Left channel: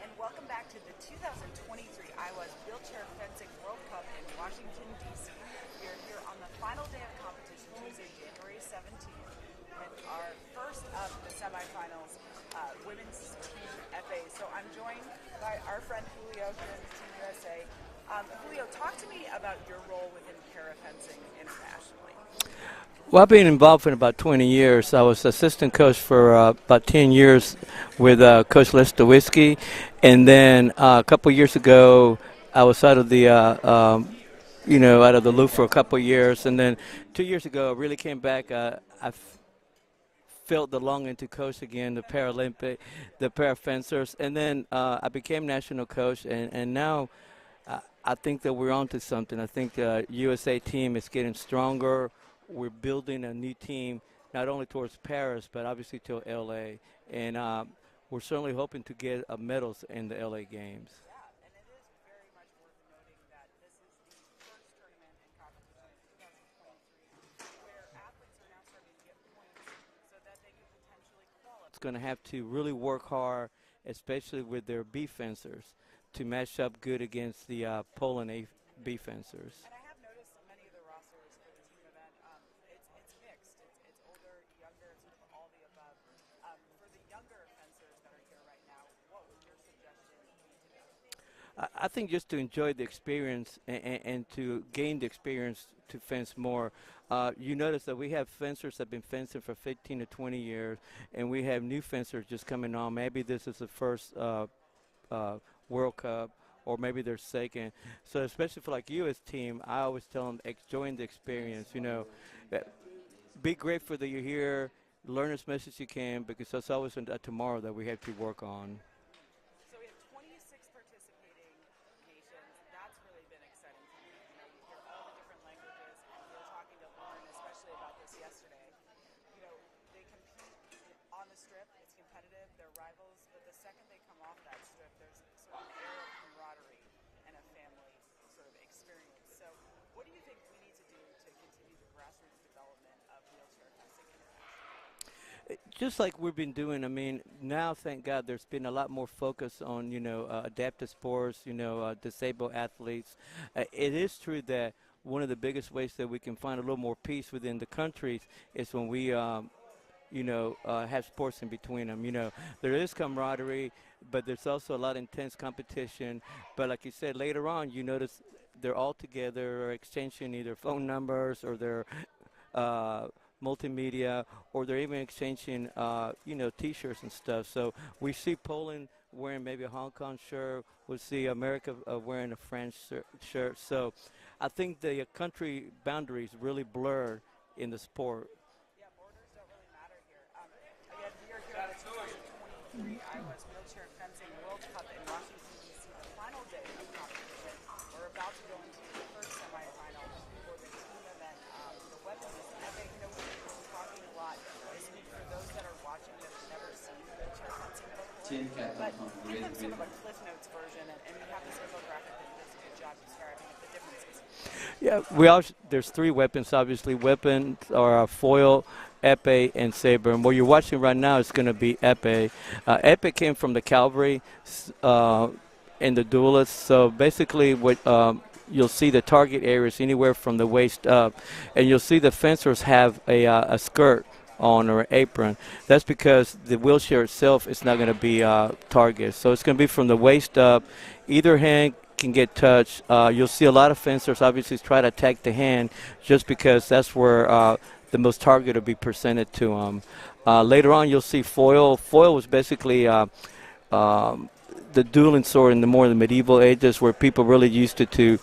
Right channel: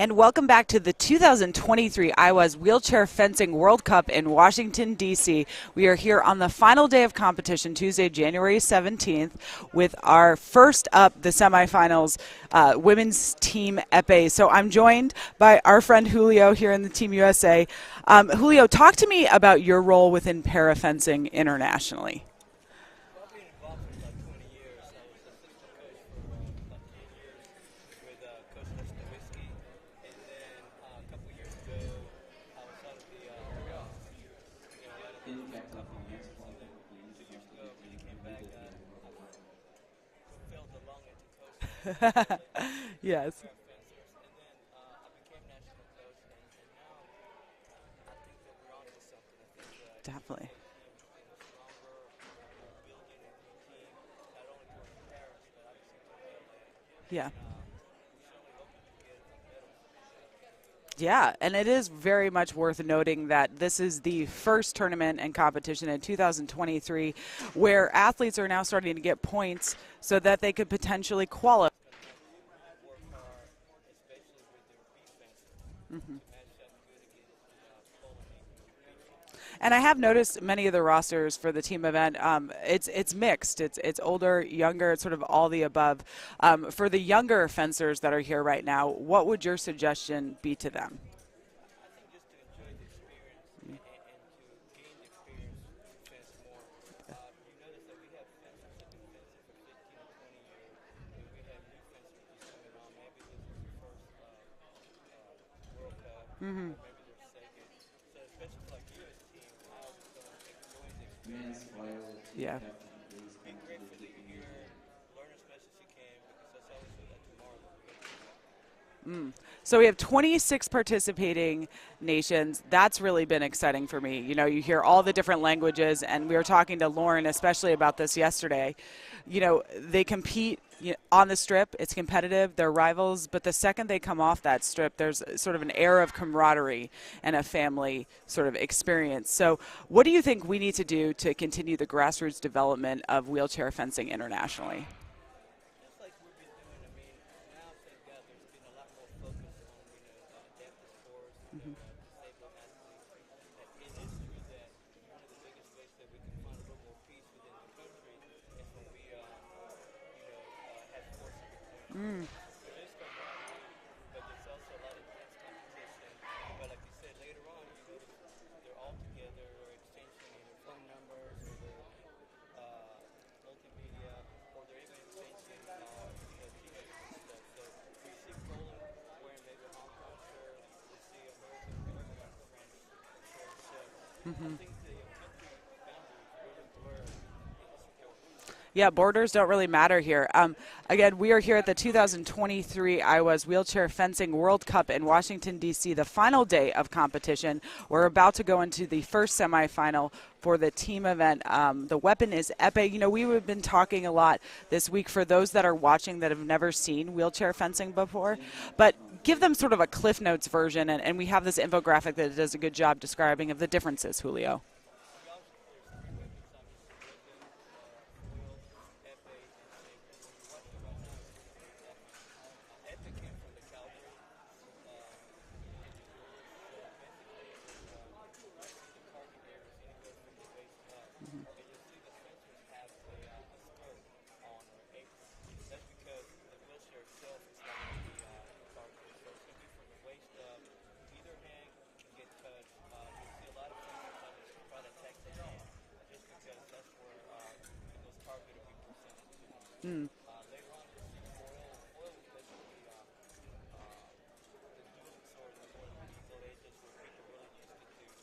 And welcome back to the 2023 IWAS Wheelchair Fencing World Cup in Washington, D.C. We are here on the final day of competition, Tuesday, January 17th, with our first up, the semifinals, women's team Epee. So I'm joined by our friend Julio here in the Team USA. Julio, talk to me about your role within parafencing internationally. Well, I've been involved in about 20 years. I was assistant coach for about 10 years with Coach Lestowitzki. And then a couple years ago, I was out of the, out of the loop for a couple years. And then 2 years ago, I really came back. I felt the longing to coach again, the Paralympic, Yes. the parafencers. And then I became national coach. And now I think that we're on to something. I think USA team is getting stronger. We're building a new team, not only towards Paris, but obviously to LA. Yeah. And we're certainly hoping to get medals in the LA games. Yeah, and it is very much worth noting that this is the first tournament and competition in 2023 where athletes are now starting to get points so that they could potentially qualify. It's going to have to really work hard, especially with their B fencers, to match up good against the Poland A B fencers. And I have noticed many of the rosters for the team event, it's mixed. It's older, younger, it's sort of all the above. For the younger fencers that are here right now, what would your suggestion be to them? I think just to enjoy the experience and to gain the experience to fence more. You notice that we have fencers that have been fencing for 15 to 20 years, and we have new fencers just coming on. Maybe this is the first World Cup, or maybe they're second. So especially for like you as team, I always tell them, enjoy the experience, be grateful that you're here, learn as much as you can, because that's always a tomorrow that we have to work on. So we have 26 participating nations. That's really been exciting for me. You know, you hear all the different languages, and we were talking to Lauren especially about this yesterday. You know, they compete on the strip. It's competitive. They're rivals. But the second they come off that strip, there's sort of an air of camaraderie and a family sort of experience. So what do you think we need to do to continue the grassroots development of wheelchair fencing internationally? Just like we've been doing, I mean, now, thank God, there's been a lot more focus on, adaptive sports, disabled athletes. It is true that one of the biggest ways that we can find a little more peace within the countries is when we, have sports in between them. There is camaraderie, but there's also a lot of intense competition. But like you said, later on, you notice they're all together or exchanging either phone numbers or their multimedia, or they're even exchanging, T-shirts and stuff. So we see Poland wearing maybe a Hong Kong shirt. We'll see America wearing a French shirt. So I think the country boundaries really blur in the sport. Yeah, borders don't really matter here. Again, we are here at the 2023 IWAS Wheelchair Fencing World Cup in Washington, D.C., the final day of competition. We're about to go into the first semifinal for the team event. The weapon is Epee. We've been talking a lot this week for those that are watching that have never seen wheelchair fencing before, but give them sort of a Cliff Notes version, and we have this infographic that does a good job describing of the differences, Julio. Yeah, there's three weapons, obviously. Weapons are foil, Epee, and saber. And what you're watching right now is going to be Epee. Epee came from the cavalry and the duelists. So basically what you'll see the target areas anywhere from the waist up, and you'll see the fencers have a skirt on or an apron. That's because the wheelchair itself is not going to be targeted. So it's going to be from the waist up. Either hand can get touched. You'll see a lot of fencers obviously try to attack the hand just because that's where the most target will be presented to them. Later on, you'll see foil. Foil was basically the dueling sword in the medieval ages, where people really used it to,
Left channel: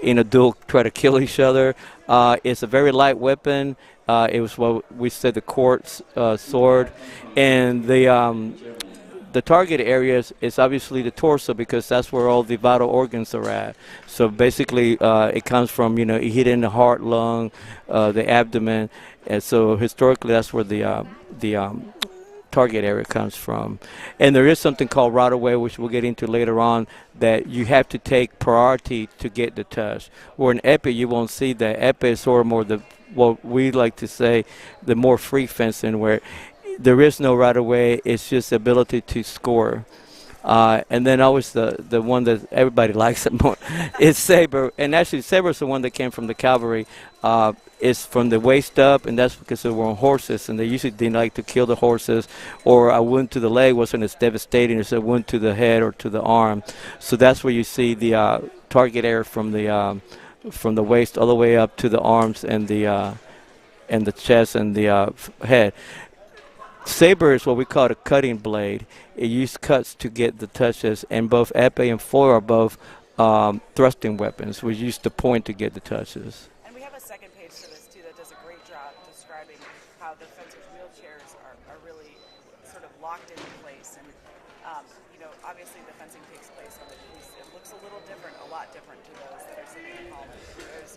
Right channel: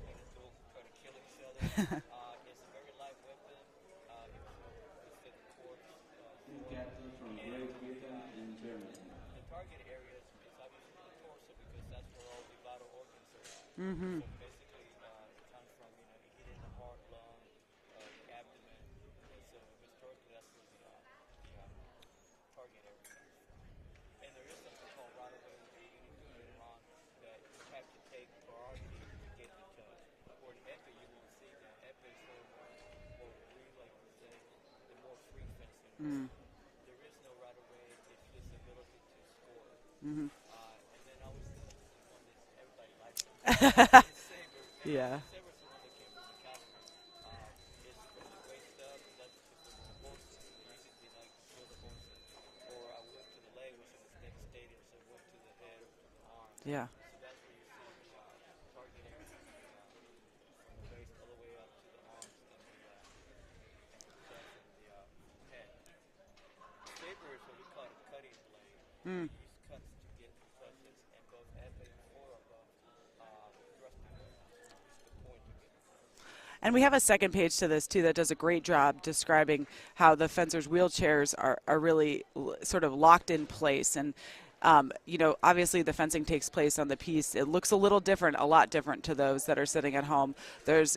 in a duel, try to kill each other. It's a very light weapon. It was what we said the court sword, and the target areas is obviously the torso, because that's where all the vital organs are at. So basically, it comes from it hit in the heart, lung, the abdomen, and so historically that's where the target area comes from. And there is something called right away, which we'll get into later on, that you have to take priority to get the touch. Where in Epee, you won't see that. Epee is sort of more what we like to say, the more free fencing, where there is no right away. It's just the ability to score. And then always the one that everybody likes it more is saber. And actually, saber is the one that came from the cavalry. It's from the waist up, and that's because they were on horses, and they usually didn't like to kill the horses, or a wound to the leg wasn't as devastating as a wound to the head or to the arm. Yeah. So that's where you see the target area from the waist all the way up to the arms and the chest and the head. Saber is what we call a cutting blade. It uses cuts to get the touches, and both epee and foil are both thrusting weapons. We use the point to get the touches. And we have a second page to this, too, that does a great job describing how the fencers' wheelchairs are really sort of locked in place. And, you know, obviously the fencing takes place on the piece. It looks a little different, a lot different to those that are sitting at home. There's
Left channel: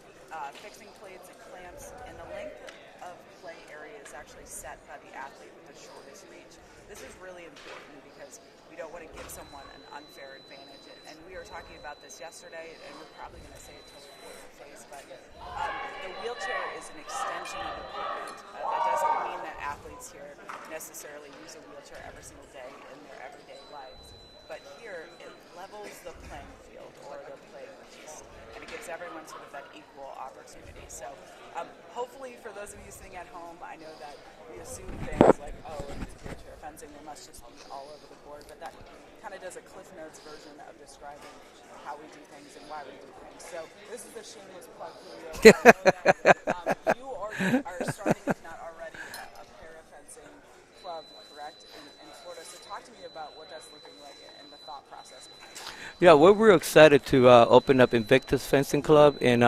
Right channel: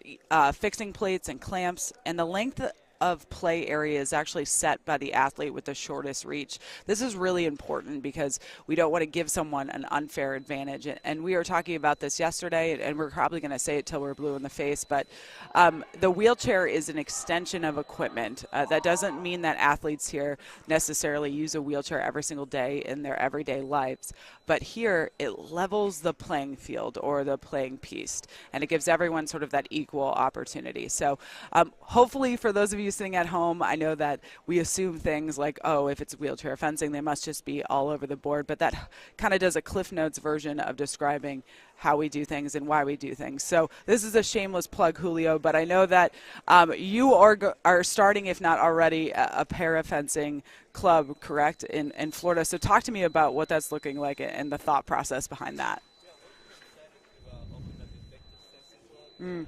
fixing plates and clamps, and the length of play area is actually set by the athlete with the shortest reach. This is really important because we don't want to give someone an unfair advantage. And we were talking about this yesterday, and we're probably going to say it till we're blue in the face, but the wheelchair is an extension of equipment. That doesn't mean that athletes here necessarily use a wheelchair every single day in their everyday lives. But here, it levels the playing field or the playing piece, and it gives everyone sort of that equal opportunity. So hopefully for those of you sitting at home, I know that we assume things like, oh, if it's wheelchair fencing, they must just be all over the board. But that kind of does a Cliff Notes version of describing how we do things and why we do things. So this is a shameless plug, Julio, but I know that you are starting, if not already, a para-fencing club, correct, in Florida. So talk to me about what that's looking like and the thought process behind that. Yeah, we're real excited to open up Invictus Fencing Club in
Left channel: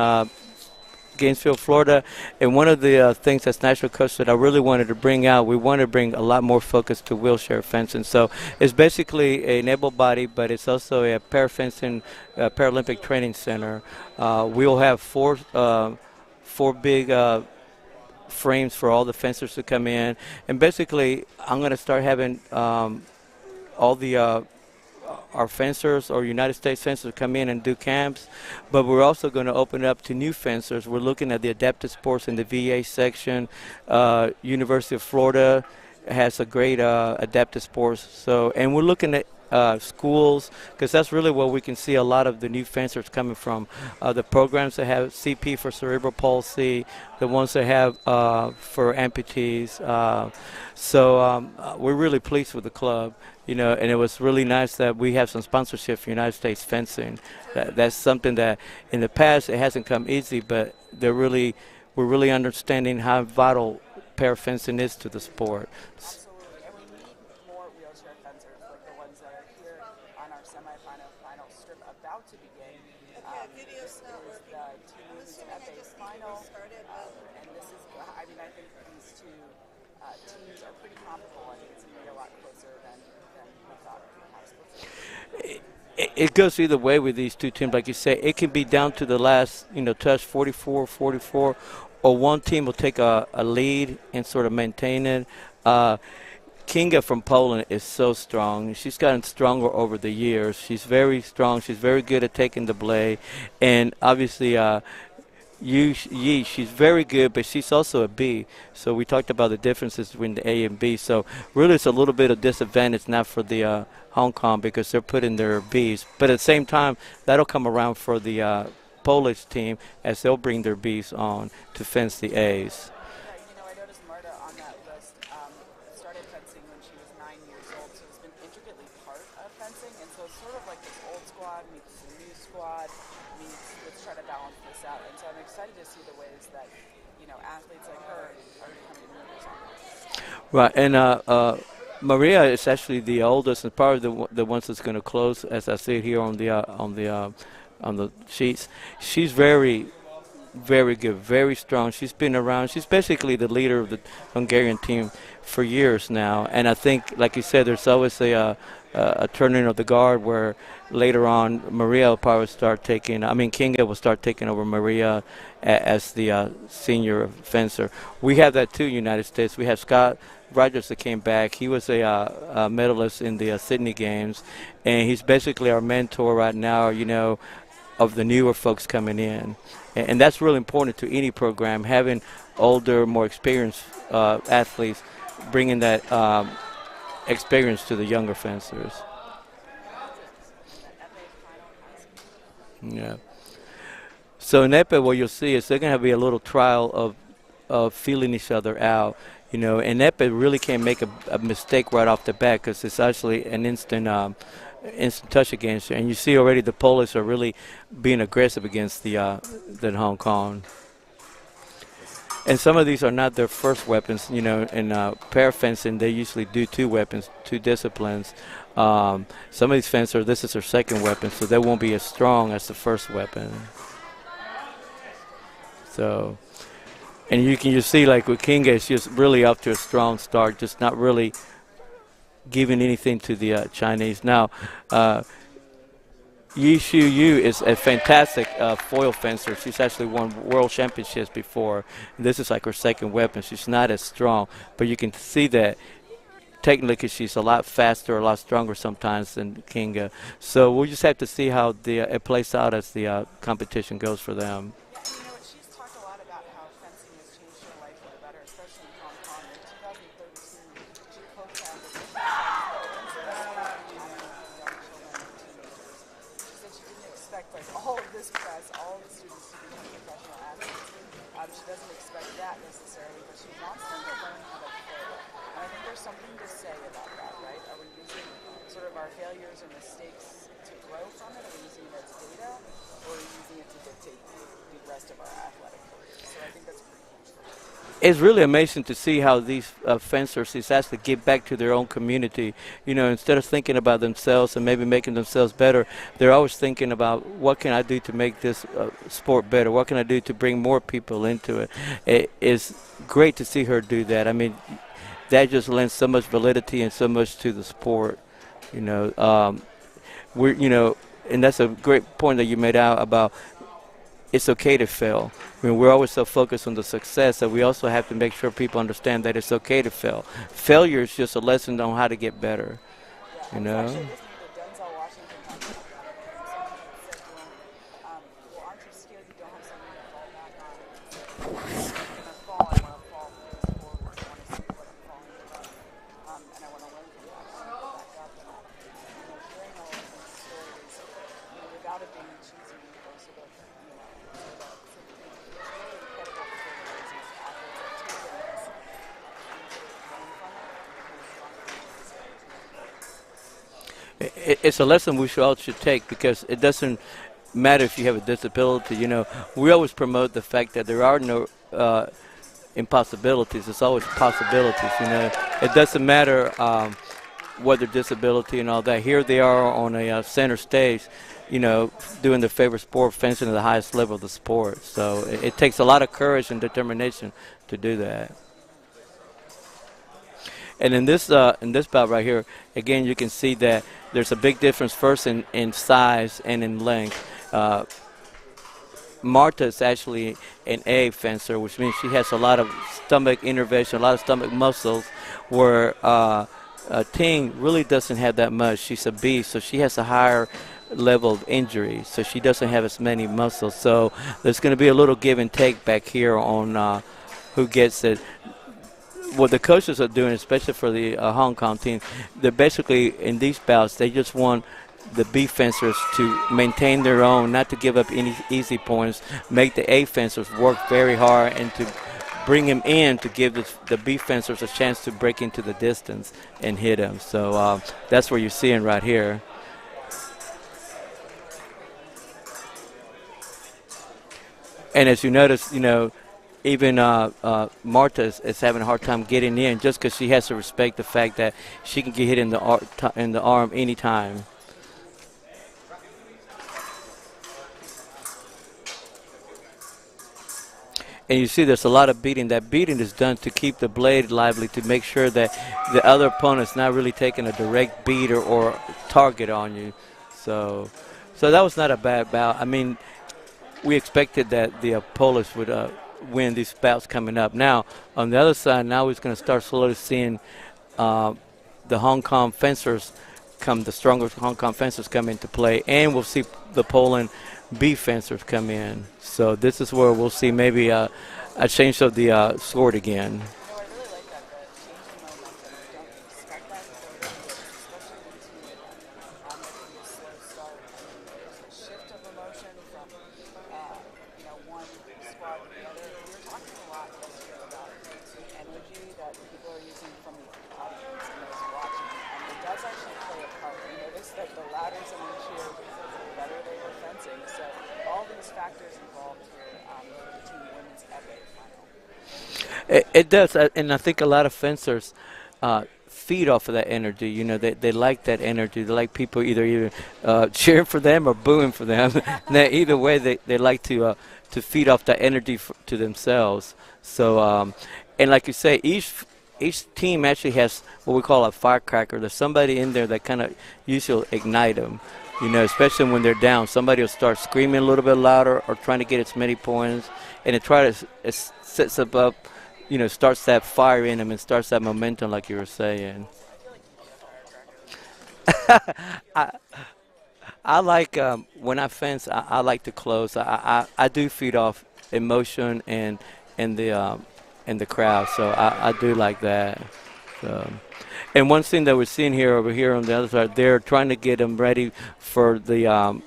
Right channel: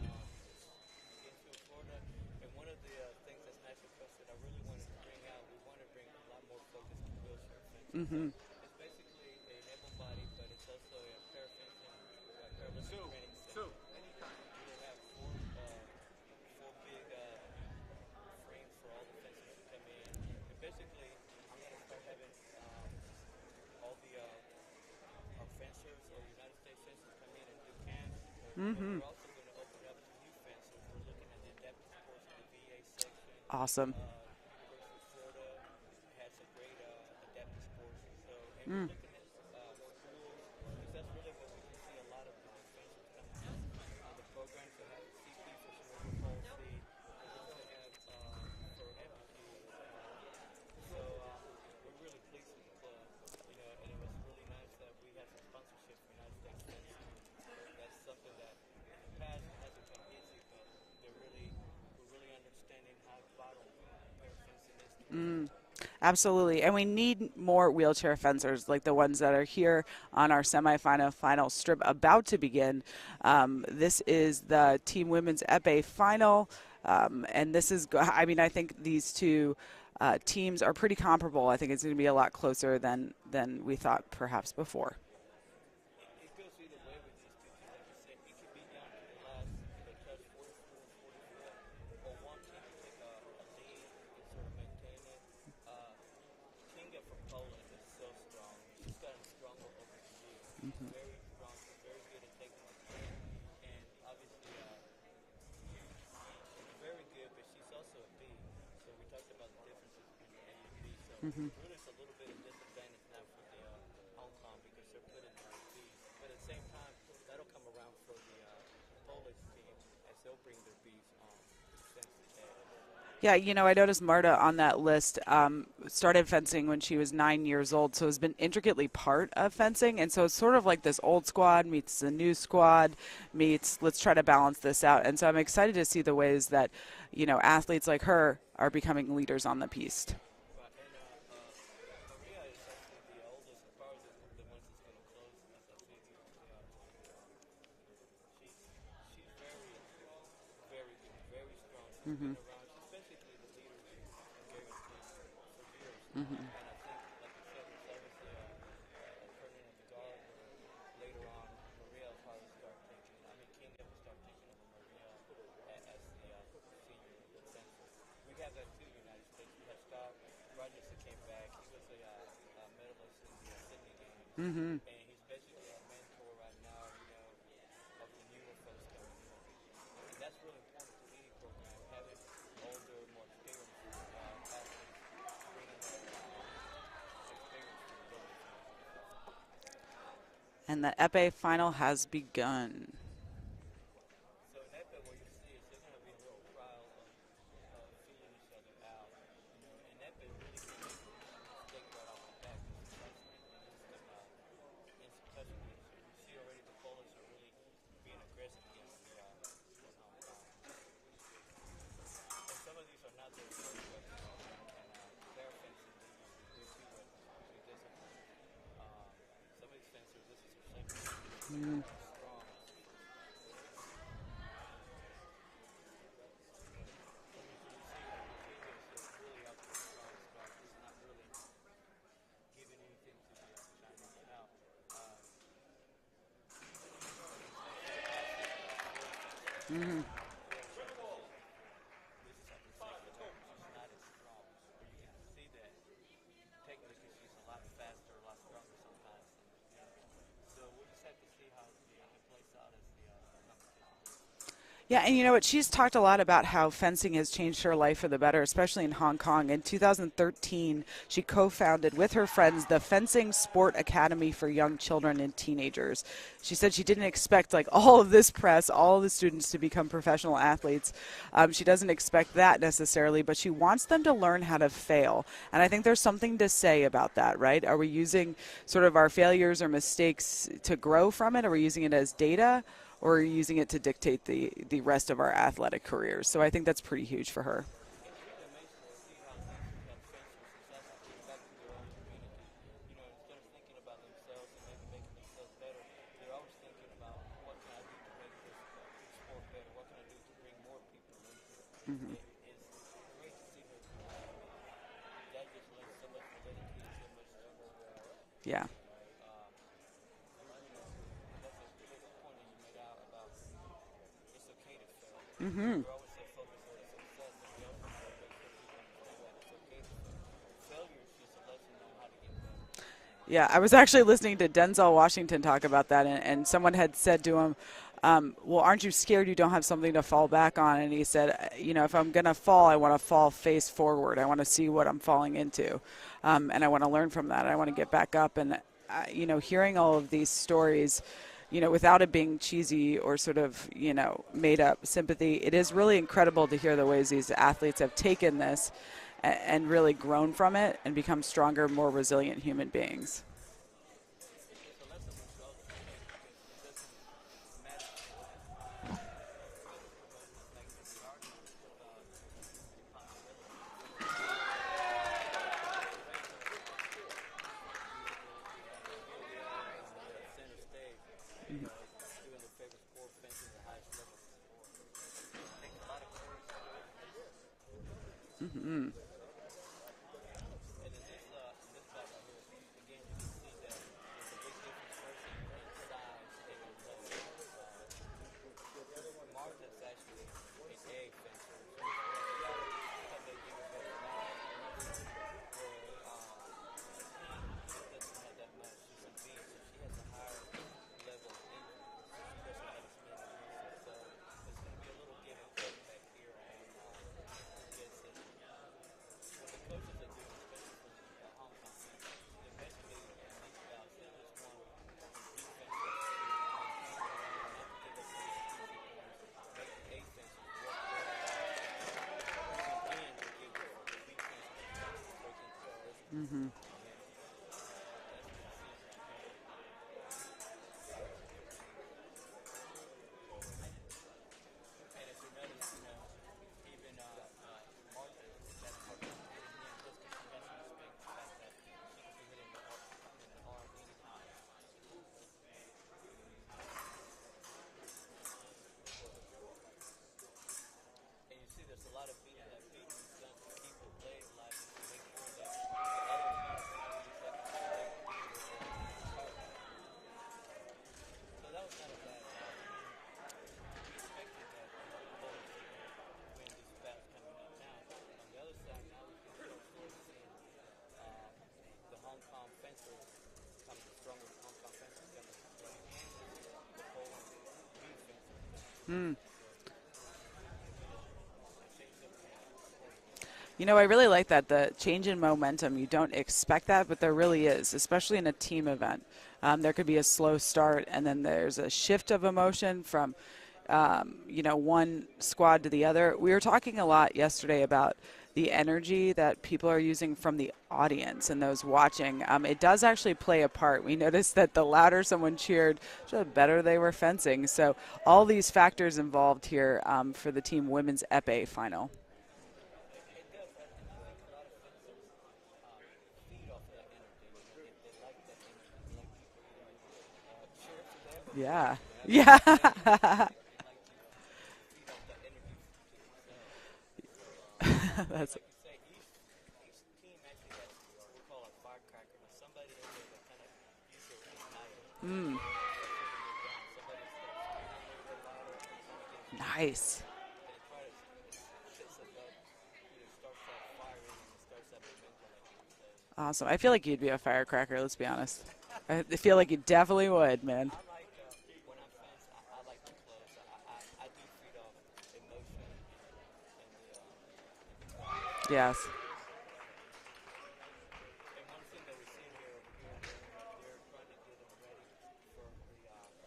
Gainesville, Florida. And one of the things that's National Coach that I really wanted to bring out, we want to bring a lot more focus to wheelchair fencing. So it's basically an able body, but it's also a para-fencing, Paralympic training center. We'll have four big frames for all the fencers to come in. And basically, I'm going to start having all the our fencers or United States fencers come in and do camps, but we're also going to open it up to new fencers. We're looking at the adaptive sports in the VA section. Awesome. University of Florida has a great adaptive sports. So, and we're looking at schools, because that's really where we can see a lot of the new fencers coming from. The programs that have CP for cerebral palsy, the ones that have for amputees. So we're really pleased with the club, you know, and it was really nice that we have some sponsorship for United States Fencing. That's something that in the past it hasn't come easy, but we're really understanding how vital para-fencing is to the sport. Absolutely, and we need more wheelchair fencers like the ones that are here on our semifinal final strip about to begin. This is the Team Women's Epee final, and this is, I mean, I think these two teams are pretty comparable. I think it's going to be a lot closer than we thought perhaps before. It goes either way with these two teams. Like you say, it can be down to the last, touch, 44-44, or one team will take a lead and sort of maintain it. Kinga from Poland is so strong. She's gotten stronger over the years. She's very strong. She's very good at taking the blade. And obviously, Yi, she's very good, but she's also a B. So we talked about the differences between the A and B. So really it's a little bit of disadvantage now for the Hong Kong because they're putting their Bs. But at the same time, that'll come around for the Polish team as they'll bring their Bs on to fence the As. Yeah, I noticed Marta on that list started fencing when she was 9 years old, so has been intricately part of fencing. And so it's sort of like this old squad meets the new squad meets let's try to balance this out. And so I'm excited to see the ways that, athletes like her are becoming leaders on the piste. Right, and Maria is actually the oldest and probably the ones that's going to close, as I see it here on the sheets. She's very good, very strong. She's been around. She's basically the leader of the Hungarian team for years now. And I think, like you said, there's always a turning of the guard where later on Maria will probably Kinga will start taking over Maria as the senior fencer. We have that too, United States. We have Scott Rogers that came back. He was a medalist in the Sydney Games, and he's basically our mentor right now, of the newer folks coming in. And that's really important to any program, having older, more experienced athletes bringing that experience to the younger fencers. And the Epee final has begun. Yeah. So in Epee, what you'll see is they're going to be a little trial of feeling each other out, you know. And Epee really can't make a mistake right off the bat because it's actually an instant touch against you. And you see already the Polish are really being aggressive against the Hong Kong. And some of these are not their first weapons, you know. In pair fencing, they usually do two weapons, two disciplines. Some of these fencers, this is their second weapon, so they won't be as strong as the first weapon. So, and you can just see, like with Kinga, it's just really up to a strong start, just not really giving anything to the Chinese. Now, Yi Shu Yu is a fantastic foil fencer. She's actually won world championships before. And this is like her second weapon. She's not as strong, but you can see that technically she's a lot faster, a lot stronger sometimes than Kinga. So we'll just have to see how it plays out as the competition goes for them. Yeah, and you know what? She's talked a lot about how fencing has changed her life for the better, especially in Hong Kong. In 2013, she co-founded with her friends the Fencing Sport Academy for Young Children and Teenagers. She said she didn't expect like all of this press, all of the students to become professional athletes. She doesn't expect that necessarily, but she wants them to learn how to fail. And I think there's something to say about that, right? Are we using sort of our failures or mistakes to grow from it? Are we using it as data? Or are we using it to dictate the rest of our athletic careers? So I think that's pretty huge for her. It's really amazing to see how these fencers actually give back to their own community. You know, instead of thinking about themselves and maybe making themselves better, they're always thinking about what can I do to make this sport better? What can I do to bring more people into it? It is great to see her do that. I mean, that just lends so much validity and so much to the sport. Yeah. You know, and that's a great point that you made out about it's okay to fail. I mean, we're always so focused on the success that we also have to make sure people understand that it's okay to fail. Failure is just a lesson on how to get better. Yeah, I was actually listening to Denzel Washington talk about that, and someone had said to him, well, aren't you scared you don't have something to fall back on? And he said, you know, if I'm going to fall, I want to fall face forward. I want to see what I'm falling into, and I want to learn from that. I want to get back up. And, you know, hearing all of these stories, you know, without it being cheesy or sort of, you know, made up sympathy, it is really incredible to hear the ways these athletes have taken this and really grown from it and become stronger, more resilient human beings. It's a lesson we all should take because it doesn't matter if you have a disability. You know, we always promote the fact that there are no impossibilities. It's always possibilities. You know, it doesn't matter what their disability and all that. Here they are on a center stage, you know, doing their favorite sport, fencing at the highest level of the sport. So it takes a lot of courage and determination to do that. Mm-hmm. And in this bout right here, again, you can see that there's a big difference first in size and in length. Marta is actually an A fencer, which means she has a lot of stomach innervation, a lot of stomach muscles, where Ting really doesn't have that much. She's a B, so she has a higher level of injury, so she doesn't have as many muscles. So there's going to be a little give and take back here on who gets it. What the coaches are doing, especially for the Hong Kong team, they're basically in these bouts, they just want the B fencers to maintain their own, not to give up any easy points, make the A fencers work very hard and to bring him in to give the B fencers a chance to break into the distance and hit him. So that's what you're seeing right here. And as you notice, you know, even Marta is having a hard time getting in just because she has to respect the fact that she can get hit in the arm anytime. And you see there's a lot of beating. That beating is done to keep the blade lively, to make sure that the other opponent's not really taking a direct beat or target on you. So that was not a bad bout. I mean, we expected that the Polish would win these bouts coming up. Now, on the other side, now we're going to start slowly seeing the Hong Kong fencers the stronger Hong Kong fencers come into play, and we'll see the Poland B fencers come in. So this is where we'll see maybe a change of the sword again. You know, I really like that, the change in momentum. You don't expect that, but there really is, especially in a team event. There could be a slow start, and then there's a shift of emotion from one squad to the other. We were talking a lot yesterday about the energy that people are using from the audience and those watching. It does actually play a part. We noticed that the louder someone cheered, the better they were fencing. So all these factors involved here for the team women's Epee final. It does, and I think a lot of fencers feed off of that energy. You know, they like that energy. They like people either cheering for them or booing for them. Yeah. Either way, they like to feed off that energy to themselves. So, and like you say, each team actually has what we call a firecracker. There's somebody in there that kind of usually ignite them. You know, especially when they're down. Somebody will start screaming a little bit louder or trying to get as many points, and it sets up, starts that fire in them and starts that momentum, like you were saying. Awesome. I feel like you'd be a firecracker, let's be honest. I feel like you definitely would, man. I like, when I fence, I like to close. I do feed off emotion and the crowd, so I do like that. So. And one thing that we're seeing over here on the other side, they're trying to get them ready for the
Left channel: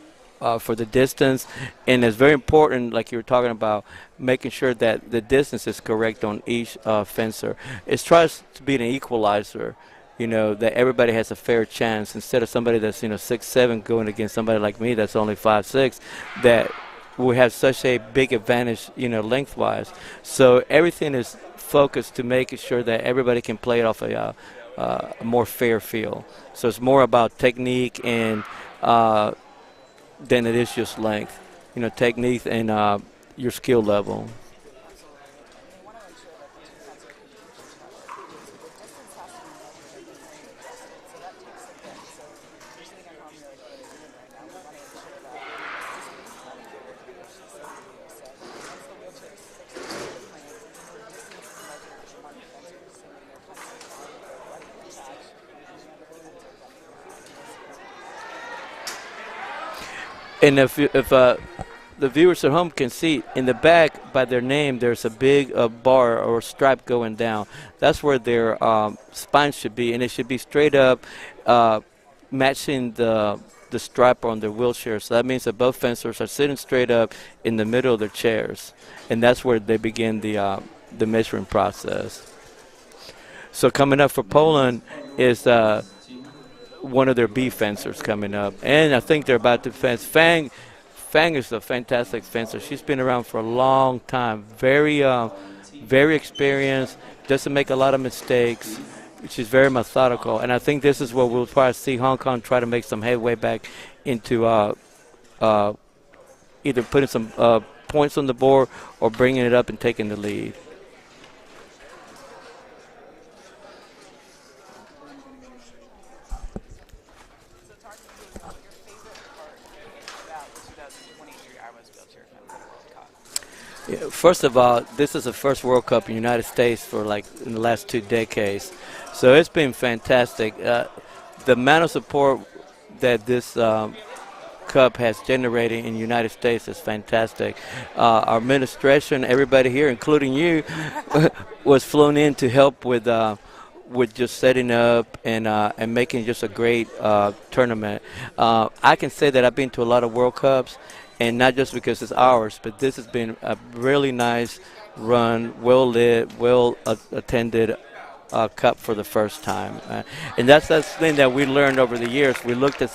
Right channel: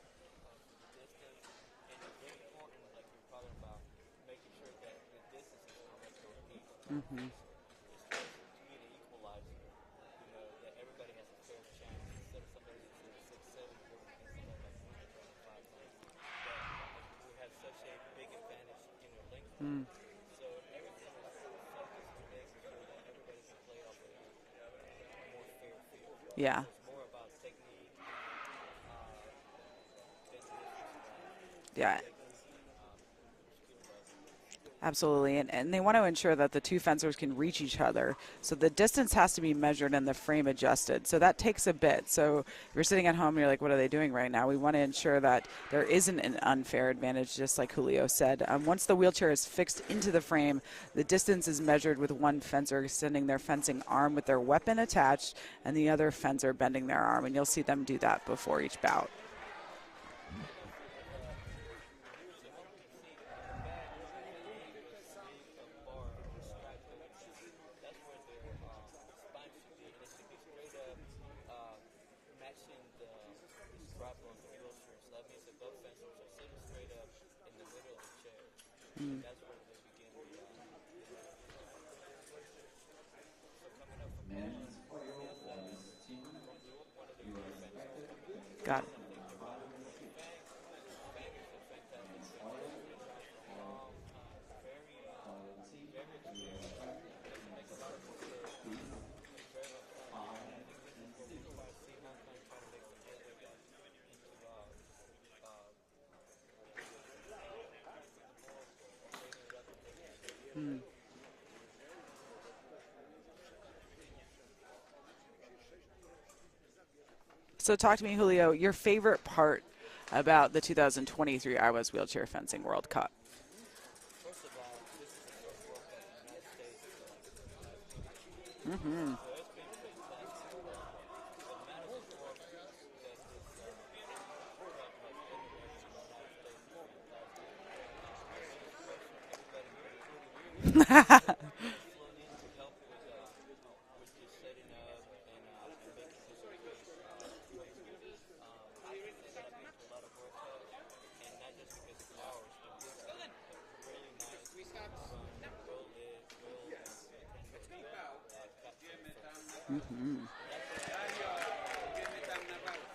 distance, and it's very important, like you were talking about, making sure that the distance is correct on each fencer. It tries to be an equalizer, that everybody has a fair chance instead of somebody that's 6'7" going against somebody like me that's only 5'6", that we have such a big advantage, lengthwise. So everything is focused to making sure that everybody can play it off a more fair field. Yeah. So it's more about technique and than it is just length. Technique and your skill level. Absolutely, and they want to ensure that the two fencers can reach each other. So the distance has to be measured and the frame adjusted. So that takes a bit. So if you're sitting at home, you're like, what are they doing right now? We want to ensure that there isn't an unfair advantage, just like Julio said. Once the wheelchair is fixed into the frame, the distance is measured with one fencer extending their fencing arm with their weapon attached and the other fencer bending their arm. And you'll see them do that before each bout. And if the viewers at home can see, in the back by their name, there's a big bar or stripe going down. That's where their spine should be, and it should be straight up, matching the stripe on their wheelchair. So that means that both fencers are sitting straight up in the middle of their chairs, and that's where they begin the measuring process. So coming up for Poland is one of their B fencers coming up, and I think they're about to fence. Fang is a fantastic fencer. She's been around for a long time. Very experienced. Doesn't make a lot of mistakes. She's very methodical. And I think this is where we'll probably see Hong Kong try to make some headway back into either putting some points on the board or bringing it up and taking the lead. So talk to me, Julio, your favorite part about the 2023 IWAS Wheelchair Fencing World Cup? Yeah, first of all, this is the first World Cup in the United States for in the last 2 decades. Mm-hmm. So it's been fantastic. The amount of support that this Cup has generated in the United States is fantastic. Our administration, everybody here, including you, was flown in to help with just setting up and making just a great tournament. I can say that I've been to a lot of World Cups, and not just because it's ours, but this has been a really nice run, well-lit, well-attended Cup for the first time. And that's the thing that we learned over the years. We looked at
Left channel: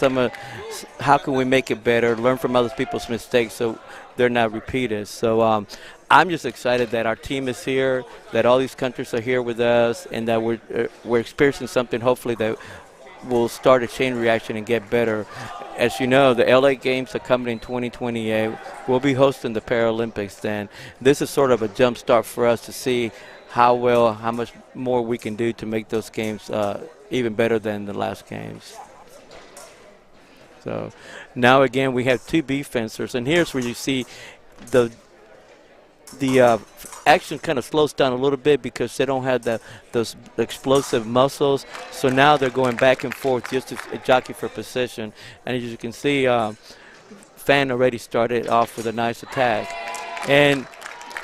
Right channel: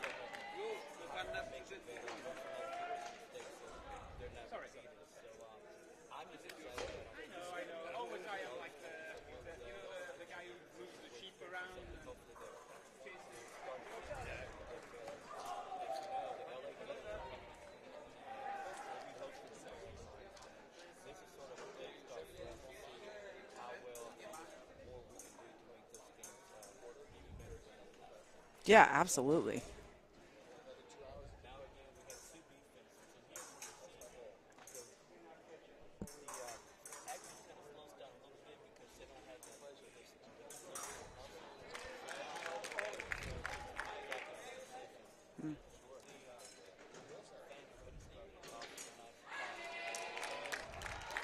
how can we make it better, learn from other people's mistakes so they're not repeated. So I'm just excited that our team is here, that all these countries are here with us, and that we're experiencing something hopefully that will start a chain reaction and get better. As you know, the LA Games are coming in 2028. We'll be hosting the Paralympics then. This is sort of a jump start for us to see how much more we can do to make those games even better than the last games. Yeah, absolutely. So now again we have 2 B fencers, and here's where you see the action kind of slows down a little bit because they don't have those explosive muscles. So now they're going back and forth just to jockey for position. And as you can see, Fan already started off with a nice attack. And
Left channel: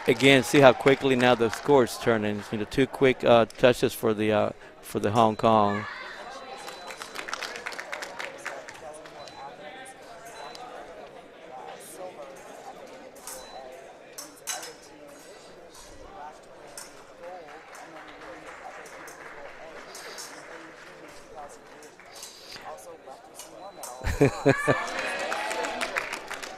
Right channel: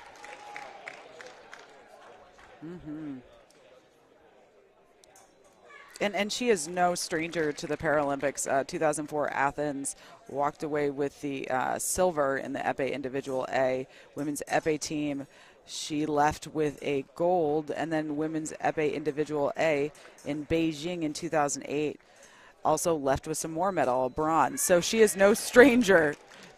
again, see how quickly now the score is turning. 2 quick touches for for the Hong Kong. And she is no stranger to the Paralympics. 2004 Athens walked away with the silver in the Epee Individual A. Women's Epee team, she left with a gold, and then Women's Epee Individual A in Beijing in 2008 also left with some more medal, bronze. So she is no stranger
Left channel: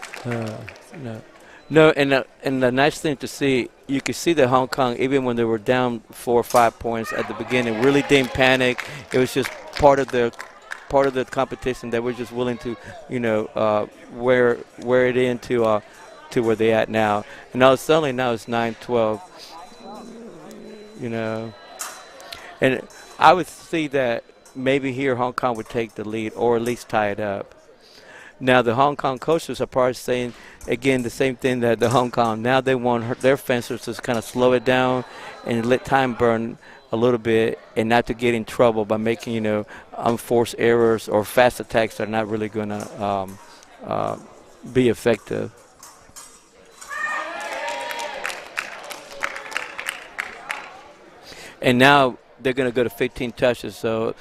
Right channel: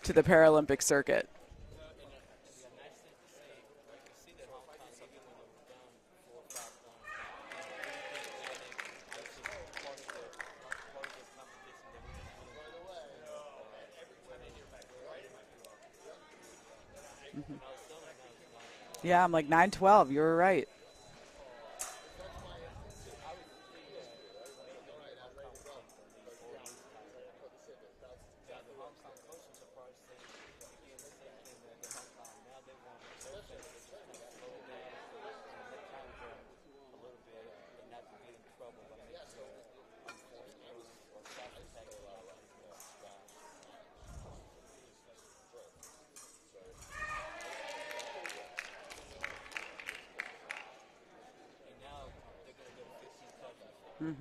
to the Paralympic circuit. No, and the nice thing to see, you could see that Hong Kong, even when they were down 4 or 5 points at the beginning, really didn't panic. It was just part of the competition. They were just willing to, wear it into to where they at now. And now suddenly now it's 9-12. Yeah, I'm like 9-12. You were right. And I would see that maybe here Hong Kong would take the lead or at least tie it up. Now the Hong Kong coaches are probably saying, again, the same thing that the Hong Kong. Now they want their fencers to kind of slow it down and let time burn a little bit and not to get in trouble by making, unforced errors or fast attacks that are not really going to be effective. And now they're going to go to 15 touches. So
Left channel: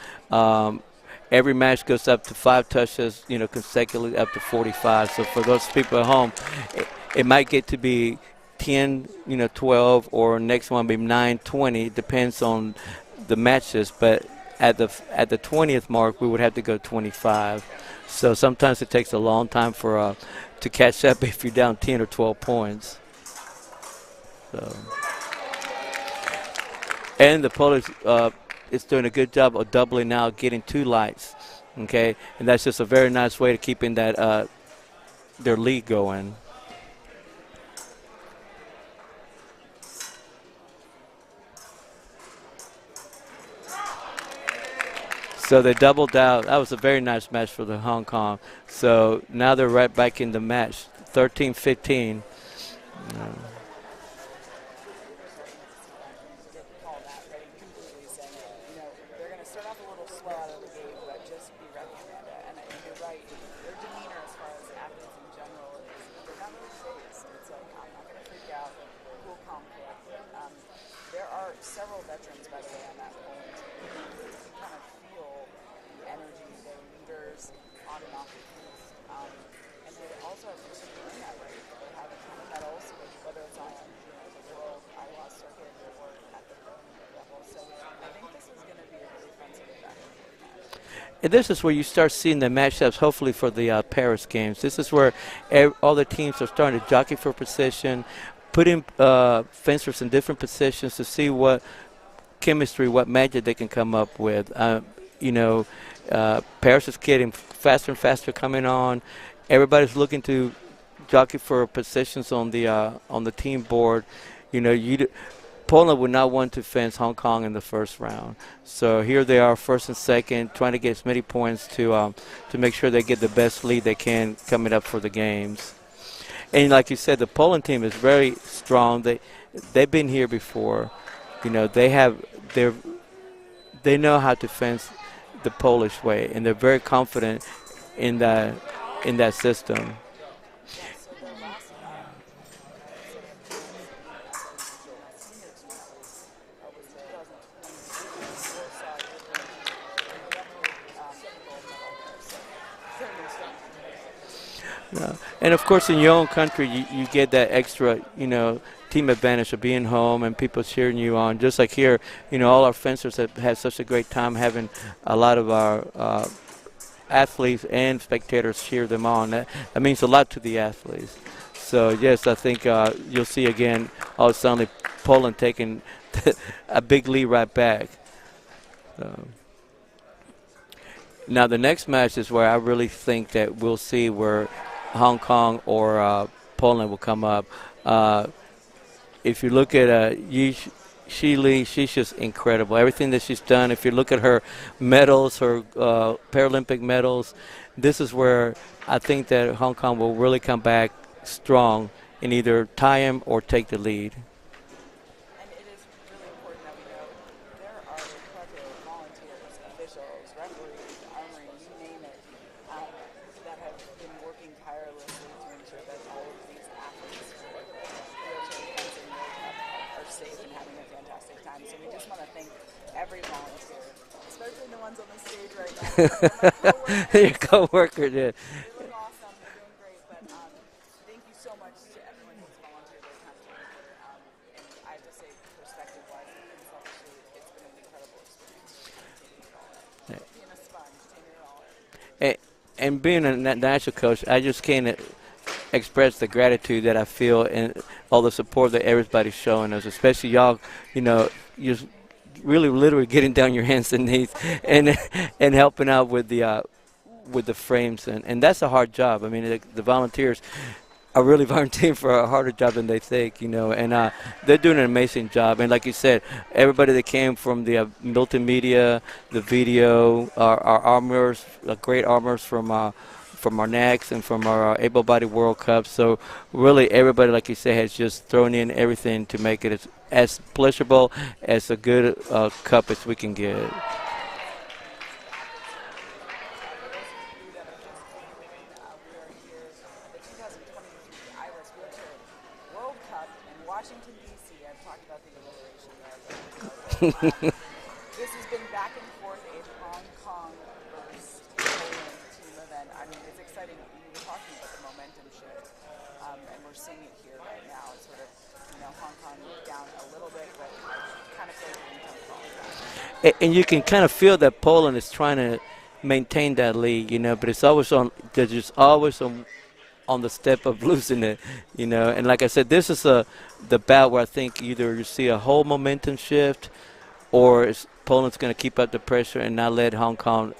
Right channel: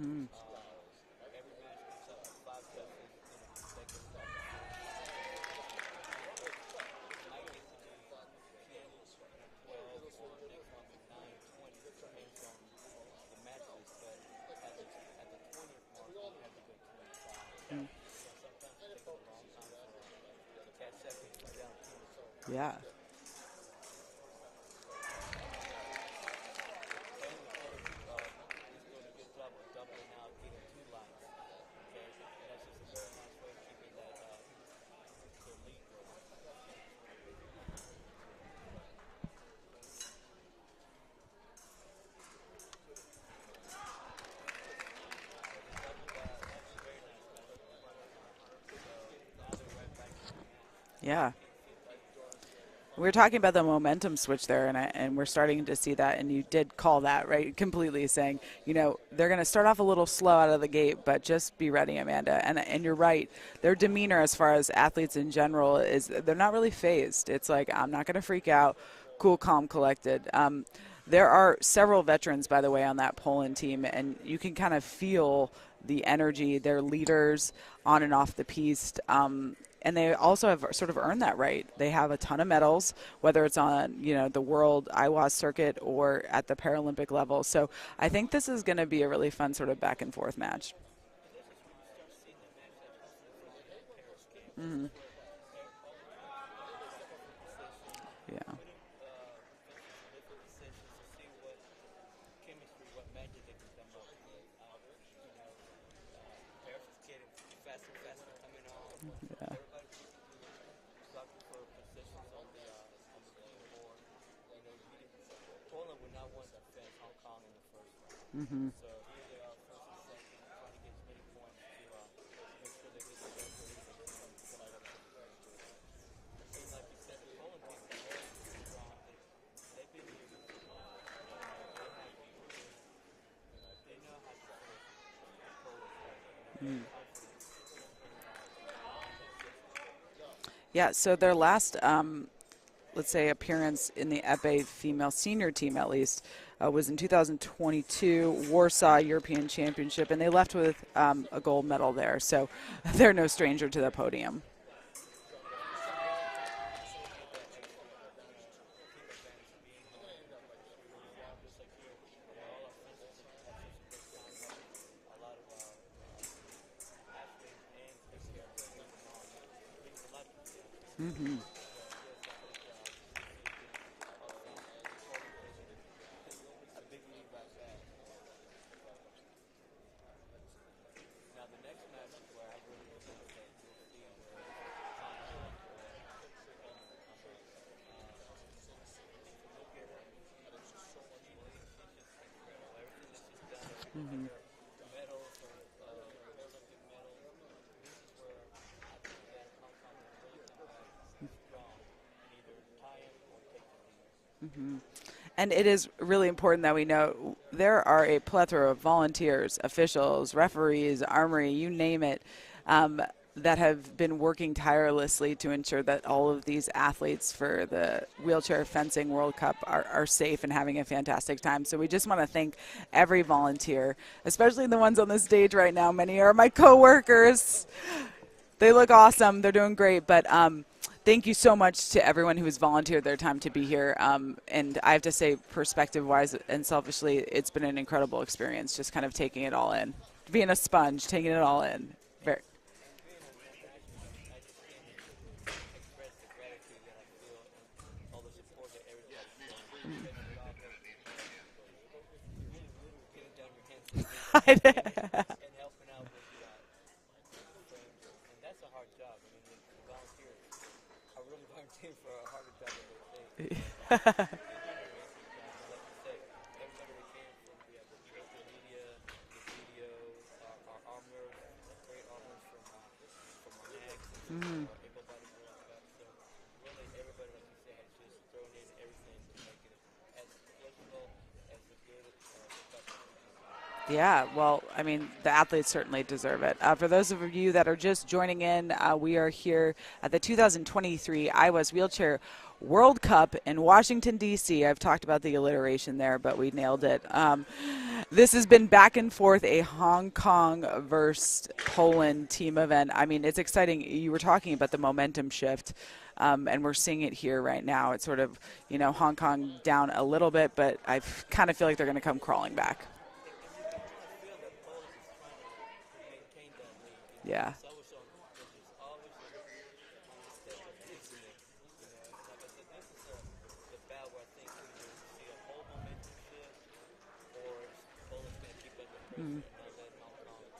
every match goes up to 5 touches, consecutively up to 45. So for those people at home, it might get to be 10, 12, or next one be 9, 20. Depends on the matches. But at the 20th mark, we would have to go 25. So sometimes it takes a long time for to catch up if you're down 10 or 12 points. So. And the Polish is doing a good job of doubling now, getting 2 lights, okay? And that's just a very nice way to keeping that their lead going. So they doubled out. That was a very nice match for the Hong Kong. So now they're right back in the match, 13-15. We were talking about the momentum switch there, and we're starting to see that, and you did call that, right, completely, saying, they're going to start off a little slow out of the gate, but just be ready, Amanda. And you're right. Their demeanor as far as athletes in general is they're not really phased. It's like, I'm not going to freak out, cool, calm, collected. There are several veterans, by the way, on that Poland team, and you can kind of feel the energy. They're leaders on and off the piste. And they also have sort of earned that right. They have a ton of medals, whether it's on, the world IWAS circuit or at the Paralympic level. So I think this is going to be a really fun sort of back and forth match. And this is where you start seeing the matchups, hopefully, for the Paris games. This is where all the teams are starting to jockey for position, put in fencers in different positions to see what chemistry, what magic they can come up with. Paris is getting faster and faster coming on. Everybody's looking to jockey for positions on the team board. Poland would not want to fence Hong Kong in the first round. So here they are, first and second, trying to get as many points to make sure they get the best lead they can coming up for the games. And like you said, the Poland team is very strong. They've been here before. They know how to fence the Polish way, and they're very confident in that system. Yeah, so their last, let's say, appearance in the Epee female senior team, at least, was in 2022 Warsaw European Championship, and they left with a gold medal there. So they're no stranger to the podium. Yeah. And, of course, in your own country, you get that extra, team advantage of being home and people cheering you on. Just like here, all our fencers have had such a great time having a lot of our athletes and spectators cheer them on. That means a lot to the athletes. So, yes, I think you'll see again all of a sudden Poland taking a big lead right back. Now, the next match is where I really think that we'll see where Hong Kong or Poland will come up. If you look at Shi Lee, she's just incredible. Everything that she's done, if you look at her medals, her Paralympic medals, this is where I think that Hong Kong will really come back strong and either tie him or take the lead. And it is really important that we know there are a plethora of volunteers, officials, referees, armory, you name it. that have been working tirelessly to ensure that all of these athletes for the Wheelchair Fencing World Cup are safe and having a fantastic time. So we just want to thank every volunteer, especially the ones on the stage right now. Many are my coworkers. Co-workers, yeah. They look awesome. They're doing great. But thank you so much to everyone who has volunteered their time to be here. And I have to say, perspective-wise and selfishly, it's been an incredible experience, just kind of taking it all in, being a sponge, taking it all in. And being a national coach, I just can't express the gratitude that I feel and all the support that everybody's showing us, especially y'all, you know, you're really literally getting down your hands and knees and helping out with the frames. And that's a hard job. I mean, the volunteers are really volunteering for a harder job than they think, you know, and they're doing an amazing job. And like you said, everybody that came from the multimedia, the video, our armors, great armors from our necks and from our able-bodied World Cup. So really everybody, like you said, has just thrown in everything to make it as pleasurable, as a good cup as we can get. Yeah, well, I mean, the athletes certainly deserve it. For those of you that are just joining in, we are here at the 2023 IWAS Wheelchair World Cup in Washington, D.C. I've talked about the alliteration there, but we nailed it. This has been back and forth, a Hong Kong versus Poland team event. I mean, it's exciting. You were talking about the momentum shift, and we're seeing it here right now. It's sort of, you know, Hong Kong down a little bit, but I kind of feel like they're going to come crawling back. And you can kind of feel that Poland is trying to maintain that lead, you know, but it's always on, they're just always on the step of losing it, you know. And like I said, this is the bout where I think either you see a whole momentum shift or Poland's going to keep up the pressure and not let Hong Kong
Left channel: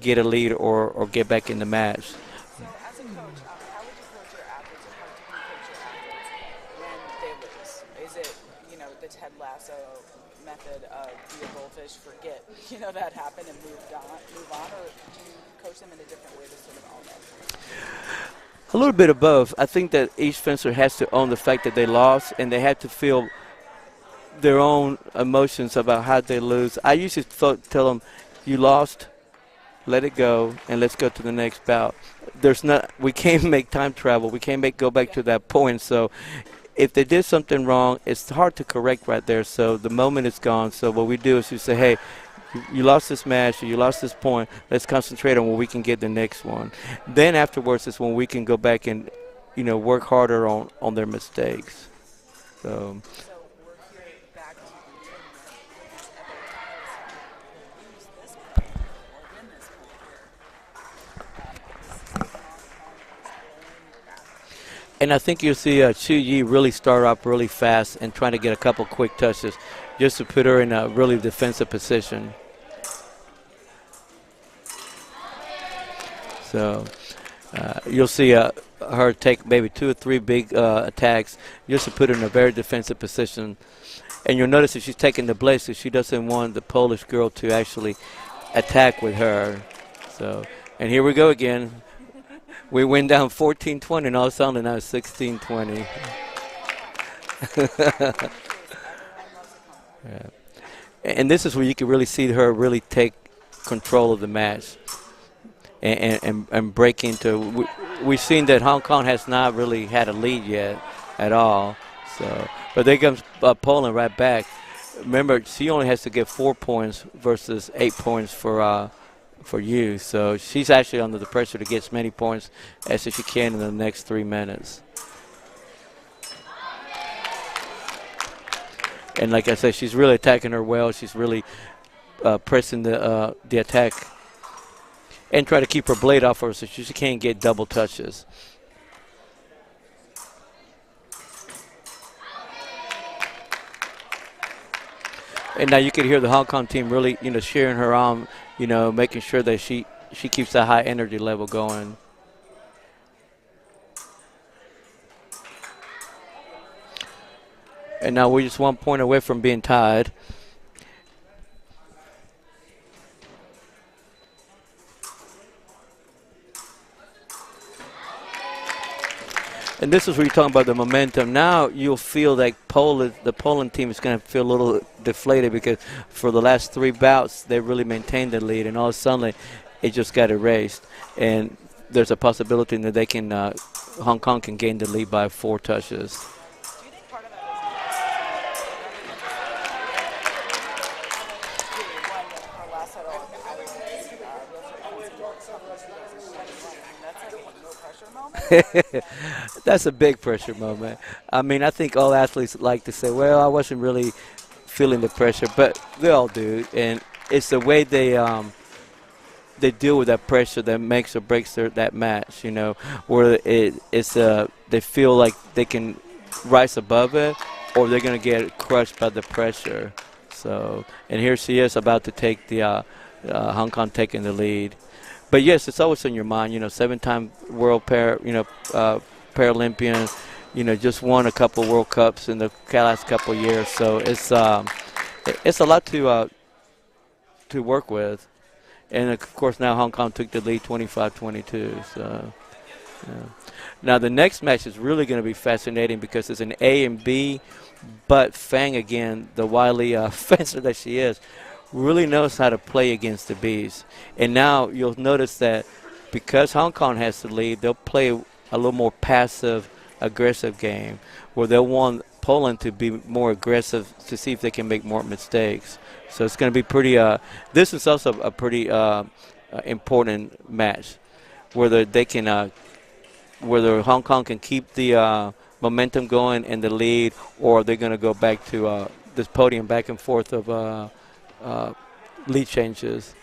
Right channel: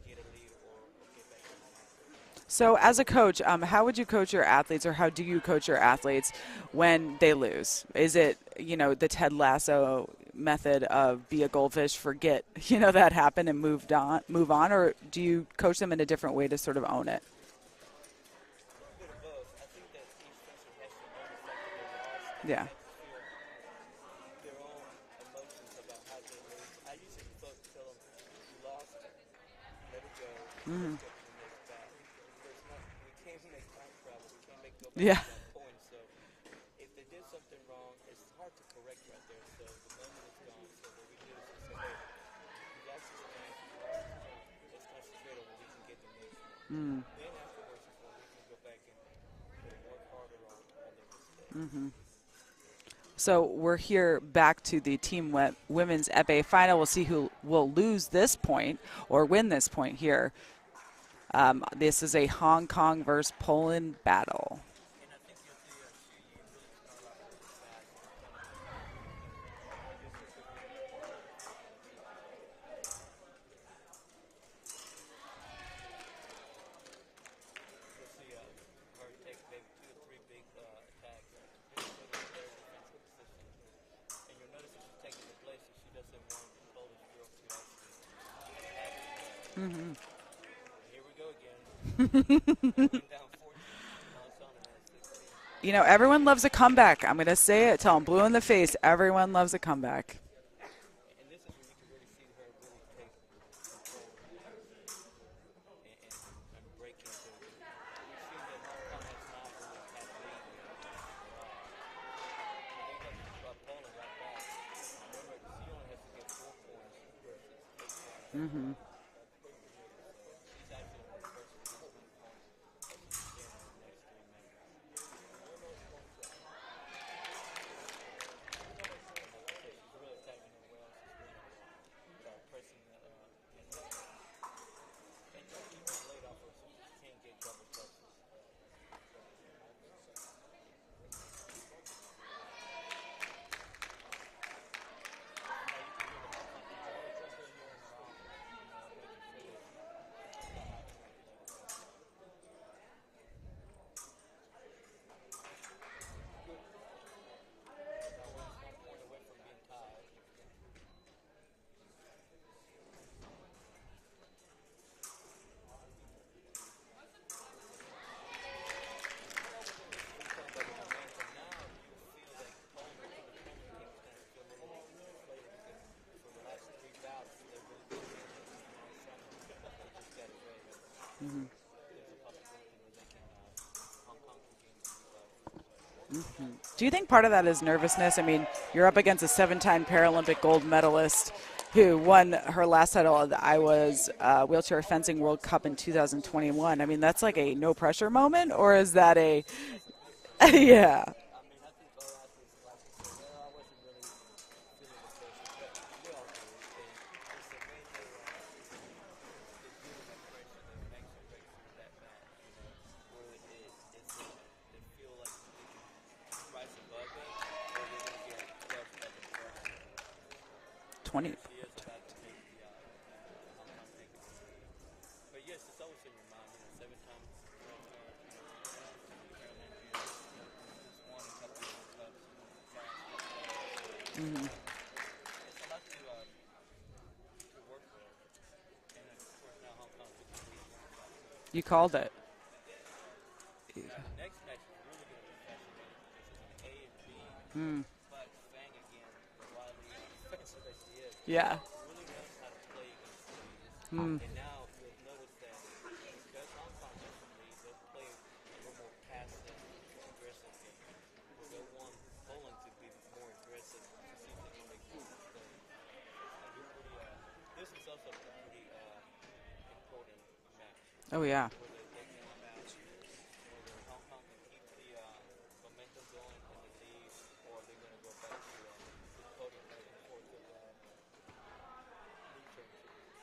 get a lead or get back in the match. So as a coach, how would you coach your athletes, or how do you coach your athletes when they lose? Is it, you know, the Ted Lasso method of be a goldfish, forget, you know, that happened and move on, or do you coach them in a different way to sort of own it? A little bit of both. I think that each fencer has to own the fact that they lost, and they have to feel their own emotions about how they lose. I usually tell them, you lost, let it go, and let's go to the next bout. We can't make time travel. We can't go back to that point. So if they did something wrong, it's hard to correct right there. So the moment is gone. So what we do is we say, hey, you lost this match, or you lost this point. Let's concentrate on where we can get the next one. Then afterwards is when we can go back and, you know, work harder on their mistakes. So we're here back to the Team Women's Epee final. We'll see who will lose this point or win this point here. This is a Hong Kong versus Poland battle. And I think you'll see Chu Yi really start up really fast and trying to get a couple quick touches just to put her in a really defensive position. So you'll see her take maybe 2 or 3 big attacks just to put her in a very defensive position. And you'll notice that she's taking the blades because she doesn't want the Polish girl to actually attack with her. So, and here we go again. We went down 14-20, and all of a sudden now it's 16-20. You know, everyone loves a comeback. I'm going to say it, Tom, blue in the face. Everyone loves a comeback. Yeah. And this is where you can really see her really take control of the match and break into. We've seen that Hong Kong has not really had a lead yet at all. So, but there comes Poland right back. Remember, she only has to get 4 points versus 8 points for you. So she's actually under the pressure to get as many points as she can in the next 3 minutes. And like I said, she's really attacking her well. She's really pressing the attack and try to keep her blade off her so she can't get double touches. And now you can hear the Hong Kong team really, you know, cheering her on, you know, making sure that she keeps that high energy level going. And now we're just 1 point away from being tied. And this is where you're talking about the momentum. Now you'll feel like the Poland team is going to feel a little deflated because for the last 3 bouts, they really maintained the lead. And all of a sudden, it just got erased. And there's a possibility that they can Hong Kong can gain the lead by 4 touches. Do you think part of that is nervousness? I mean, you're up against a 7-time Paralympic gold medalist who won her last title at the IWAS Wheelchair Fencing World Cup in 2021. I mean, that's like a no-pressure moment, or is that a... That's a big pressure moment. Yeah. I mean, I think all athletes like to say, well, I wasn't really feeling the pressure, but they all do. And it's the way they deal with that pressure that makes or breaks that match, you know, where they feel like they can rise above it, or they're going to get crushed by the pressure. So, and here she is about to take the Hong Kong taking the lead. But yes, it's always in your mind, you know, 7-time world Paralympian, you know, just won a couple World Cups in the last couple of years. So it's a lot to work with. And of course now Hong Kong took the lead 25-22. Called it. Yeah. Now the next match is really going to be fascinating because it's an A and B, but Fang again, the wily fencer that she is, really knows how to play against the Bs. And now you'll notice that because Hong Kong has the lead, they'll play a little more passive, aggressive game where they'll want Poland to be more aggressive to see if they can make more mistakes. So it's going to be pretty. This is also a pretty important match. Oh yeah. Whether they can, whether Hong Kong can keep the momentum going in the lead, or they're going to go back to this podium back and forth of lead changes.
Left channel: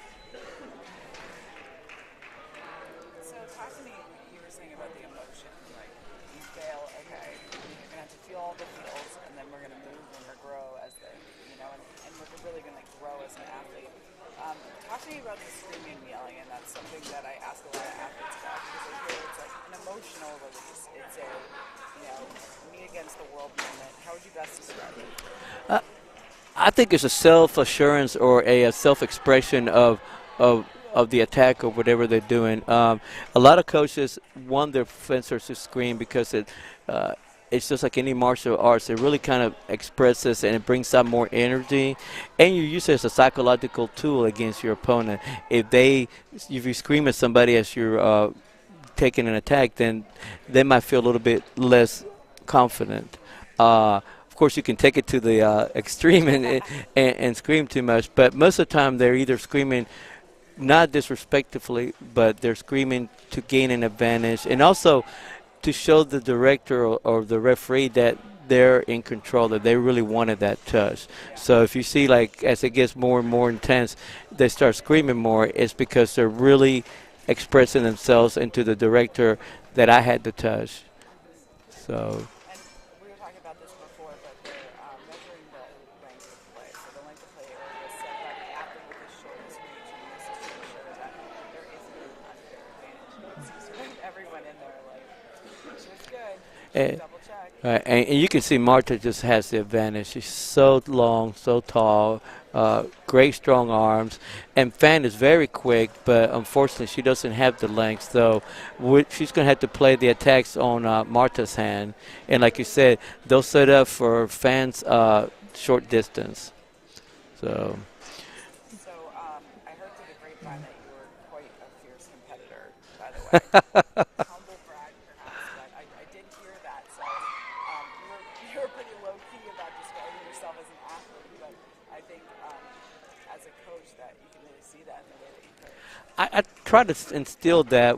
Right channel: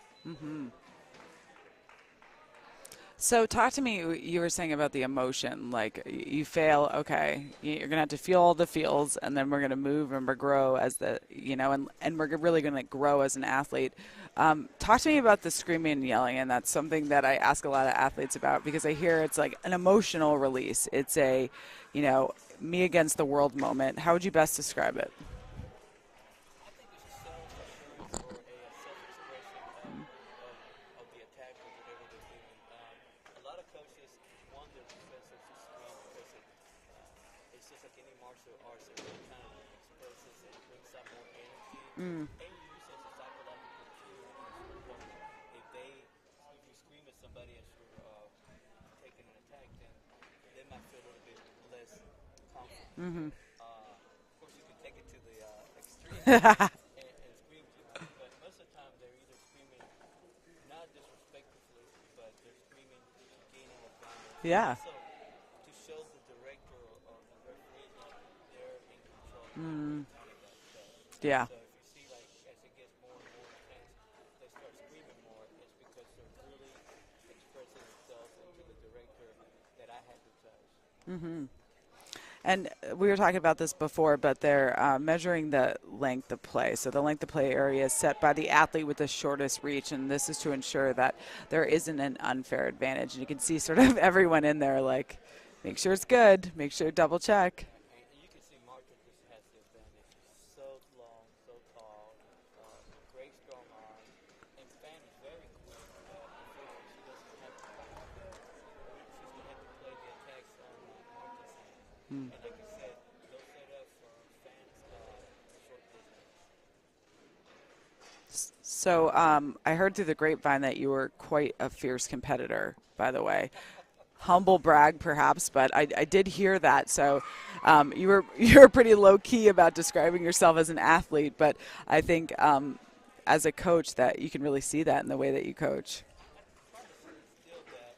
So talk to me, you were saying about the emotion, like you fail, okay, you're going to have to feel all the feels, and then we're going to move and we're grow as the, you know, and we're really going to grow as an athlete. Talk to me about the screaming and yelling, and that's something that I ask a lot of athletes about because I hear it's like an emotional release. It's a, you know, me against the world moment. How would you best describe it? I think it's a self-assurance or a self-expression of the attack or whatever they're doing. A lot of coaches want their fencers to scream because it's just like any martial arts. It really kind of expresses and it brings out more energy. And you use it as a psychological tool against your opponent. If you scream at somebody as you're taking an attack, then they might feel a little bit less confident. Of course, you can take it to the extreme and scream too much. But most of the time, they're either screaming not disrespectfully, but they're screaming to gain an advantage, and also to show the director or the referee that they're in control, that they really wanted that touch. So if you see, like, as it gets more and more intense, they start screaming more, it's because they're really expressing themselves into the director that I had the touch. So. And we were talking about this before, but they're measuring the length of play. So the length of play area is set by the athlete with the shortest reach, and this is to ensure that there isn't an unfair advantage. And you can see sort of everyone in there like, make sure it's good, make sure you double check. And you can see Marta just has the advantage. She's so long, so tall, great strong arms, and Fan is very quick, but unfortunately she doesn't have the length, so she's going to have to play the attacks on Marta's hand. And like you said, they'll set up for Fan's short distance. So I heard through the grapevine that you were quite a fierce competitor, by the way. Humble brag, perhaps, but I did hear that. So you were pretty low-key about describing yourself as an athlete, but I think as a coach that you can really see that in the way that you coach. I try to instill that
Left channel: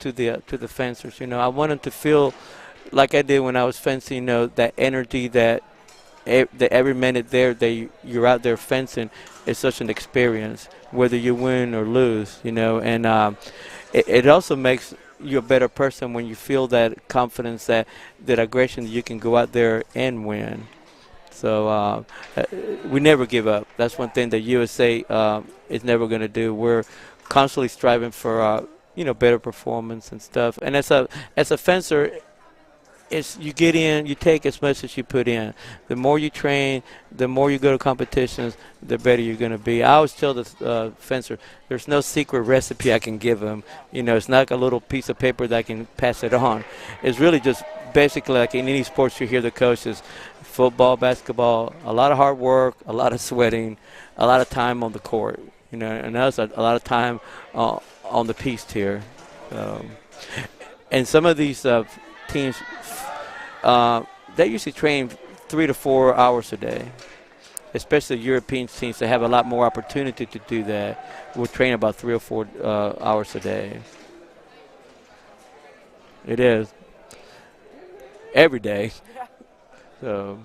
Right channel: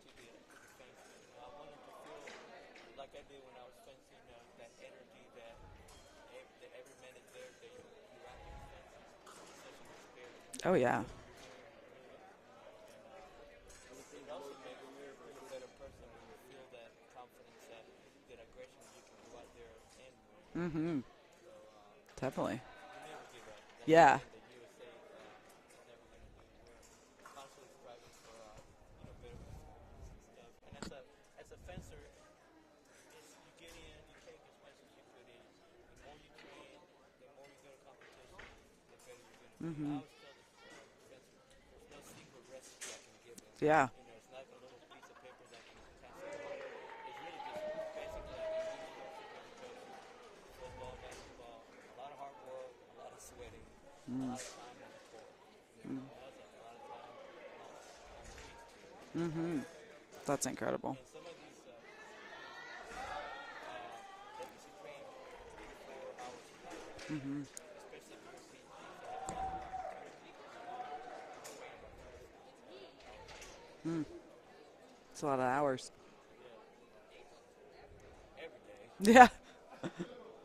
to the fencers. You know, I want them to feel like I did when I was fencing. You know, that energy that every minute you're out there fencing is such an experience. Whether you win or lose, you know, and it also makes you a better person when you feel that confidence, that aggression, that you can go out there and win. So we never give up. That's one thing that USA is never going to do. We're constantly striving for better performance and stuff. And as a fencer, you get in, you take as much as you put in. The more you train, the more you go to competitions, the better you're going to be. I always tell the fencer, there's no secret recipe I can give them. You know, it's not like a little piece of paper that I can pass it on. It's really just basically like in any sports you hear the coaches, football, basketball, a lot of hard work, a lot of sweating, a lot of time on the court. You know, and that's a lot of time on the piece here. That's incredible. And some of these teams, they usually train 3 to 4 hours a day. Especially European teams that have a lot more opportunity to do that, will train about 3 or 4 hours a day. It's a lot of hours. It is. Every day. Yeah. So.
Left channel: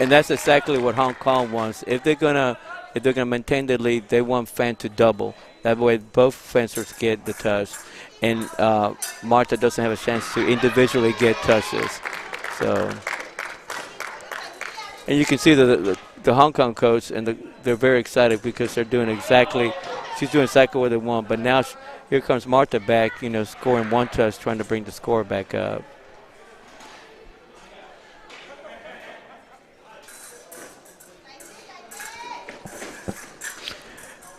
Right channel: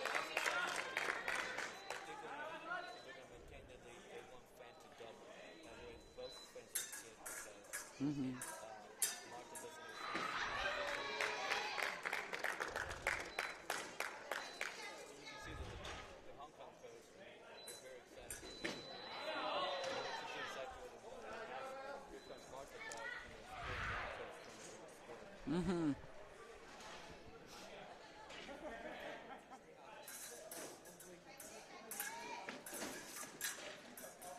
And that's exactly what Hong Kong wants. If they're gonna maintain the lead, they want fan to double. That way, both fencers get the touch, and Marta doesn't have a chance to individually get touches. So, and you can see the Hong Kong coach, and they're very excited because they're doing exactly. She's doing exactly what they want. But now here comes Marta back, scoring one touch, trying to bring the score back up.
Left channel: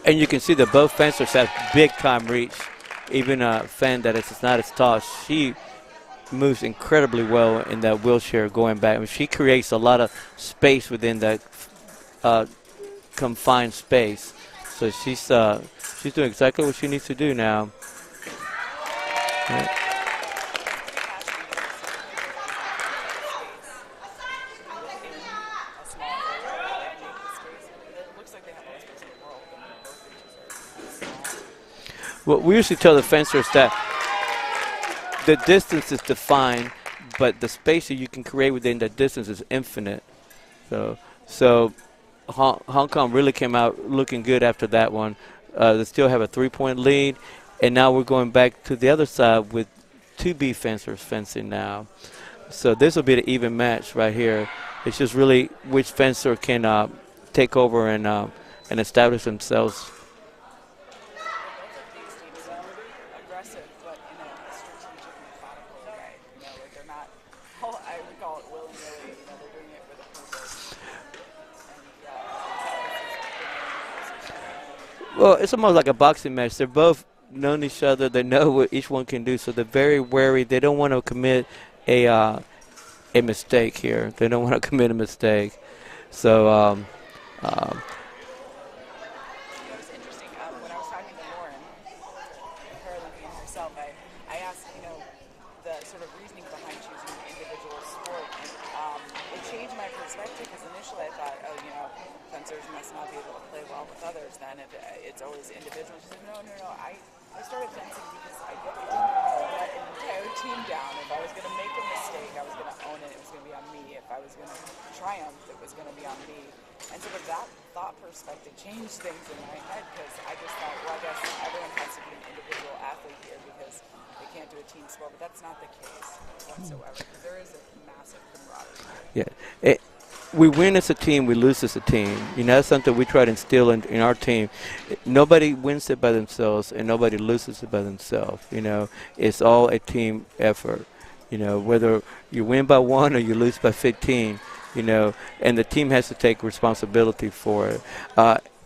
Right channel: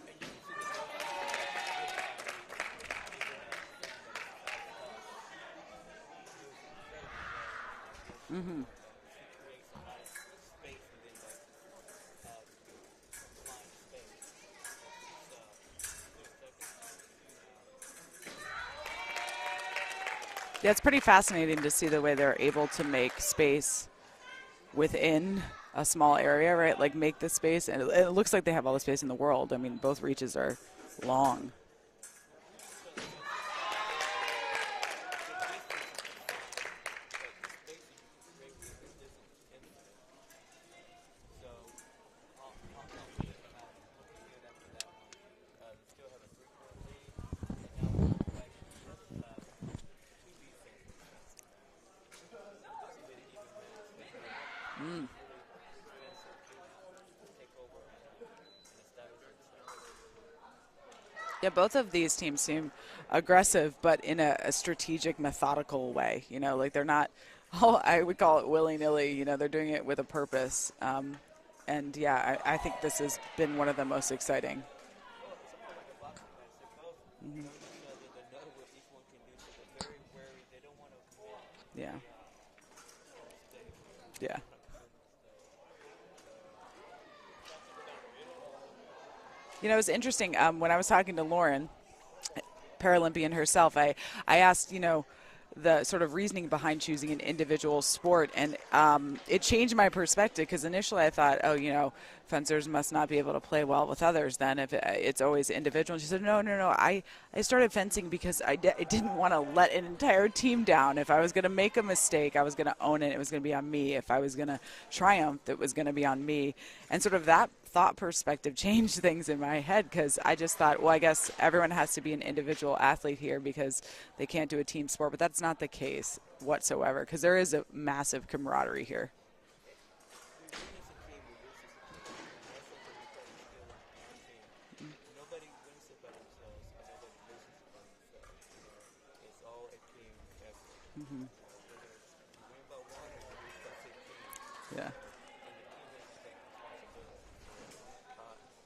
And you can see that both fencers have big-time reach. Even a fan that is not as tall, she moves incredibly well in that wheelchair going back. I mean, she creates a lot of space within that confined space. So she's doing exactly what she needs to do now. Yeah, it's pretty fascinating to see the way they're able to make space within a small area, right? Like make the space, and it looks like they have all the space in the world. I mean, both reaches are long. Well, we usually tell the fencers that the distance is defined, but the space that you can create within that distance is infinite. So Hong Kong really came out looking good after that one. They still have a 3-point lead, and now we're going back to the other side with 2B fencers fencing now. So this will be the even match right here. It's just really which fencer can take over and establish themselves. Yeah, both of these teams seem aggressive, but in a strategic, methodical way. Like they're not, I would call it willy-nilly. They're doing it with a purpose. And yeah, I think this has been one of the most exciting. Well, it's almost like a boxing match. They're both known each other. They know what each one can do, so they're very wary. They don't want to commit a mistake here. They don't want to commit a mistake. So, it's interesting. When I was talking to Lauren, Paralympian herself, I asked, the sort of reasoning behind choosing an individual sport, and it changed my perspective because initially I thought, fencers must not be able to play well with others then if it's always individual. And she said, no, I started fencing because I didn't want to let an entire team down. If I was going to make a mistake, I was going to own it. It was going to be on me. If I was going to triumph, it was going to be on me. And sort of that thought perspective changed things in my head because I just thought, well, I guess everyone has to be an individual athlete here because they can't do a team sport. But that's not the case whatsoever because there is a massive camaraderie here. Yeah. We win as a team, we lose as a team. That's something we try to instill in our team. Nobody wins it by themselves, and nobody loses it by themselves. It's all a team effort. Whether you win by 1 or you lose by 15, and the team has to take responsibility for it.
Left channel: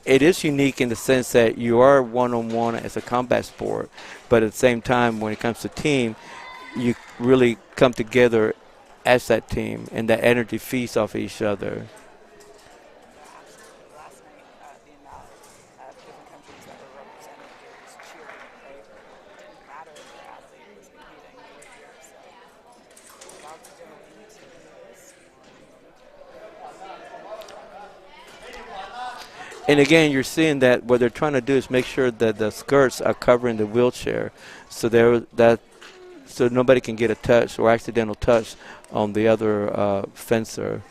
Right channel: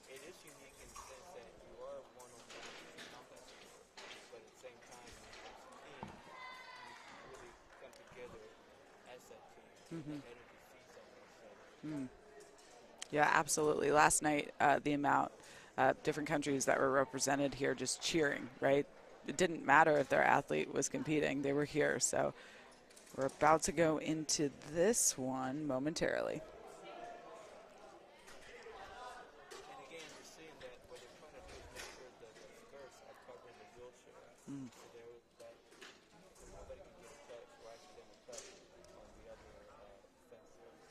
It is unique in the sense that you are one-on-one as a combat sport, but at the same time, when it comes to team, you really come together as that team, and that energy feeds off each other. Yeah, absolutely. Last night, the amount of different countries that were represented here just cheering, right? It didn't matter if their athlete was competing. They were here. So we're about to go into this one momentarily. And again, you're seeing that what they're trying to do is make sure that the skirts are covering the wheelchair, so so nobody can get a touch or accidental touch on the other fencer.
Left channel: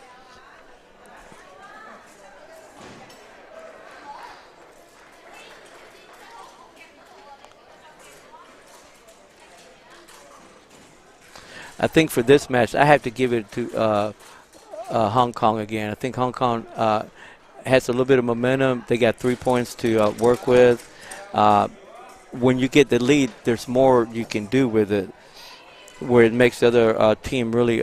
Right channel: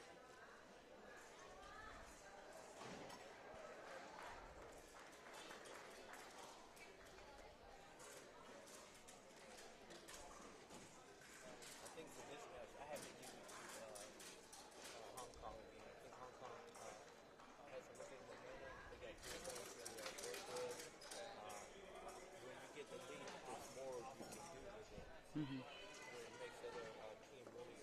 I think for this match, I have to give it to Hong Kong again. I think Hong Kong has a little bit of momentum. They got 3 points to work with. When you get the lead, there's more you can do with it, where it makes the other team really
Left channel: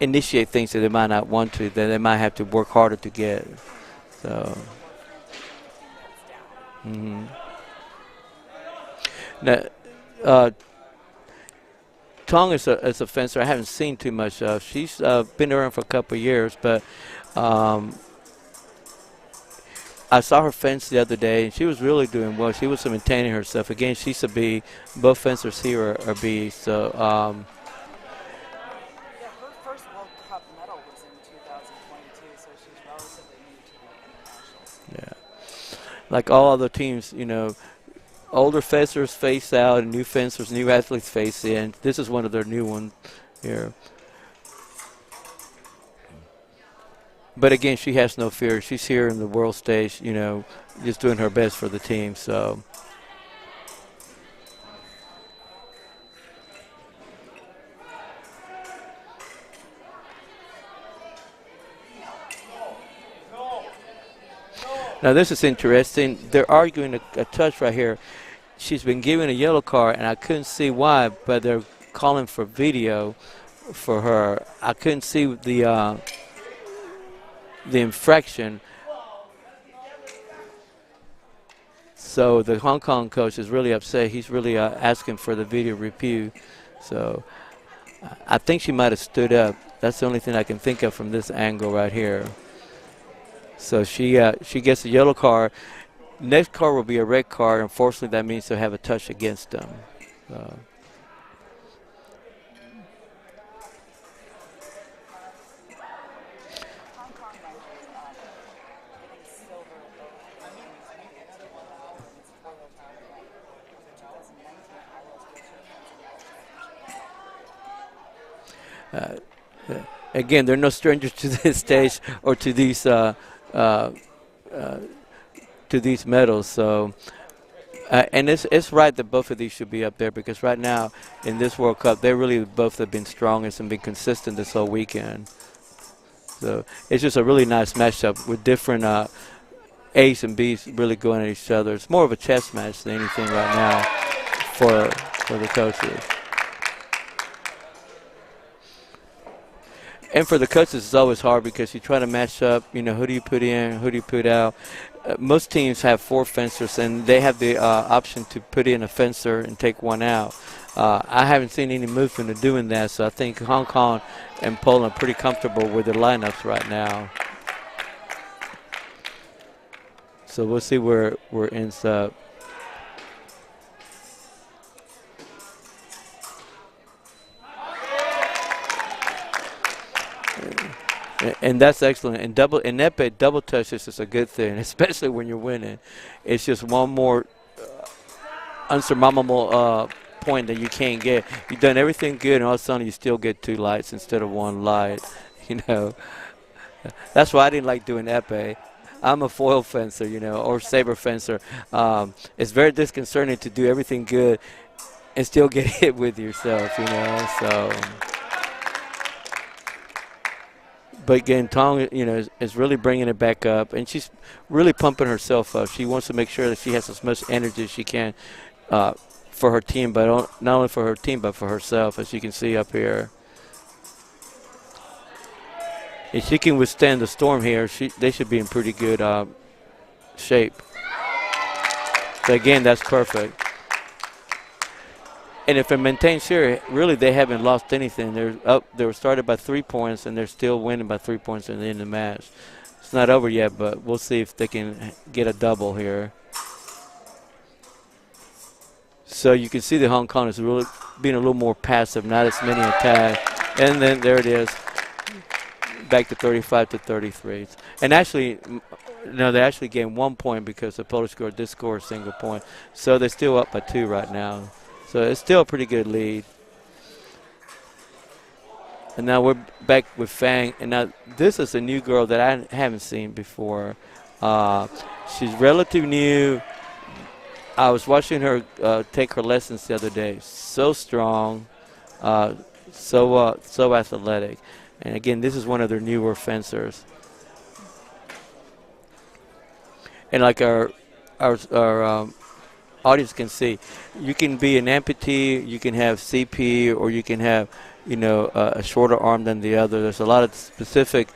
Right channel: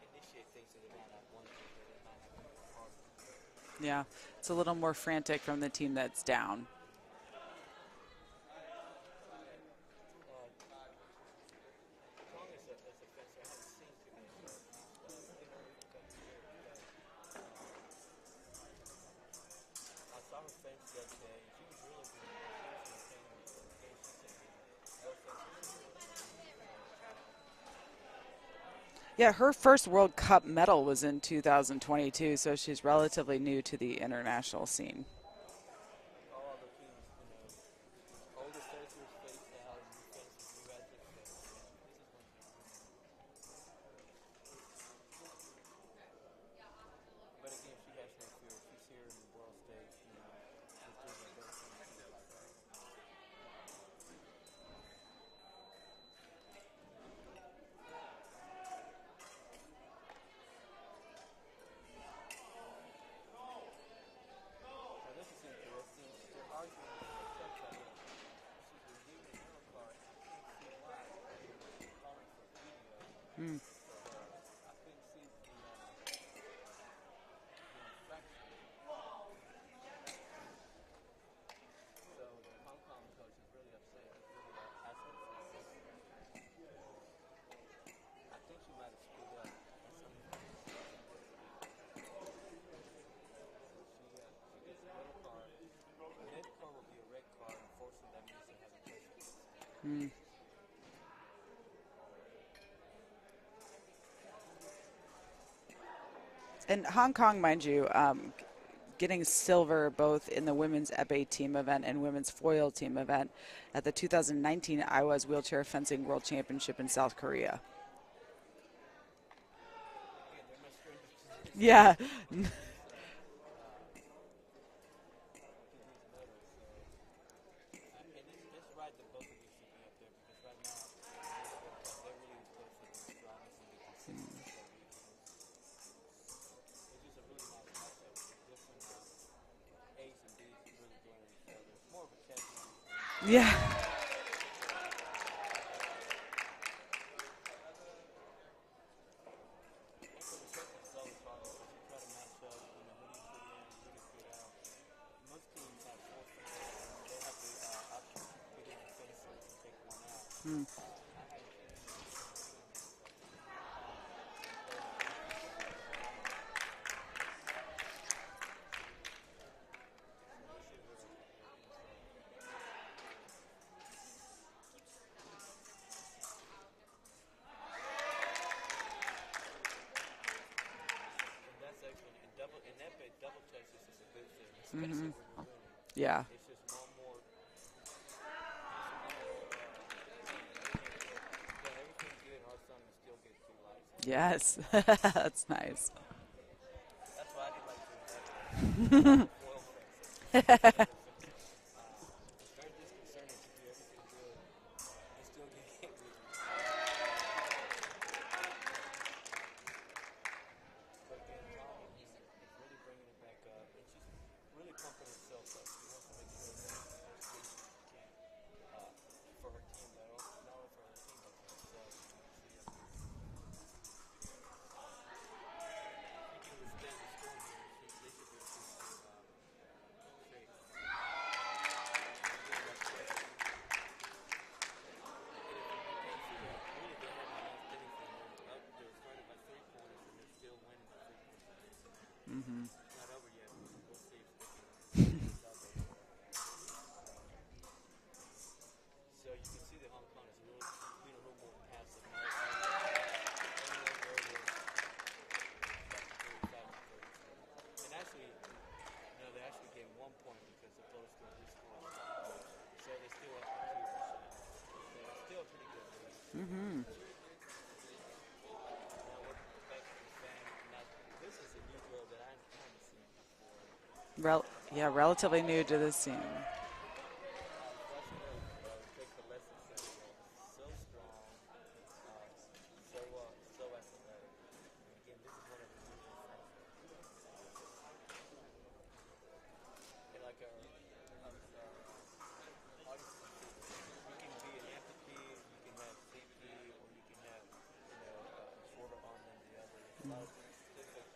initiate things that they might not want to, that they might have to work harder to get. Yeah, so it's a little more frantic from the team that's down. Mm-hmm. Now, Tong is a fencer I haven't seen too much of. She's been around for a couple of years, but I saw her fence the other day, and she was really doing well. She was maintaining herself. Again, she's a B. Both fencers here are B. So, Yeah, her first World Cup medal was in 2022, so she's relatively new to the international scene. yeah. Like all other teams, you know, older fencers face out and new fencers, new athletes face in. This is one of their new ones here. But again, she has no fear. She's here in the world stage, you know, just doing her best for the team. So, now this is interesting. They're arguing a touch right here. She's been given a yellow card, and I couldn't see why, but they're calling for video for her. I couldn't see the infraction. So the Hong Kong coach is really upset. He's really asking for the video review. So I think she might have stood up. That's the only thing I can think of from this angle right here. So she gets a yellow card. Next card will be a red card. Unfortunately, that means they'll have a touch against them. And Hong Kong, mind you, getting silver both in the women's epee team event and women's foil team event at the 2019 IWAS Wheelchair Fencing World Championship in South Korea. Again, they're no strangers to this stage or to these medals. So, and it's right that both of these should be up there, because right now in this World Cup, they really both have been strongest and been consistent this whole weekend. So it's just a really nice matchup with different A's and B's really going at each other. It's more of a chess match than anything right now for the coaches. And for the coaches, it's always hard because you try to match up, you know, who do you put in, who do you put out. Most teams have 4 fencers, and they have the option to put in a fencer and take one out. I haven't seen any movement of doing that, so I think Hong Kong and Poland are pretty comfortable with their lineups right now. So we'll see where it ends up. And that's excellent. And Epee, double touches is a good thing, especially when you're winning. Yeah. It's just one more unsurmountable point that you can't get. You've done everything good, and all of a sudden you still get 2 lights instead of 1 light. You nice. know, that's why I didn't like doing epee. I'm a foil fencer, you know, or saber fencer. It's very disconcerting to do everything good and still get hit with yourself, you know. So. But again, Tong, you know, is really bringing it back up, and she's really pumping herself up. She wants to make sure that she has as much energy as she can for her team, but not only for her team, but for herself, as you can see up here. If she can withstand the storm here, they should be in pretty good shape. So again, that's perfect. And if it maintains here, really they haven't lost anything. They're up. They were started by 3 points, and they're still winning by 3 points in the end of the match. It's not over yet, but we'll see if they can get a double here. So you can see the Hong Kong is really being a little more passive, not as many attacks. And then there it is, back to 35-33. And actually, no, they actually gained 1 point because the Polish did score a single point. So they're still up by 2 right now. So it's still a pretty good lead. And now we're back with Fang. And now this is a new girl that I haven't seen before. She's relatively new. I was watching her take her lessons the other day. So strong, so athletic. And again, this is one of their newer fencers. And like our audience can see, you can be an amputee, you can have CP, or you can have, you know, a shorter arm than the other. There's a lot of specific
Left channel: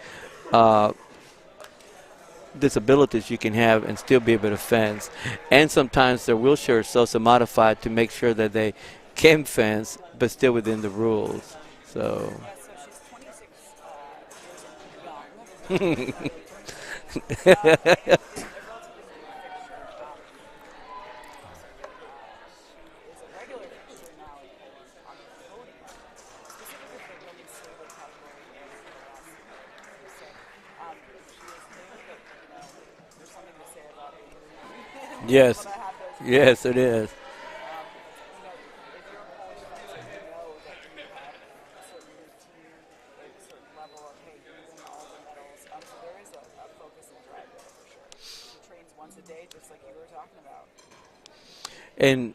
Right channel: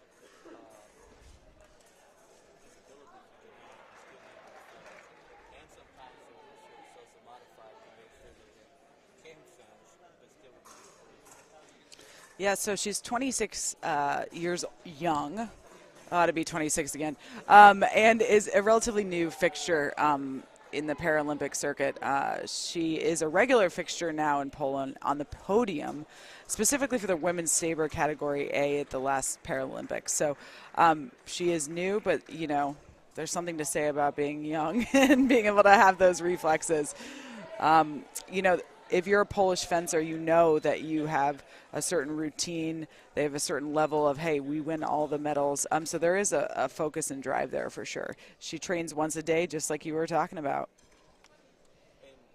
disabilities you can have and still be able to fence. And sometimes their wheelchair is also modified to make sure that they can fence, but still within the rules. So Yeah, so she's 26 years young. Ought to be 26 again. And is a relatively new fixture in the Paralympic circuit. She is a regular fixture now in Poland on the podium, specifically for the women's saber category A at the last Paralympics. So she is new, but, you know, there's something to say about being young and being able yes, to have those yes, it reflexes. is. You know, if you're a Polish fencer, you know that you have a certain routine. They have a certain level of, hey, we win all the medals. So there is a focus and drive there for sure. She trains once a day, just like you were talking about. And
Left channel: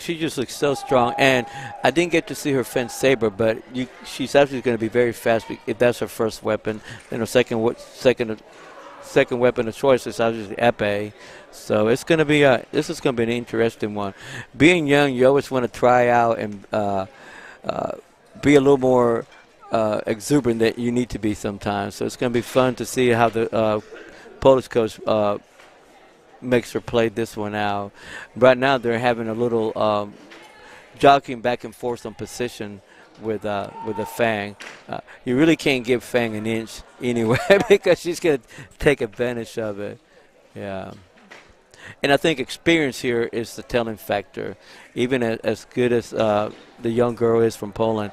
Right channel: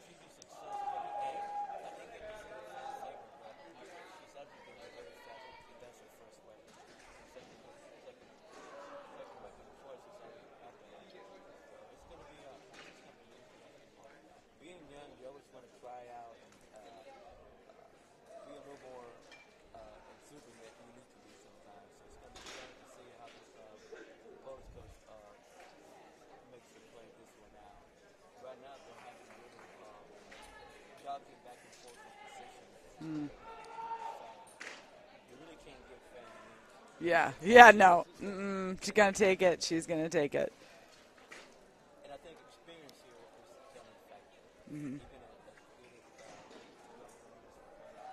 she just looks so strong. And I didn't get to see her fence saber, but she's actually going to be very fast if that's her first weapon. Then her second weapon of choice is obviously Epee. So it's going to be this is going to be an interesting one. Being young, you always want to try out and be a little more exuberant than you need to be sometimes. So it's going to be fun to see how the Polish coach makes her play this one out. Right now they're having a little jockeying back and forth on position with a Fang. You really can't give Fang an inch anyway because she's going to take advantage of it. She's going to take it. Yeah. And I think experience here is the telling factor. Even as good as the young girl is from Poland,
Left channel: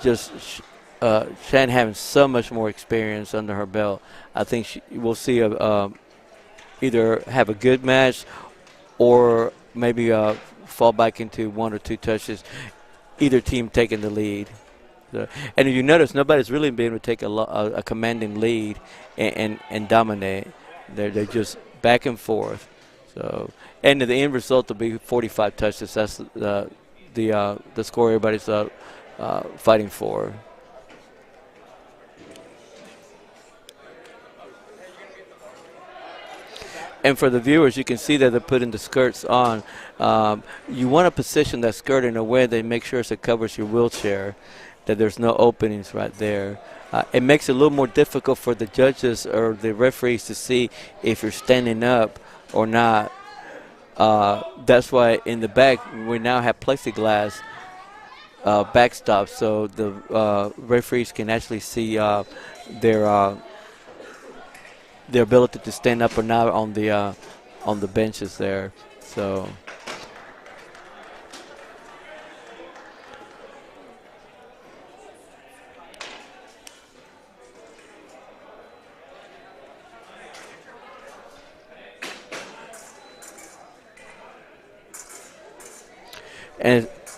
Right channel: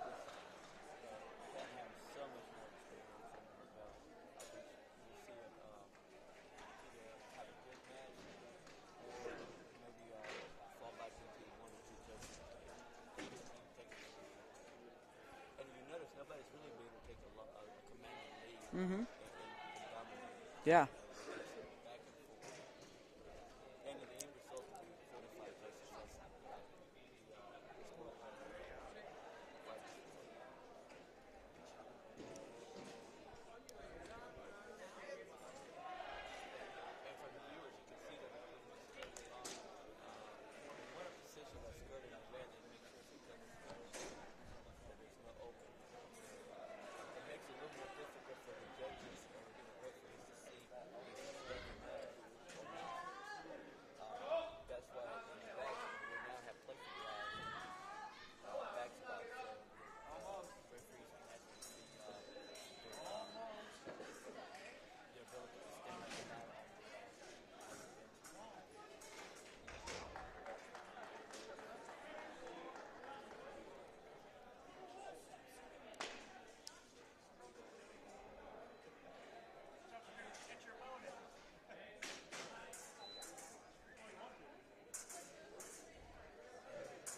Shan having so much more experience under her belt, I think we'll see either have a good match or maybe fall back into one or two touches, either team taking the lead. So, and if you notice, nobody's really been able to take a commanding lead and dominate. Yeah. They're just back and forth. So, and the end result will be 45 touches. That's the score everybody's fighting for. And for the viewers, you can see that they're putting the skirts on. You want to position that skirt in a way that makes sure it covers your wheelchair, that there's no openings right there. It makes it a little more difficult for the judges or the referees to see if you're standing up or not. That's why in the back we now have plexiglass backstops, so the referees can actually see their ability to stand up or not on the benches there. So.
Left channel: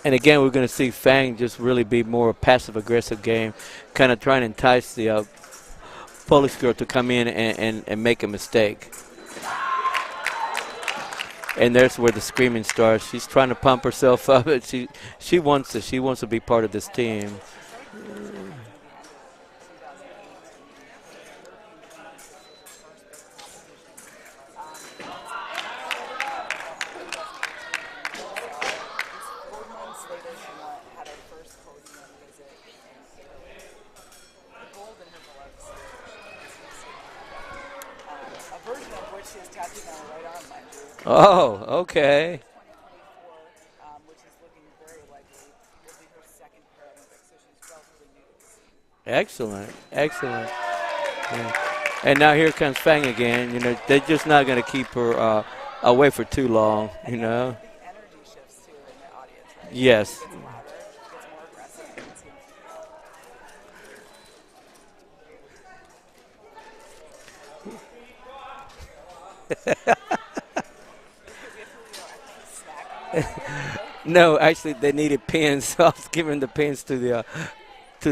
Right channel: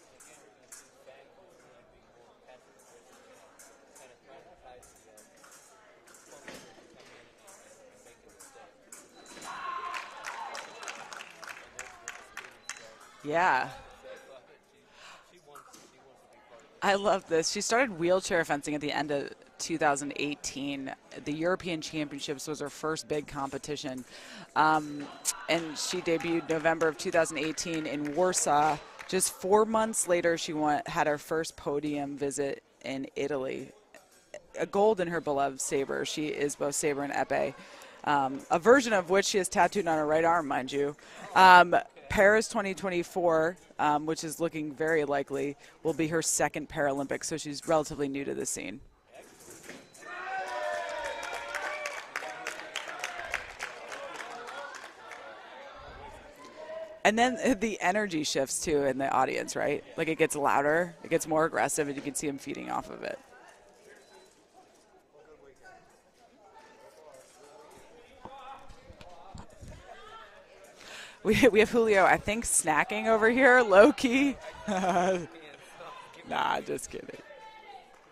And again, we're going to see Fang just really be more a passive-aggressive game, kind of trying to entice the Polish girl to come in and make a mistake. And there's where the screaming starts. She's trying to pump herself up. She wants it. She wants to be part of this team. I love this. She started wheelchair fencing at the end of 2018. The European Championships was her first big competition. And she debuted November of 2018 in Warsaw. Just 4 months later, she had her first podium visit in Italy. A gold in her beloved saber. She is both saber and epee. A version of which she has tattooed on her right arm, mind you. Oh, okay. Paris 2024, which is looking very likely, will be her second Paralympics, so she's relatively new to the scene. Excellent, excellent. Yeah. And now here comes Fang again. You know, they're just not going to keep her away for too long. And then the energy shifts, too, in the audience, right? Yes. Like it gets louder, it gets more aggressive, and you can see them feeding off of it. We have Julio, I think, snacking over here, low key. No, actually, they needed pins, so I was giving the pins to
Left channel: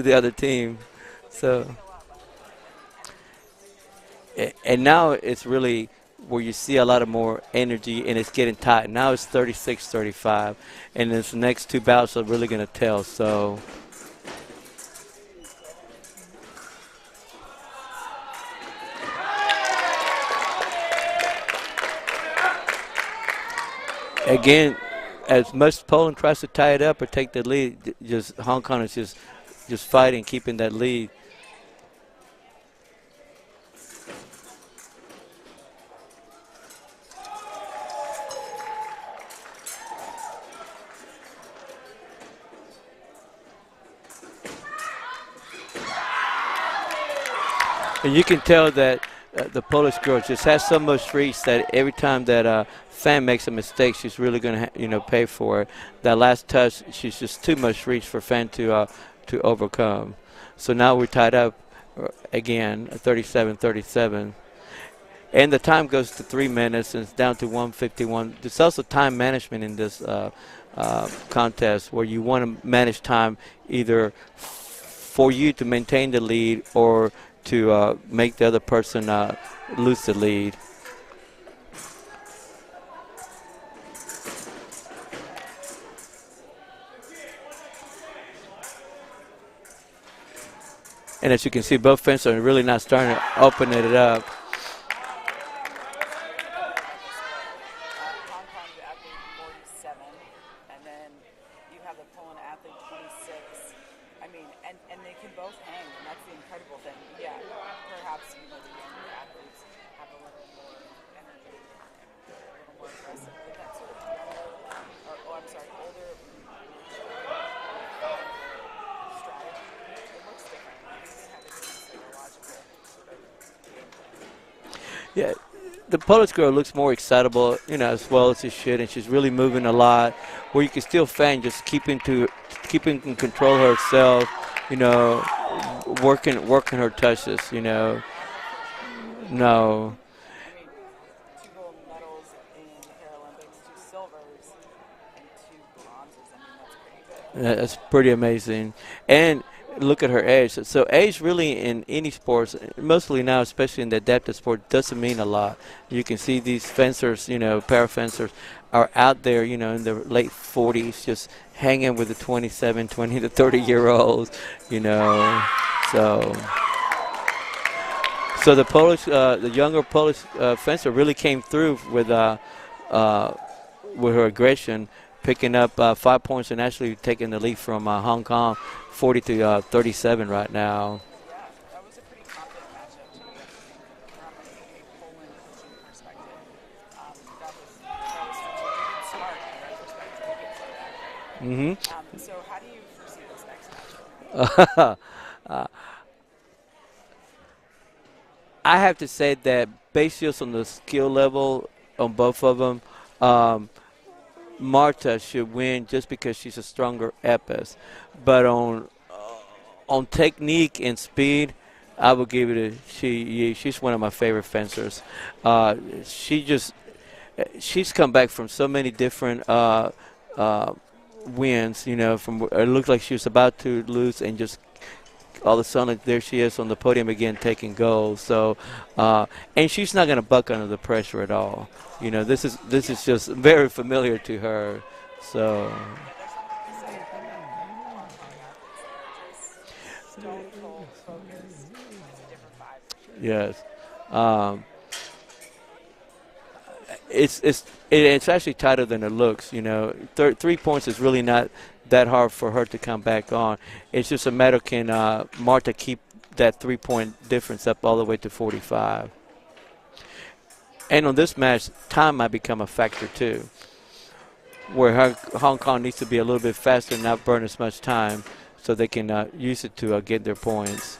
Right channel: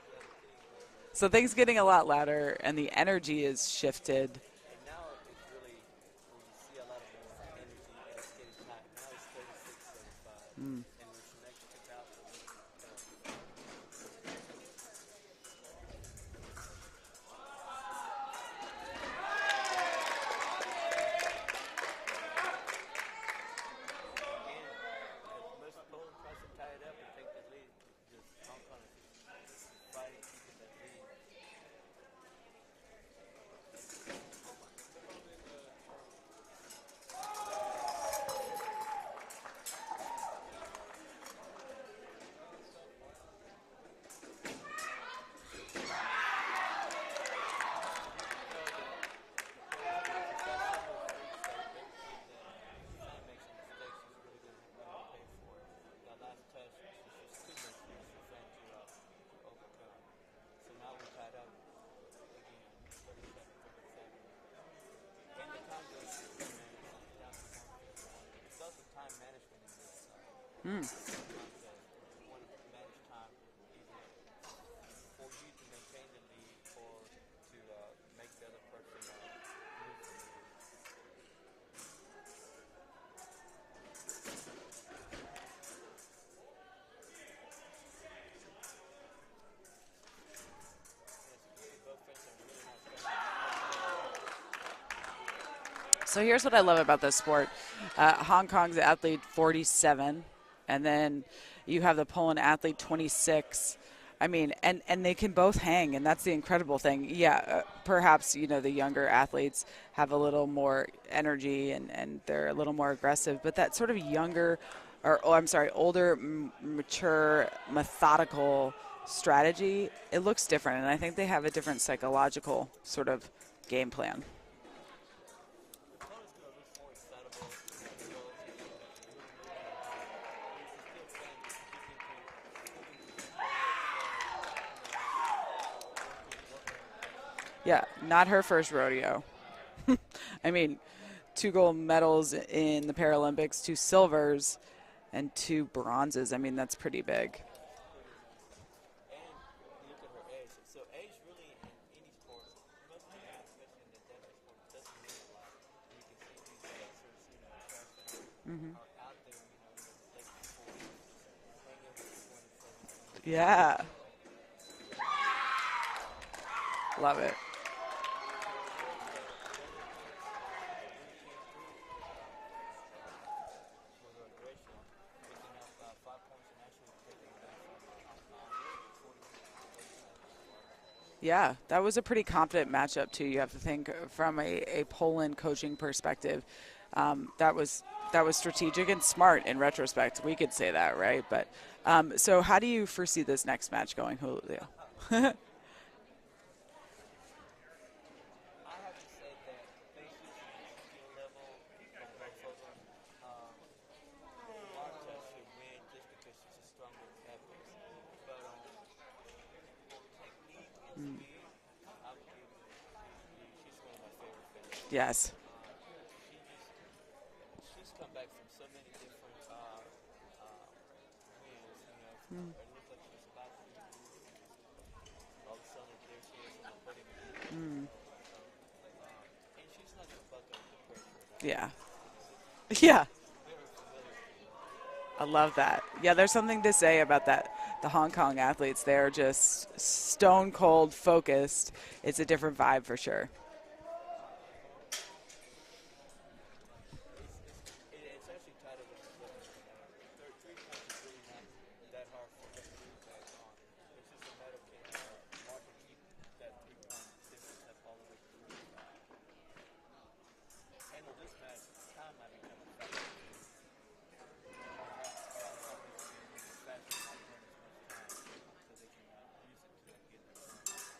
the other team. So things getting a lot louder, and the energy is shifted. And now it's really where you see a lot of more energy, and it's getting tight. Now it's 36-35, and this next two bouts are really going to tell. So. Again, as much as Poland tries to tie it up or take the lead, just Hong Kong is just fighting, keeping that lead. And you can tell that the Polish girl just has so much reach that every time that Fan makes a mistake, she's really going to, pay for it. That last touch, she's just too much reach for Fan to overcome. So now we're tied up again, 37-37. And the time goes to 3 minutes, and it's down to 1:51. There's also time management in this contest, where you want to manage time either for you to maintain the lead or to make the other person lose the lead. And as you can see, both fencers are really not starting to open it up. So here's what I love about this sport. Hong Kong's athlete 47, and then you have the Poland athlete 26. I mean, and they can both hang, and that's the incredible thing. Yeah, perhaps, the younger athletes have a little more energy and they're a little more aggressive, but that sort of younger, older, mature, methodical strategy, it looks different, and I think they have a different psychological sort of game plan. Yeah. The Polish girl looks more excitable, as well as she should, and she's really moving a lot. Where you can still Fan just keeping in control herself, working her touches, Yeah, not her first rodeo. No. I mean, 2 gold medals in the Paralympics, 2 silvers, and 2 bronzes. I mean, that's pretty big. That's pretty amazing. And look at her age. So age really in any sports, mostly now, especially in the adaptive sport, doesn't mean a lot. You can see these fencers, para fencers, are out there, in their late 40s, just hanging with the 27, 20 to 30-year-olds, So. Love it. So the younger Polish fencer really came through with her aggression, picking up 5 points and actually taking the lead from Hong Kong, 40 to 37 right now. Yeah, that was a pretty competent matchup too. You have to think from a Poland coaching perspective. That was strategic and smart in retrospect. We could say that, right? But so how do you foresee this next match going? I have to say that based just on the skill level on both of them, Marta should win just because she's a stronger Epee. But on technique and speed, I would give it she's one of my favorite fencers. Yes. She's come back from so many different wins, from it looked like she was about to lose and just all of a sudden there she is on the podium again taking gold. So and she's not going to buck under the pressure at all. Yeah. This is just very familiar to her. I love that. Yeah, there's something to say about that. The Hong Kong athletes, they're just stone cold focused. It's a different vibe for sure. Yes. It's actually tighter than it looks. 3 points is really not that hard for her to come back on. It's just a matter, can Marta keep that 3-point difference up all the way to 45? And on this match, time might become a factor too, where Hong Kong needs to be a little bit faster and not burn as much time so they can use it to get their points.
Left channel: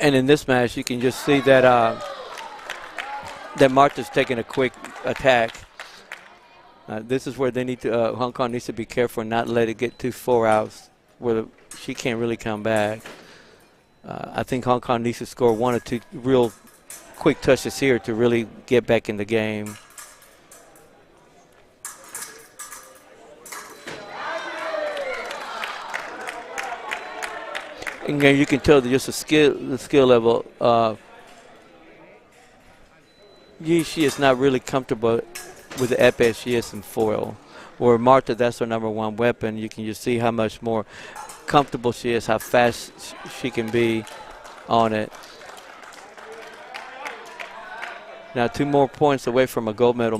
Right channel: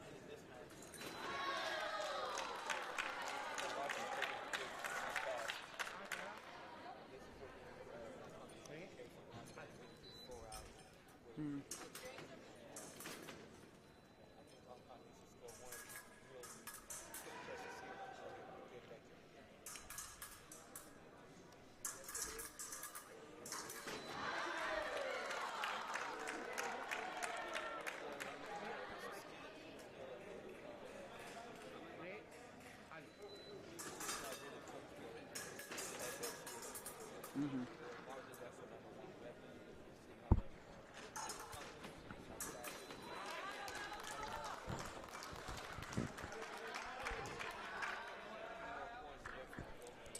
And in this match, you can just see that that Marta's taking a quick attack. This is where they need to. Hong Kong needs to be careful and not let it get too far out, where she can't really come back. I think Hong Kong needs to score 1 or 2 real quick touches here to really get back in the game. And you can tell that just the skill level. She is not really comfortable with the epee as she is in foil. Where Marta, that's her #1 weapon. You can just see how much more comfortable she is, how fast she can be on it. Now 2 more points away from a gold medal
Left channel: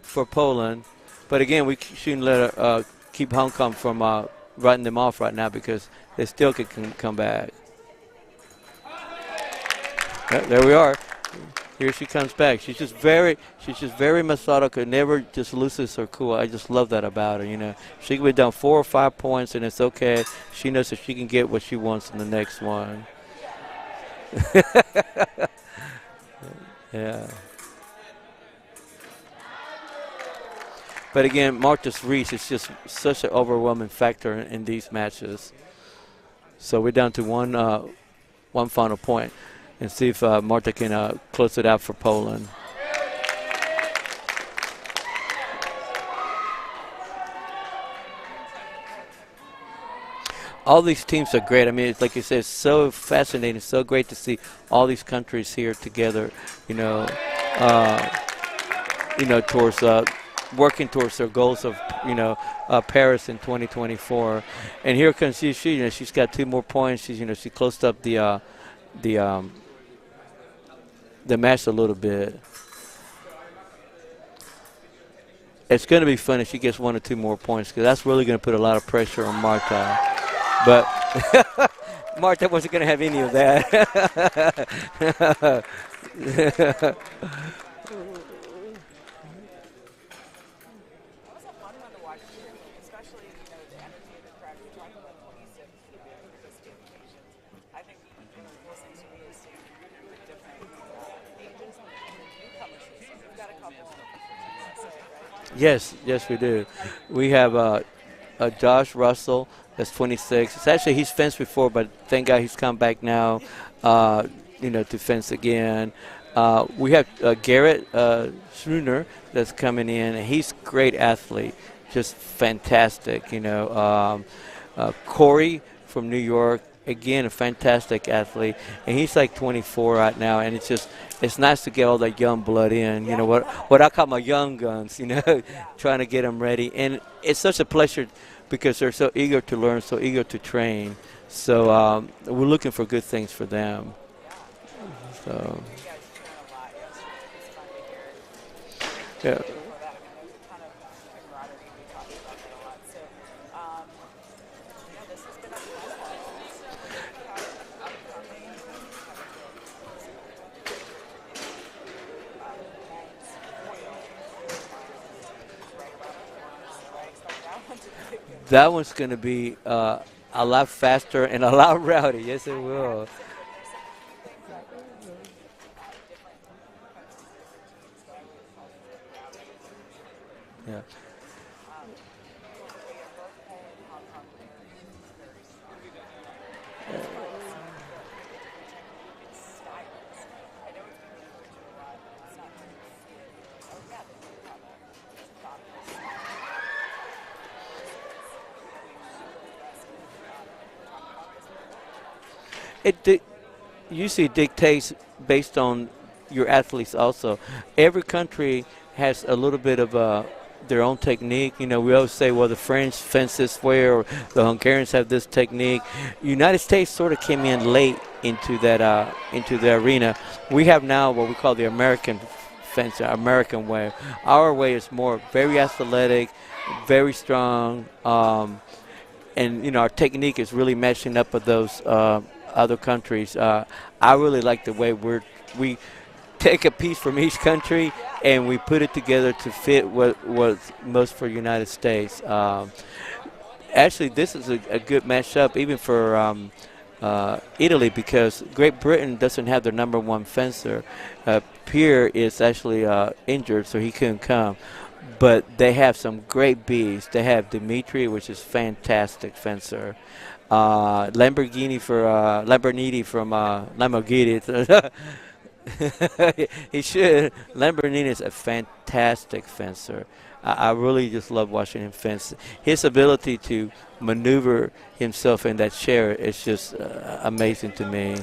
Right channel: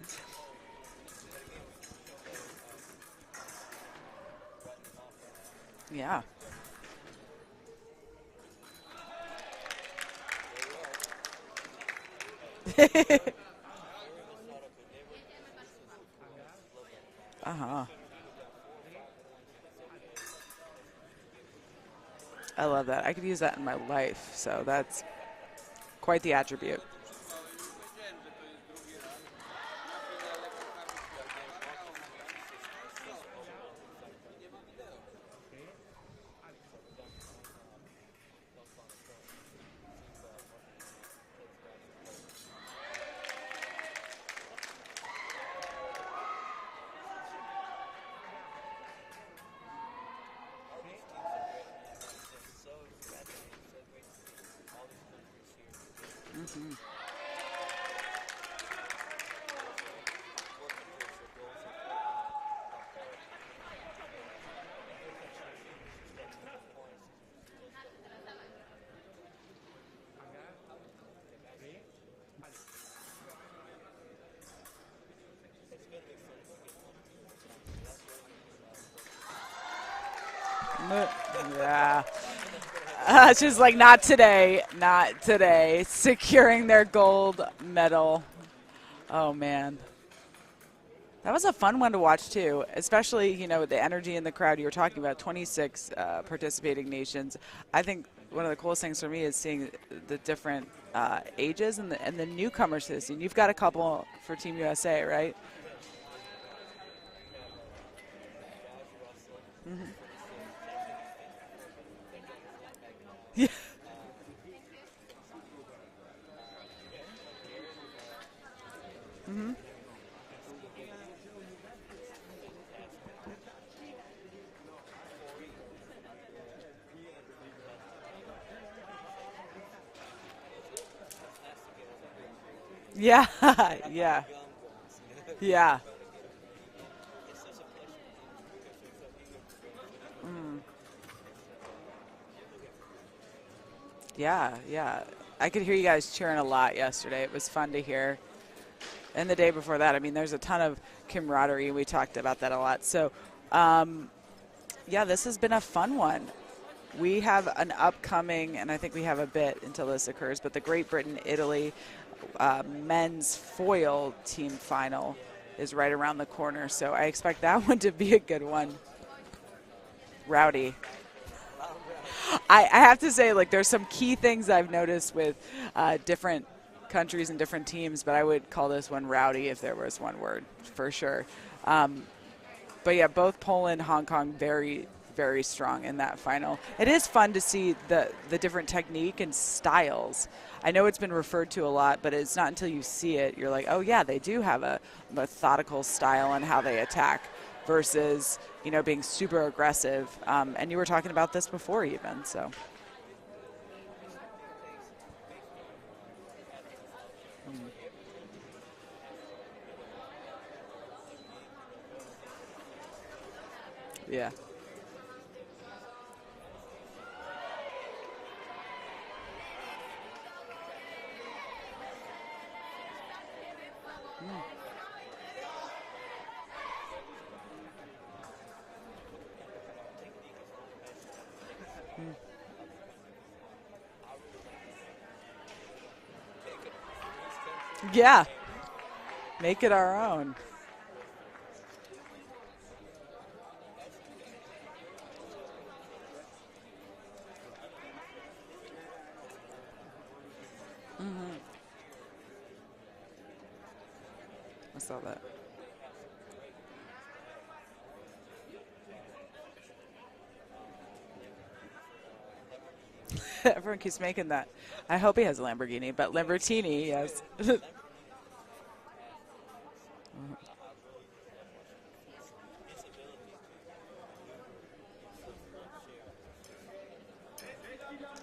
for Poland. But again, we shouldn't let her keep Hong Kong from writing them off right now, because they still can come back. There we are. Here she comes back. She's just very methodical. Never just loses her cool. I just love that about her. You know, she can be down 4 or 5 points, and it's okay. She knows that she can get what she wants in the next I one. love that. I could use that in my life. So that's quite the attribute. Yeah. But again, Martha's Reese is just such an overwhelming factor in these matches. So we're down to one final point, and see if Martha can close it out for Poland. All these teams are great. I mean, it's like you said, it's so fascinating, so great to see all these countries here together. Towards working towards their goals of Paris in 2024. And here comes she. She's got 2 more points. She closed up the match a little bit. It's going to be fun if she gets 1 or 2 more points, because that's really going to put a lot of pressure on Marta. But yeah. Marta wasn't going to have any of that. She's like, not today, not today. Securing their gold medal. Oh, man. That was a fun one to watch, too, especially, with the energy in the crowd. You were talking about 26 participating nations. I think one of the coolest things for me is seeing the different ages and the newcomers to this scene. You've got a couple for Team USA, right? Yes, we do. We have Josh Russell, that's 26. He's fenced before, but thank God he's come back now, to fence again. We have Garrett Schruner that's coming in, and he's a great athlete, just fantastic. Corey from New York, again, a fantastic athlete, and he's like 24 right now, and it's nice to get all that young blood in. Yeah. What I call my young guns, Yeah. trying to get them ready. And it's such a pleasure because they're so eager to learn, so eager to train. So we're looking for good things for them. Yeah. So. I could hear you guys cheering a lot yesterday. It was fun to hear. And the day before that, I mean, there's a ton of camaraderie. We talked about that a lot. So, this has been a fun one. We have an upcoming, and I think we have a bit until this occurs, but the Great Britain-Italy men's foil team final is right around the corner. So I expect that one to be a good one. That one's going to be a lot faster and a lot rowdy. Yes, I have to say, there's some key things I've noticed with different countries and different teams, but I would call this one rowdy if there was one word, for sure. But yeah, both Poland, Hong Kong, very, very strong in that final. It is fun to see the different technique and styles. I know it's been referred to a lot, but it's not until you see it, you're like, oh yeah, they do have a methodical style on how they attack versus, being super aggressive. And you were talking about this before even, so. It usually dictates based on your athletes also. Every country has a little bit of their own technique. We always say, well, the French fence this way, or the Hungarians have this technique. United States sort of came in late into the arena. We have now what we call the American fence, American way. Our way is more very athletic, very strong, and our technique is really matching up with those other countries. I really like the way we take a piece from each country and we put it together to fit what's most for United States. Actually, this is a good matchup even for Italy, because Great Britain doesn't have their number 1 fencer. Pierre is actually injured, so he couldn't come. But they have some great bees. They have Dimitri, which is fantastic fencer. Lamborghini from Lamborghini. I hope he has a Lamborghini, but Lamborghini. He should. Lamborghini is a fantastic fencer. I really just love watching him fence. His ability to maneuver himself in that chair is just amazing to me.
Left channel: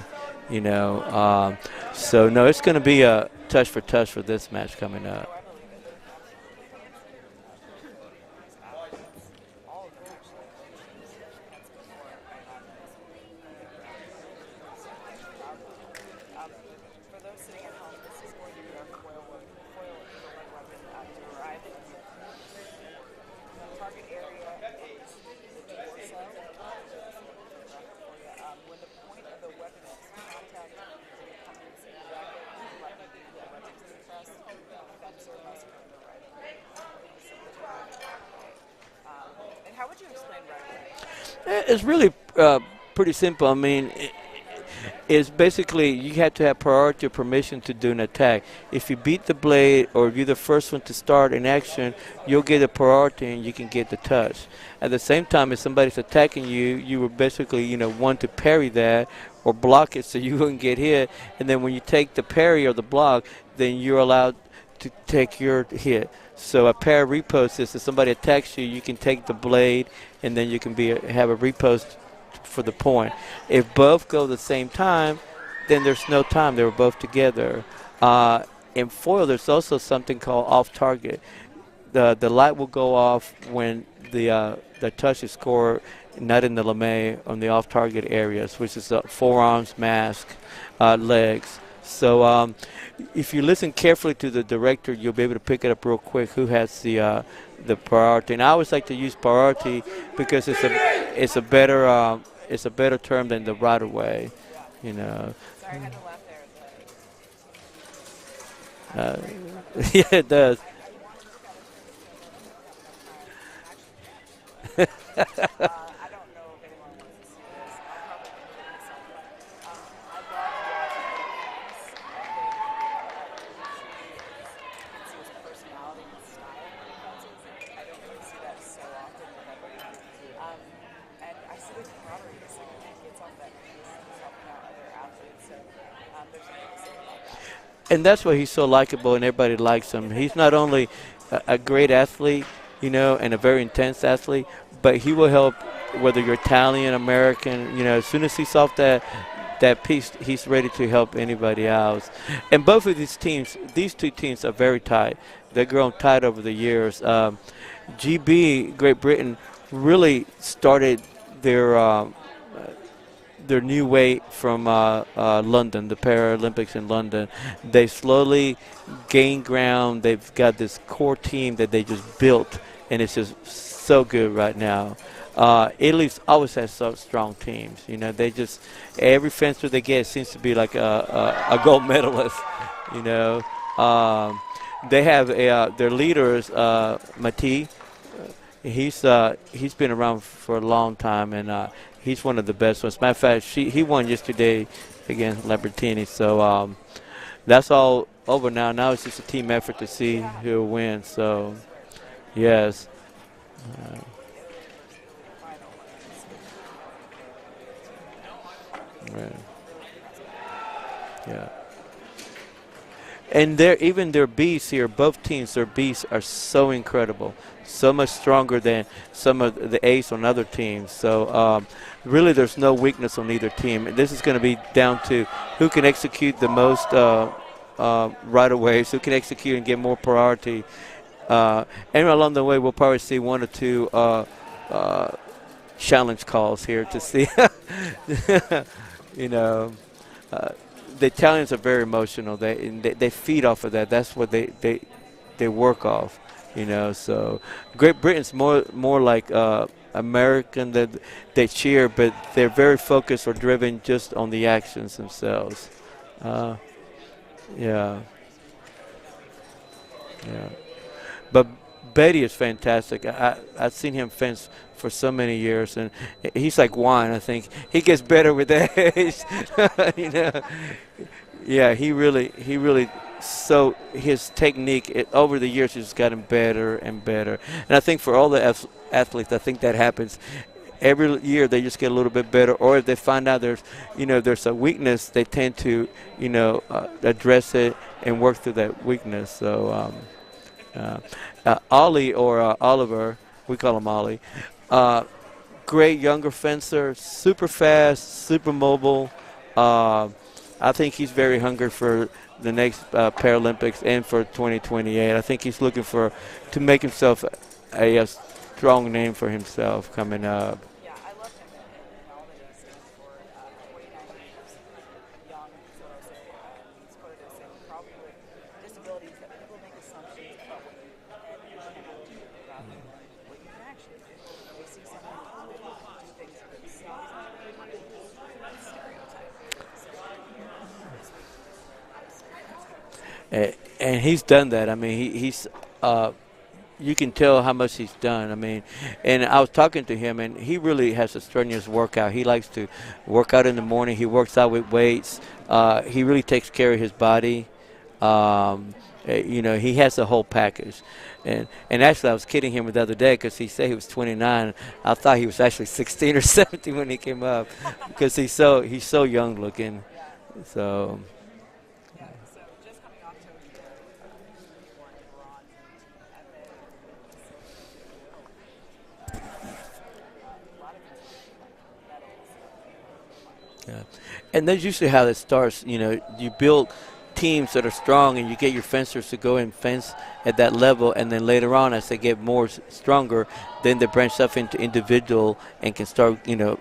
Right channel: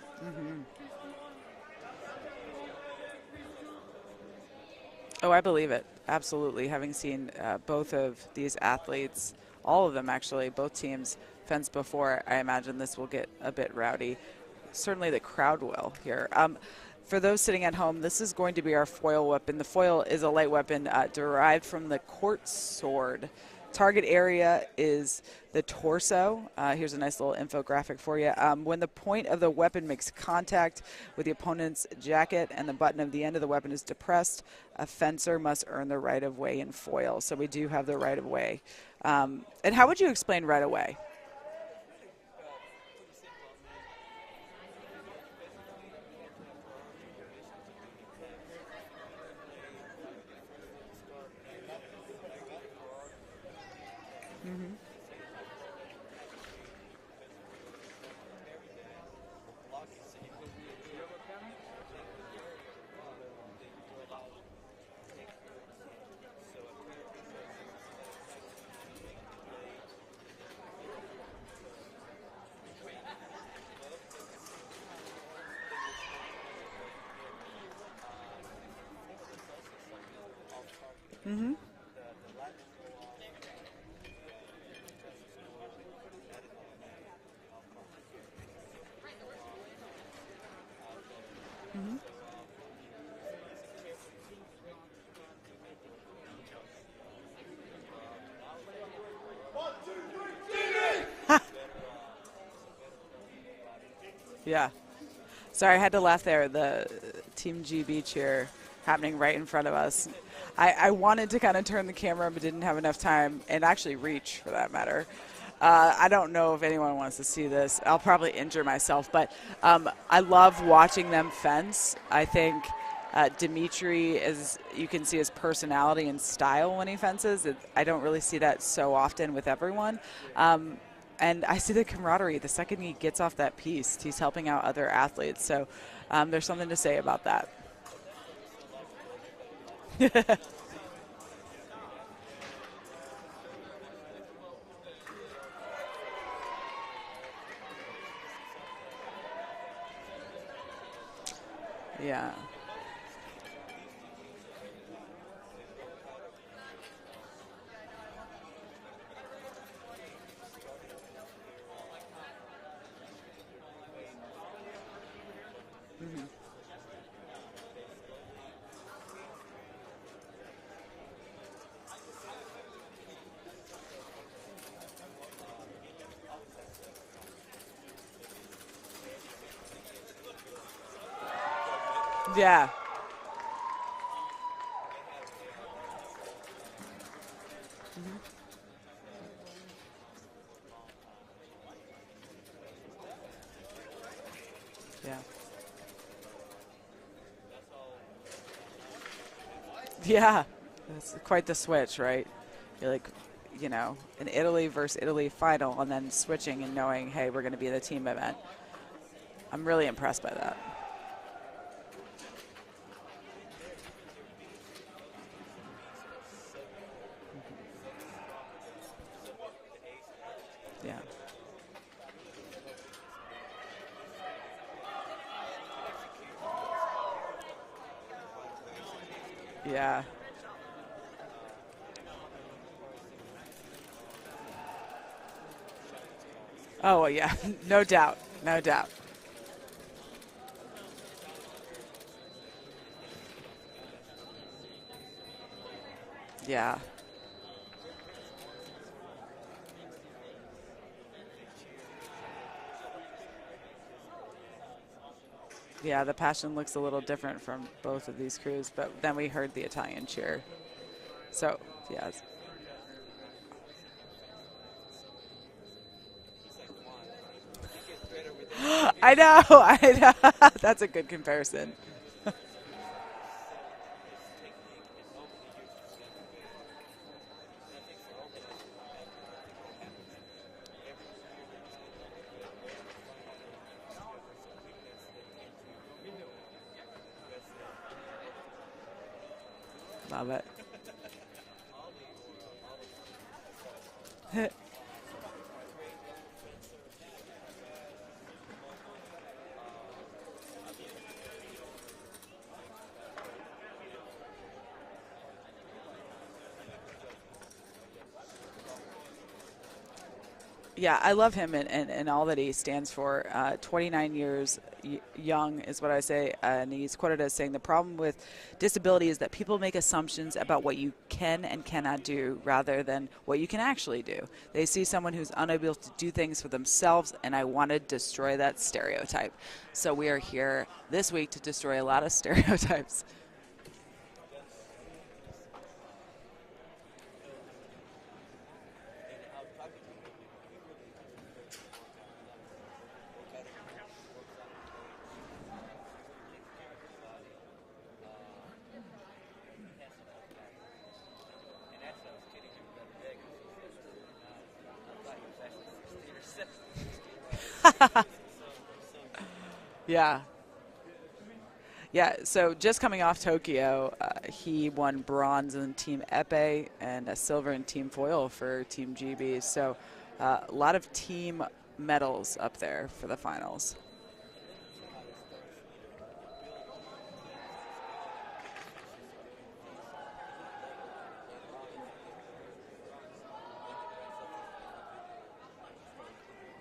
So no, it's going to be a touch for touch for this match coming up. Oh, I believe it. Absolutely. Having seen both of these athletes, all of them actually, both teams fence before, I imagine this will get a bit rowdy. Certainly the crowd will here. For those sitting at home, this is going to be our foil weapon. The foil is a light weapon derived from the court sword. Target area is the torso. Here's a nice little infographic for you. When the point of the weapon makes contact with the opponent's jacket and the button of the end of the weapon is depressed, a fencer must earn the right of way in foil. So we do have the right of way. And how would you explain right of way? It's really pretty simple. I mean, it's basically you have to have priority or permission to do an attack. If you beat the blade or if you're the first one to start an action, you'll get a priority and you can get the touch. At the same time, if somebody's attacking you, you will basically, want to parry that or block it so you wouldn't get hit. And then when you take the parry or the block, then you're allowed to take your hit. So a parry riposte is if somebody attacks you, you can take the blade and then you can have a riposte for the point. If both go the same time, then there's no time. They were both together. In foil, there's also something called off target. The light will go off when the touch is scored, not in the lame, on the off target areas, which is forearms, mask, legs. So if you listen carefully to the director, you'll be able to pick it up real quick who has the priority. And I always like to use priority because it's a better term than the right of way. Yeah. Sorry, I had to laugh there. The Team GB cheer happening right in front of us. Yeah, it does. I wanted to kind of turn the camera, but didn't have enough time, and actually reach, for that matter. I don't know if anyone wants to see this. I'll probably injure myself, but I love watching them fence. I think Dimitri, you can see his personality and style when he fences. I don't really see that so often with everyone. And I see the camaraderie. The second he gets off that piece, he's helping out other athletes. So there's something to say about that. And that's why he's so likable and everybody likes him. He's not only a great athlete, and a very intense athlete, but he will help whether you're Italian, American, as soon as he's off that piece, he's ready to help anybody else. Yeah. And both of these two teams are very tight. They've grown tight over the years. GB, Great Britain, really started their new way from London, the Paralympics in London. They slowly gained ground. They've got this core team that they just built, and it's just so good right now. Italy's always has so strong teams. They just every fencer they get seems to be like a gold medalist. Yeah. They have their leaders, Epee. He's been around for a long time, and he's one of the best ones. Matter of fact, he won yesterday against Lambertini. So that's all over now. Now it's just a team effort to see who wins. So Quite the switch, right? Yes. You're like, an Italy versus Italy final, and then switching and knowing, hey, we're going to be the team event. Right. I'm really impressed by that. Yeah. And even their beasts here, both teams, their beasts are so incredible, so much stronger than some of the ace on other teams. So really there's no weakness on either team. And this is going to be down to who can execute the most right-of-ways, who can execute and get more priority. And along the way, we'll probably see one or two challenge calls here to see. Yeah. No doubt, no doubt. The Italians are very emotional. They feed off of that. That's what they work off. Yeah. So Great Britain's more like American, that they cheer, but they're very focused or driven just on the actions themselves. Yeah, the passion looks a little different from both of these crews, but then we heard the Italian cheer. Yeah. But Betty is fantastic. I've seen him fence for so many years, and he's like wine. I think he gets better with age. I know. That's a good comparison. Yeah, he really. So his technique over the years has gotten better and better. And I think for all the athletes, I think that happens. Every year they just get a little bit better, or if they find out there's a weakness, they tend to address it and work through that weakness. So love it. Ollie or Oliver, we call him Ollie, great younger fencer, super fast, super mobile. I think he's very hungry for the next Paralympics and for 2028. I think he's looking to make himself a strong name for himself coming up. Yeah, I love him and all that he stands for. 29 years young is what I say, and he's quoted as saying the problem with disability is that people make assumptions about what you can and cannot do rather than what you can actually do. They see someone who's unable to do things for themselves, and I want to destroy that stereotype. So we are here this week to destroy a lot of stereotypes. And he's done that. I mean, he's you can tell how much he's done. I mean, and I was talking to him, and he really has a strenuous workout. He likes to work out in the morning. He works out with weights. He really takes care of his body. You know, he has the whole package. And actually, I was kidding him the other day because he said he was 29. I thought he was actually 16 or 17 when he came up because he's so young looking. Yeah. So. Yeah, so just coming off Tokyo, he won bronze in Team Epee and a silver in Team Foil for Team GB. So a lot of team medals up there for the finals. Yeah. And that's usually how it starts. You know, you build teams that are strong and you get your fencers to go and fence at that level, and then later on as they get more stronger, then they branch off into individual and can start, you know,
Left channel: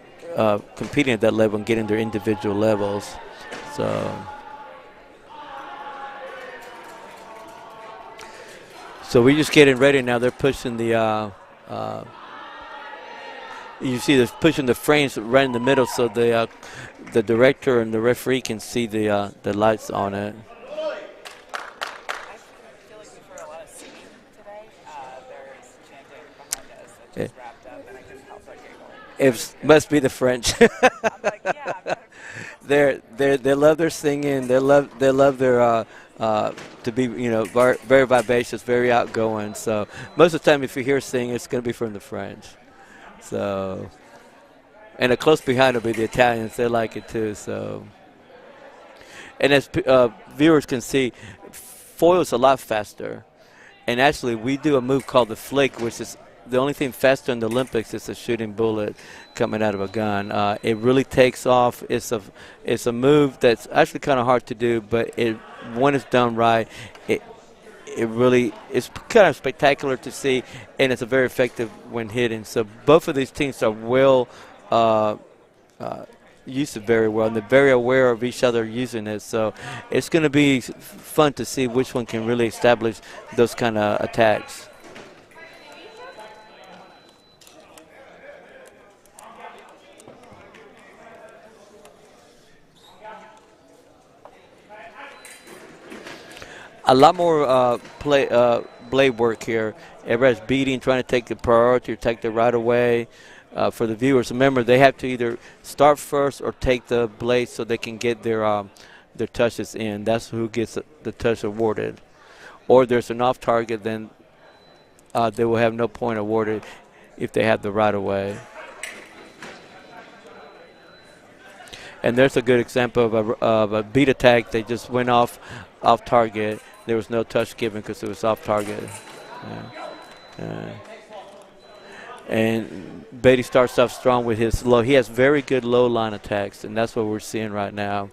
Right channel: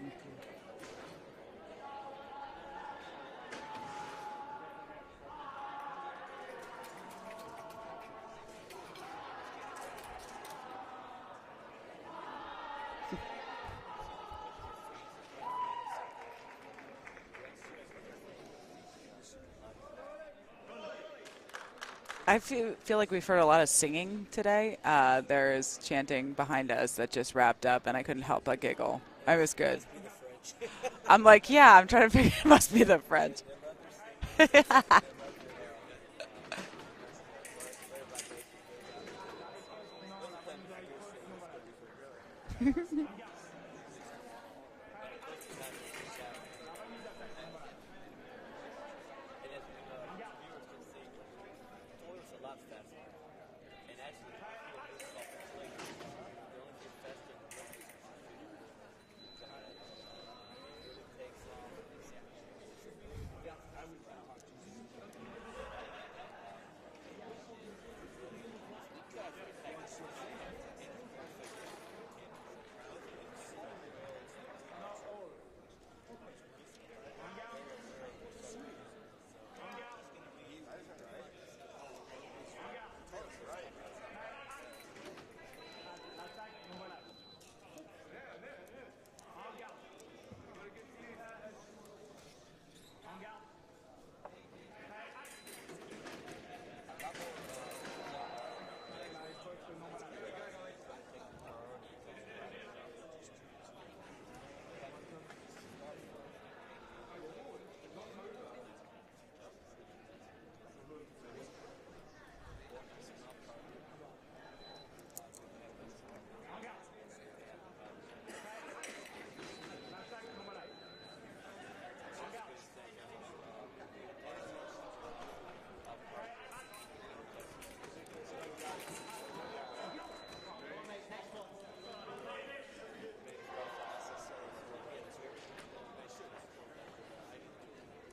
competing at that level and getting their individual levels. So we're just getting ready now. They're pushing the, you see they're pushing the frames right in the middle so the director and the referee can see the lights on it. I feel like we've heard a lot of singing today. There is chanting behind us that just wrapped up, and I couldn't help but giggle. It must be the French. I'm like, yeah, I'm trying to figure it must be the French. They love their singing. They love their to be, you know, very vivacious, very outgoing. So most of the time, if you hear singing, it's going to be from the French. So, and a close behind will be the Italians. They like it too. So, and as viewers can see, foil's a lot faster. And actually, we do a move called the flick, which is the only thing faster in the Olympics is a shooting bullet coming out of a gun. It really takes off. It's a move that's actually kind of hard to do, but when it's done right, it's kind of spectacular to see, and it's a very effective when hitting. So both of these teams are well used it very well, and they're very aware of each other using it. So it's going to be fun to see which one can really establish those kind of attacks. A lot more blade work here. Everybody's beating, trying to take the priority or take the right away. For the viewers, remember they have to either start first or take the blade so they can get their touches in. That's who gets the touch awarded. Or there's an off target, then they will have no point awarded if they have the right away. And there's a good example of a beat attack. They just went off target. There was no touch given because it was off target. And Beatty starts off strong with his low. He has very good low line attacks, and that's what we're seeing right now.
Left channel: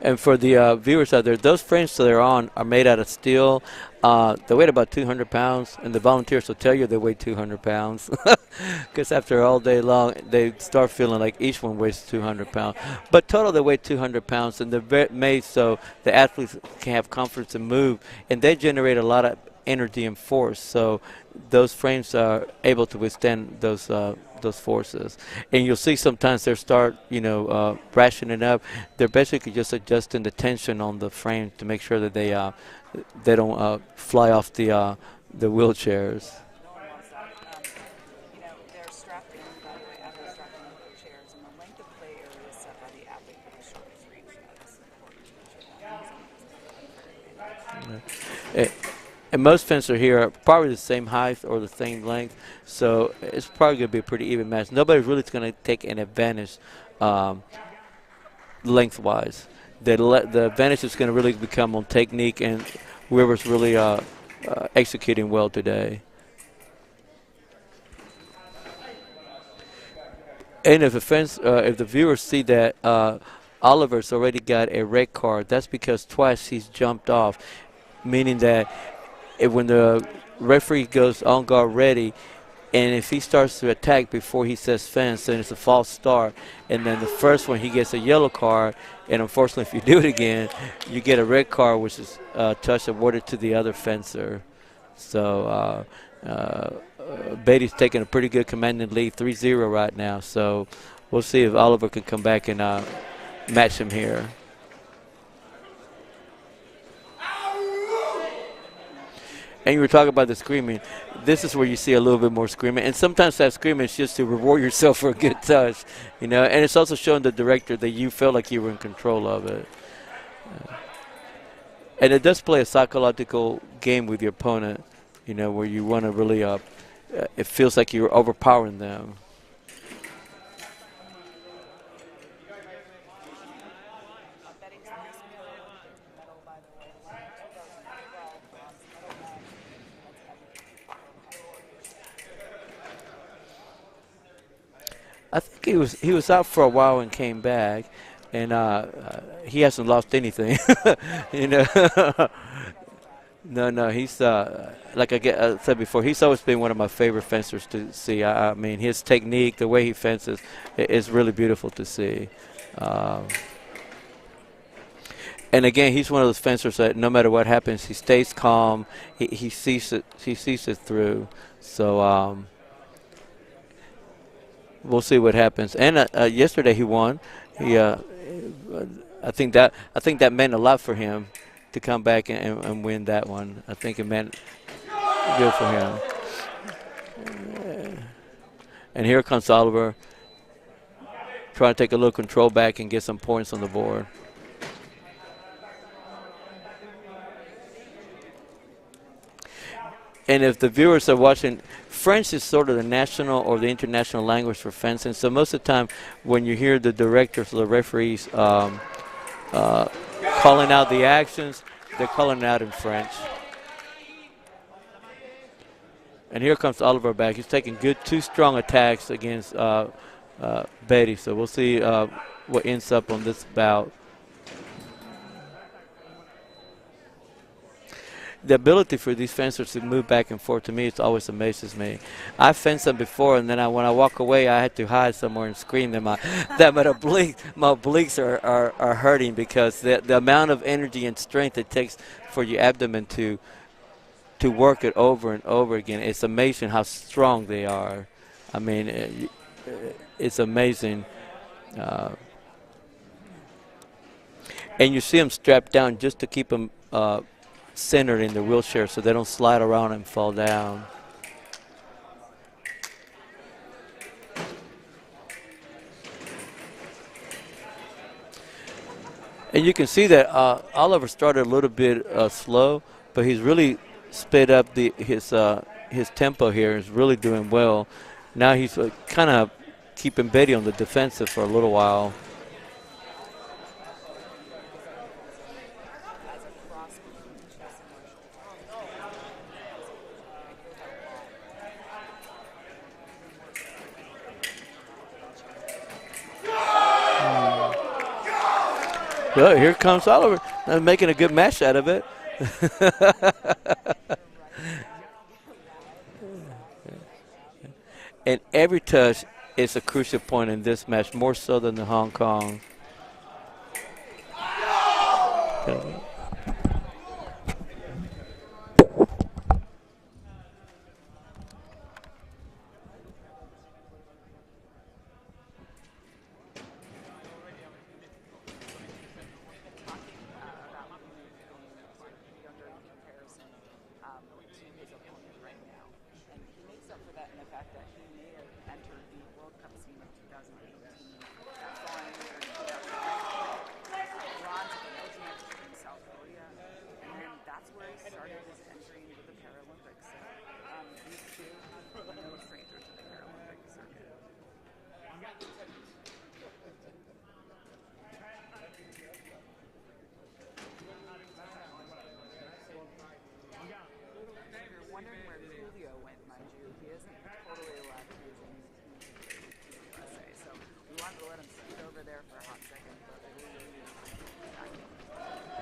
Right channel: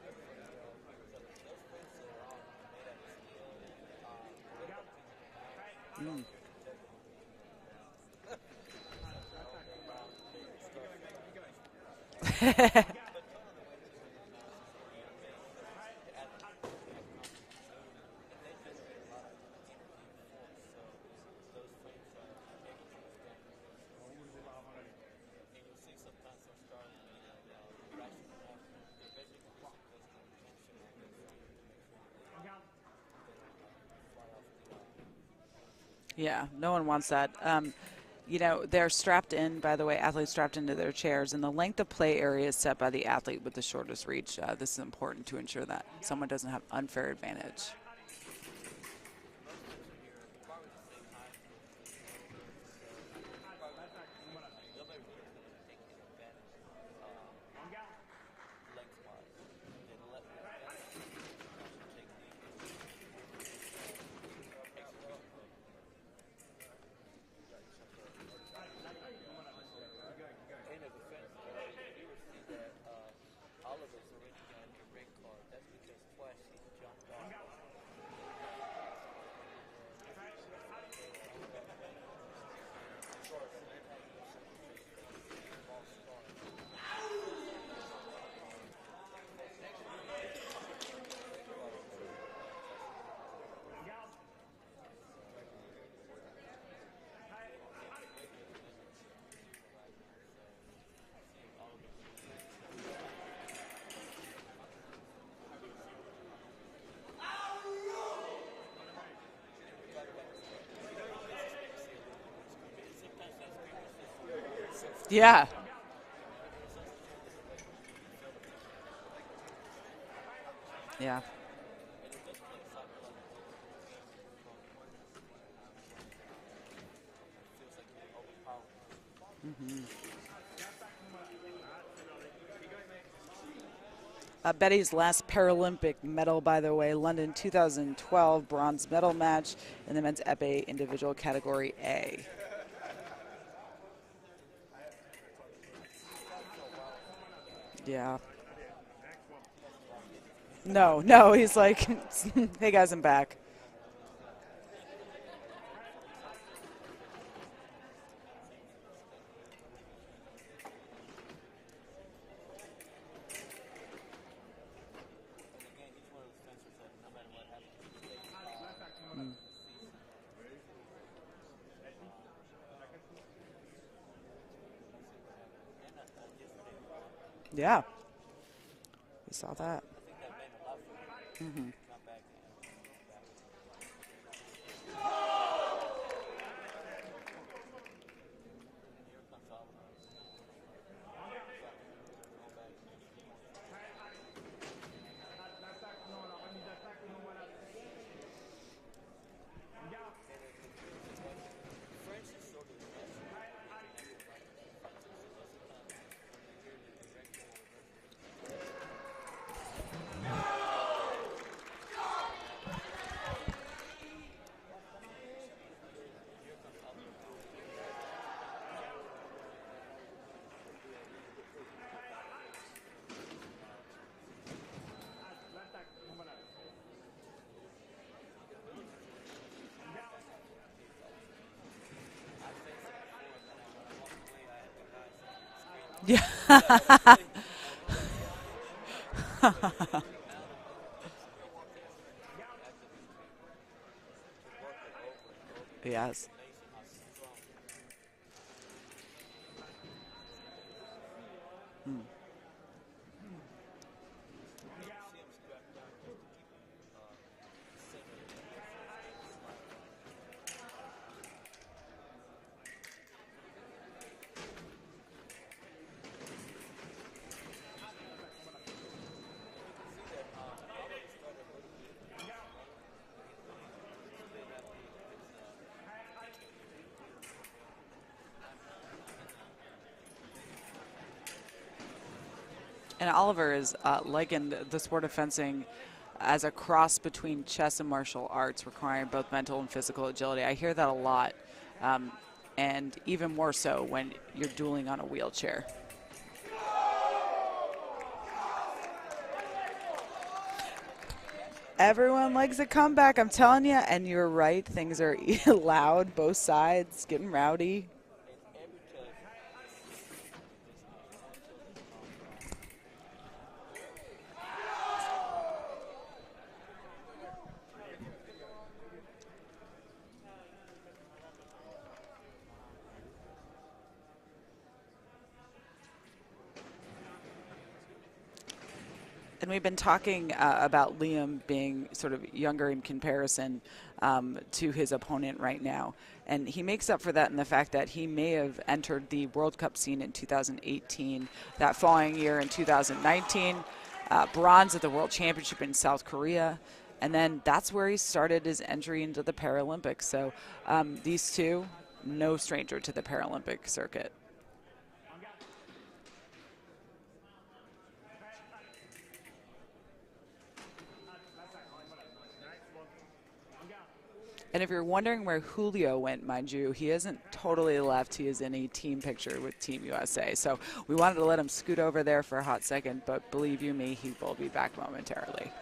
And for the viewers out there, those frames that they're on are made out of steel. They weigh about 200 pounds, and the volunteers will tell you they weigh 200 pounds. Because after all day long, they start feeling like each one weighs 200 pounds. But total, they weigh 200 pounds, and they're made so the athletes can have confidence and move, and they generate a lot of energy and force. So those frames are able to withstand those forces. And you'll see sometimes they start, rationing up. They're basically just adjusting the tension on the frame to make sure that they don't fly off the wheelchairs. Yeah, no one wants that. They're strapped in, by the way, athletes strapped into their chairs, and the length of play area is set by the athlete with the shortest reach. This is important to ensure that someone doesn't have unfair advantage. And most fencers here are probably the same height or the same length, so it's probably going to be a pretty even match. Nobody's really going to take an advantage lengthwise. The advantage is going to really become on technique and whoever's really executing well today. And if the viewers see that Oliver's already got a red card, that's because twice he's jumped off, meaning that when the referee goes on guard ready, and if he starts to attack before he says fence, then it's a false start. And then the first one, he gets a yellow card. And unfortunately, if you do it again, you get a red card, which is touch awarded to the other fencer. So Beatty's taking a pretty good commanding lead, 3-0 right now. So we'll see if Oliver can come back and match him here. And you were talking about the screaming. This is where you see a little bit more screaming. And sometimes that screaming is just to reward yourself for a good touch. You know, and it's also showing the director that you felt like you were in control of it. Yeah. And it does play a psychological game with your opponent, you know, where you want to really, it feels like you're overpowering them. Betty's last Paralympic medal, by the way, London 2012 bronze medal match in the men's epee individual category A. I think he was out for a while and came back. Yeah. And he hasn't lost anything. No, he's know? like, hey guys, I'm back. No, he's like I said before, he's always been one of my favorite fencers to see. I mean, his technique, the way he fences, is really beautiful to see. And again, he's one of those fencers that no matter what happens, he stays calm. He sees it through. So we'll see what happens. And yesterday he won. Yeah. I think that meant a lot for him to come back and win that one. I think it meant good for him. And here comes Oliver, trying to take a little control back and get some points on the board. And if the viewers are watching, French is sort of the national or the international language for fencing. So most of the time when you hear the directors or the referees calling out the actions, they're calling it out in French. And here comes Oliver back. He's taking two strong attacks against Beatty. So we'll see what ends up on this bout. The ability for these fencers to move back and forth, to me, it always amazes me. I fenced them before, and then when I walk away, I had to hide somewhere and scream that my obliques are hurting because the amount of energy and strength it takes for your abdomen to work it over and over again. It's amazing how strong they are. I mean, it's amazing. And you see them strapped down just to keep them centered in the wheelchair so they don't slide around and fall down. And you can see that Oliver started a little bit slow, but he's really sped up his tempo here. He's really doing well. Now he's kind of keeping Beatty on the defensive for a little while. And Oliver is likened the sport of fencing as a cross between chess and martial arts, requiring both mental and physical agility. I hear that a lot, and even more so when you're dueling on a wheelchair. Well, here comes Oliver, making a good match out of it. Everyone likes the comeback, I'm telling you, and you're right. Things are loud, both sides, getting rowdy. And every touch is a crucial point in this match, more so than the Hong Kong. And we've been talking about Liam being sort of younger in comparison to his opponent right now. And he makes up for that in the fact that he may have entered the World Cup scene in 2018. That following year in 2019, bronze at the World Championship in South Korea. And then that's where he started his entry into the Paralympics. So these two, no stranger to the Paralympic circuit. And if you're wondering where Julio went, mind you, he isn't totally left. He is in a team picture with Team USA. So we wanted to let him scoot over there for a hot second, but believe you me, he will be back momentarily.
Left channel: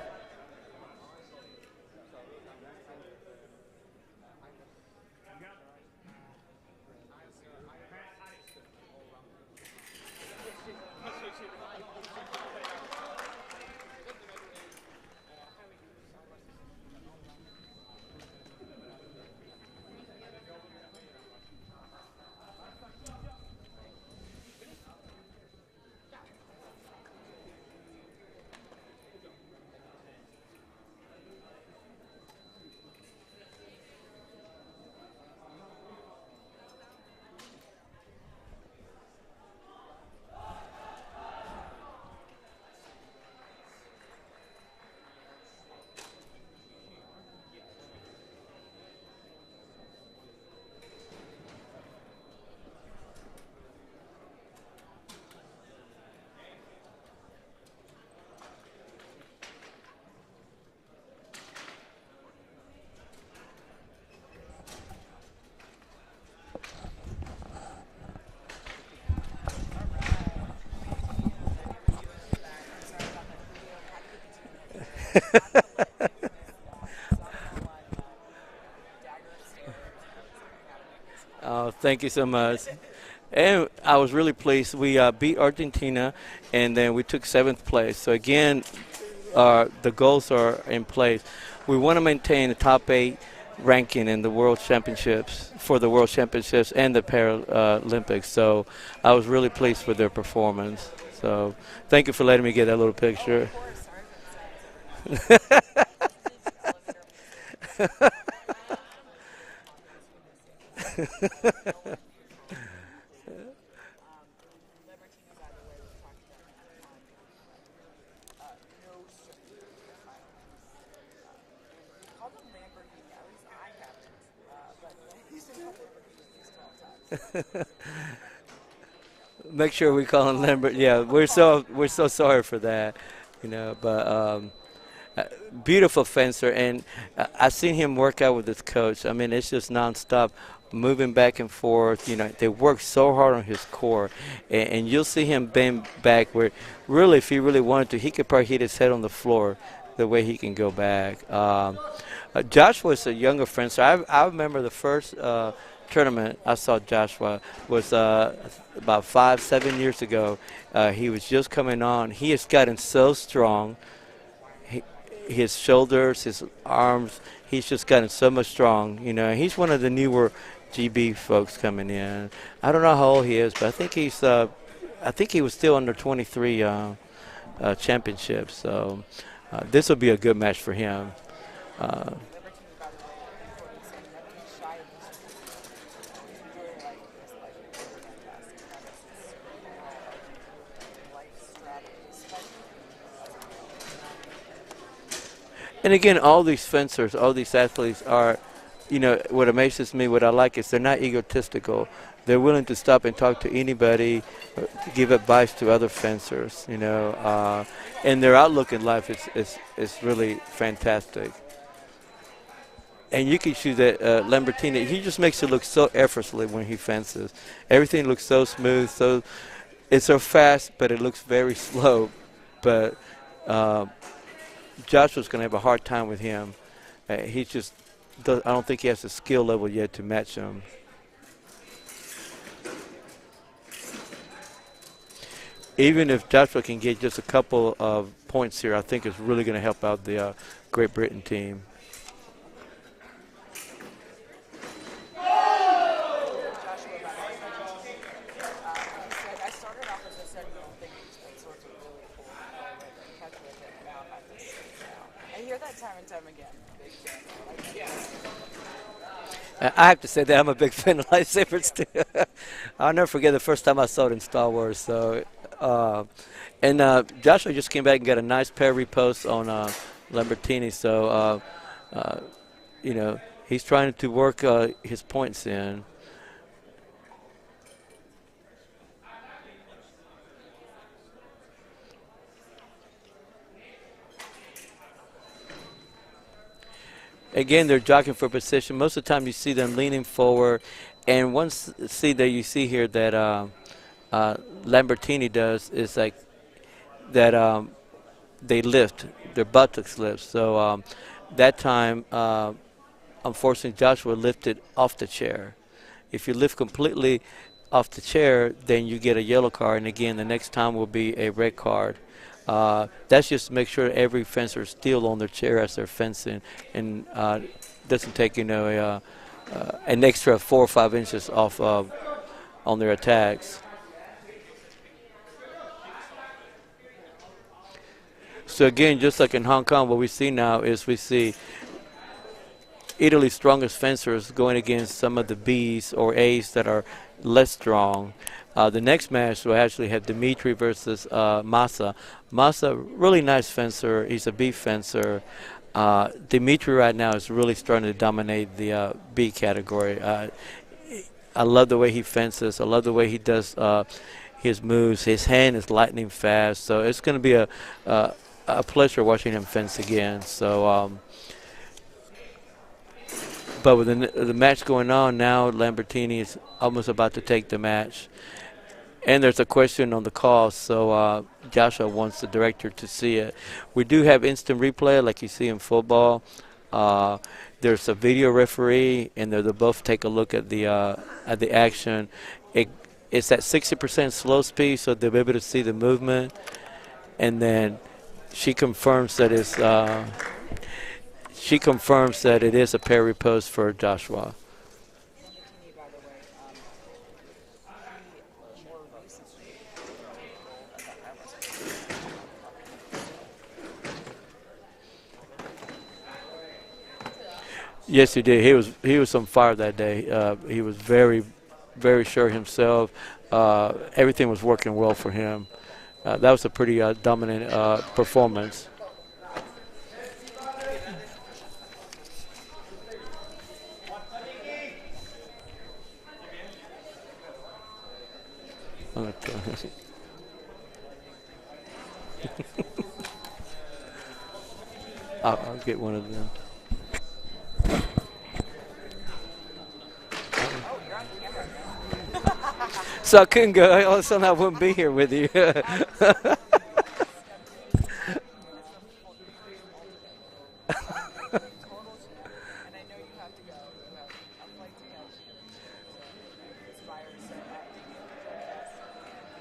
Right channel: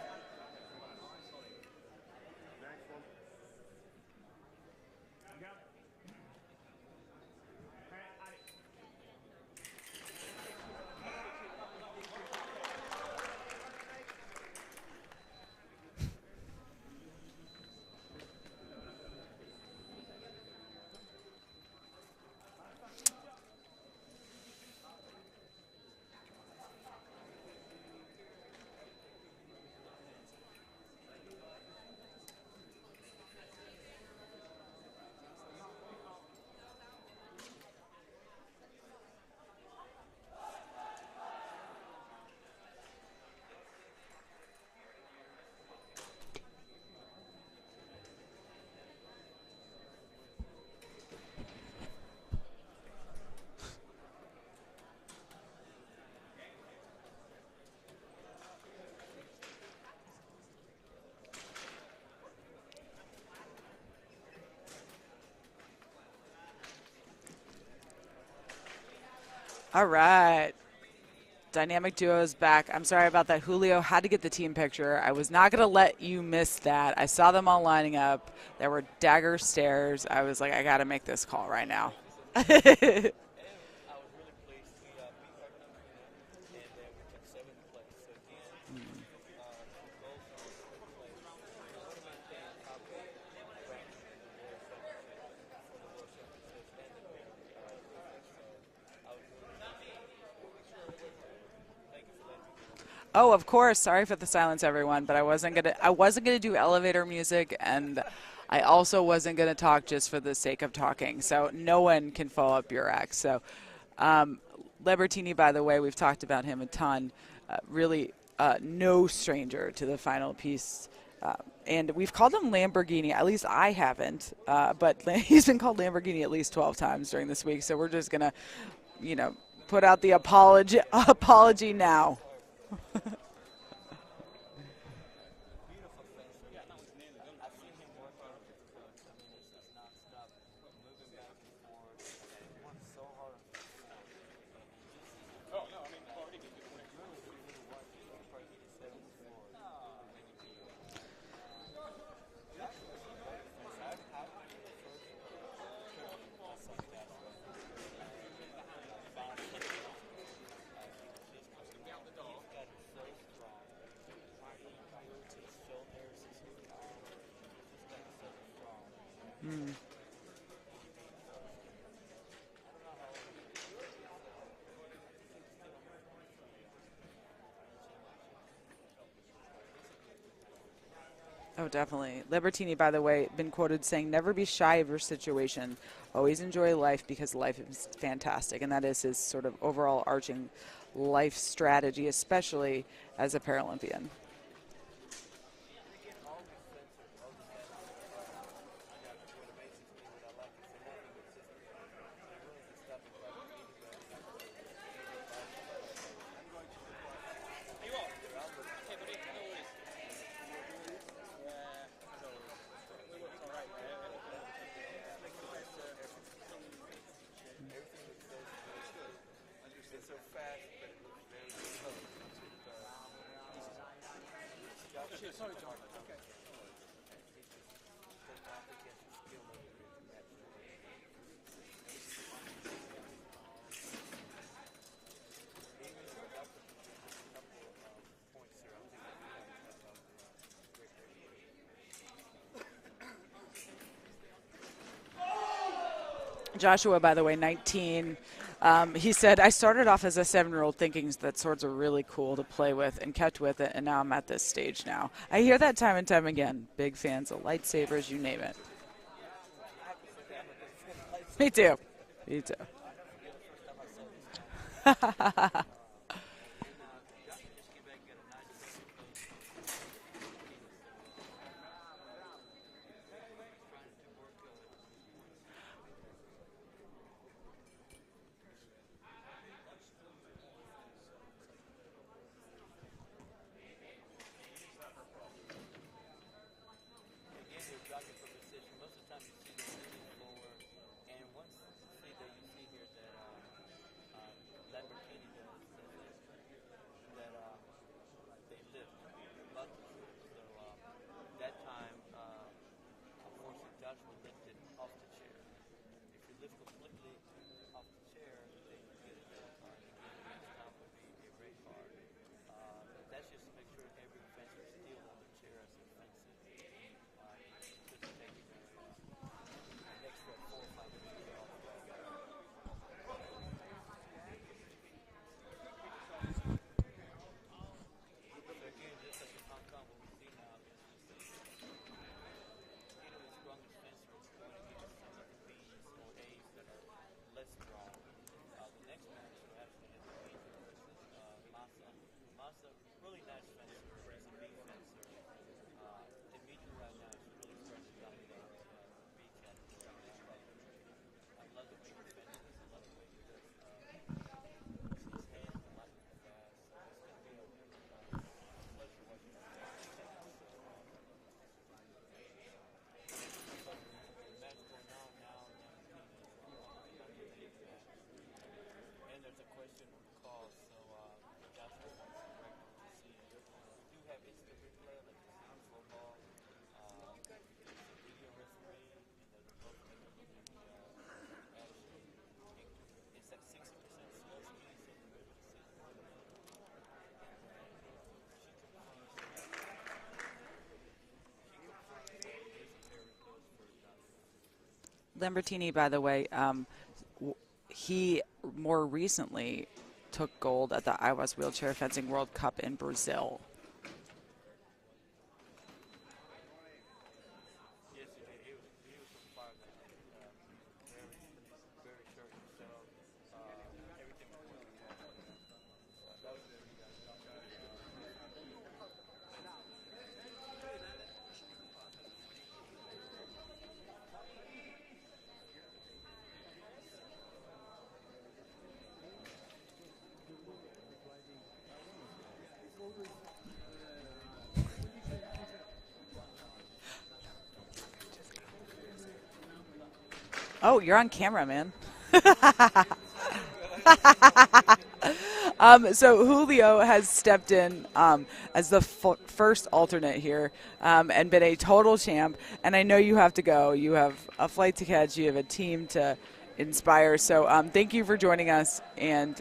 All right. Dynamic duo is back. I'm sorry about that. Julio had to get the team picture. I was not going to let you miss that. I saw them all lining up. There were dagger stares. I was like, I got to make this call right now. Thank you so much. And I was really pleased. We beat Argentina, and then we took 7th place. So, again, the goals are in place. We want to maintain the top 8 ranking in the World Championships, for the World Championships and the Paralympics. So I was really pleased with their performance. So thank you for letting me get that little picture. Oh, of course. Sorry for the silence, everyone. But I wasn't gonna do elevator music, and I also wasn't gonna talk just for the sake of talking. So no one can follow up your act. So Libertini, by the way, we've talked about him a ton. Really, no stranger to the final piece. And we've called him Lamborghini. At least I haven't. But he's been called Lamborghini at least 12 times during this week. So we're just gonna, make put sure out we the call apology. him Lamborghini. Yeah, we're so now. sorry for that. But beautiful fencer, and I've seen him work out with his coach. I mean, it's just nonstop, moving back and forth. They work so hard on his core, and you'll see him bend back where, really, if he really wanted to, he could probably hit his head on the floor the way he can go back. Joshua is a younger fencer. I remember the first tournament I saw Joshua was about 5-7 years ago. He was just coming on. He has gotten so strong. His shoulders, his arms, he's just gotten so much strong. He's one of the newer GB folks coming in. I don't know how old he is, but I think he was still under 23 championships. So this will be a good match for him. Oh, definitely. Libertini, by the way, been quoted saying, "Never be shy of your situation. Always enjoy life because life is fantastic." And that is his sort of overall arching life strategy, especially as a Paralympian. And again, all these fencers, all these athletes are, what amazes me, what I like is they're not egotistical. They're willing to stop and talk to anybody, give advice to other fencers, and their outlook in life is really fantastic. And you can see that Lambertini, he just makes it look so effortlessly when he fences. Everything looks so smooth, it's so fast, but it looks very slow. But Joshua's going to have a hard time with him. I don't think he has the skill level yet to match him. Even if Joshua can get just a couple of points here, I think it's really going to help out the Great Britain team. Joshua, by the way, 19. He said, "I started off as a 7-year-old thinking that swords are really cool to play with and catch with it, and now I'm at this stage now." I hear that time and time again. Big fans of lightsabers, you name it. I have to say that I'm a big fan of lightsabers Me too. Me too. I'll never forget the first time I saw it in Star Wars. So, and Joshua just came back and got a nice pair repost on Lambertini. So, he's trying to work his points in. Again, they're jockeying for position. Most of the time you see them leaning forward. And once you see here that Lambertini does is like that they lift, their buttocks lift. So that time, unfortunately, Joshua lifted off the chair. If you lift completely off the chair, then you get a yellow card. And again, the next time will be a red card. That's just to make sure every fencer is still on their chair as they're fencing and doesn't take, an extra 4 or 5 inches off on their attacks. So again, just like in Hong Kong, what we see now is we see Italy's strongest fencers going against some of the Bs or As that are less strong. The next match will actually have Dimitri versus Massa. Massa, really nice fencer. He's a B fencer. Dimitri right now is really starting to dominate the B category. I love the way he fences. I love the way he does his moves. His hand is lightning fast. So it's going to be a pleasure watching him fence again. So, but with the match going on now, Lambertini is almost about to take the match. And there's a question on the call, so Joshua wants the director to see it. We do have instant replay like you see in football. Uh, there's a video referee, and they'll both take a look at the action. It, it's at 60% slow speed, so they'll be able to see the movement. And then she confirms that it is a parry post for Joshua. Lambertini, by the way, he more recently took gold at the IWAS Wheelchair Fencing World Cup in Brazil. Yes, he did. He was on fire that day. He was very, very sure himself. Everything was working well for him. That was a pretty dominant performance. I'll get one of them. Oh, you're on camera, man. So I couldn't go. All of a sudden I wouldn't be here with you. So Julio has stepped in as the first alternate here and been a total champ. And I know you have to go. You have a flight to catch. You have a team to inspire. So thank you for joining us. And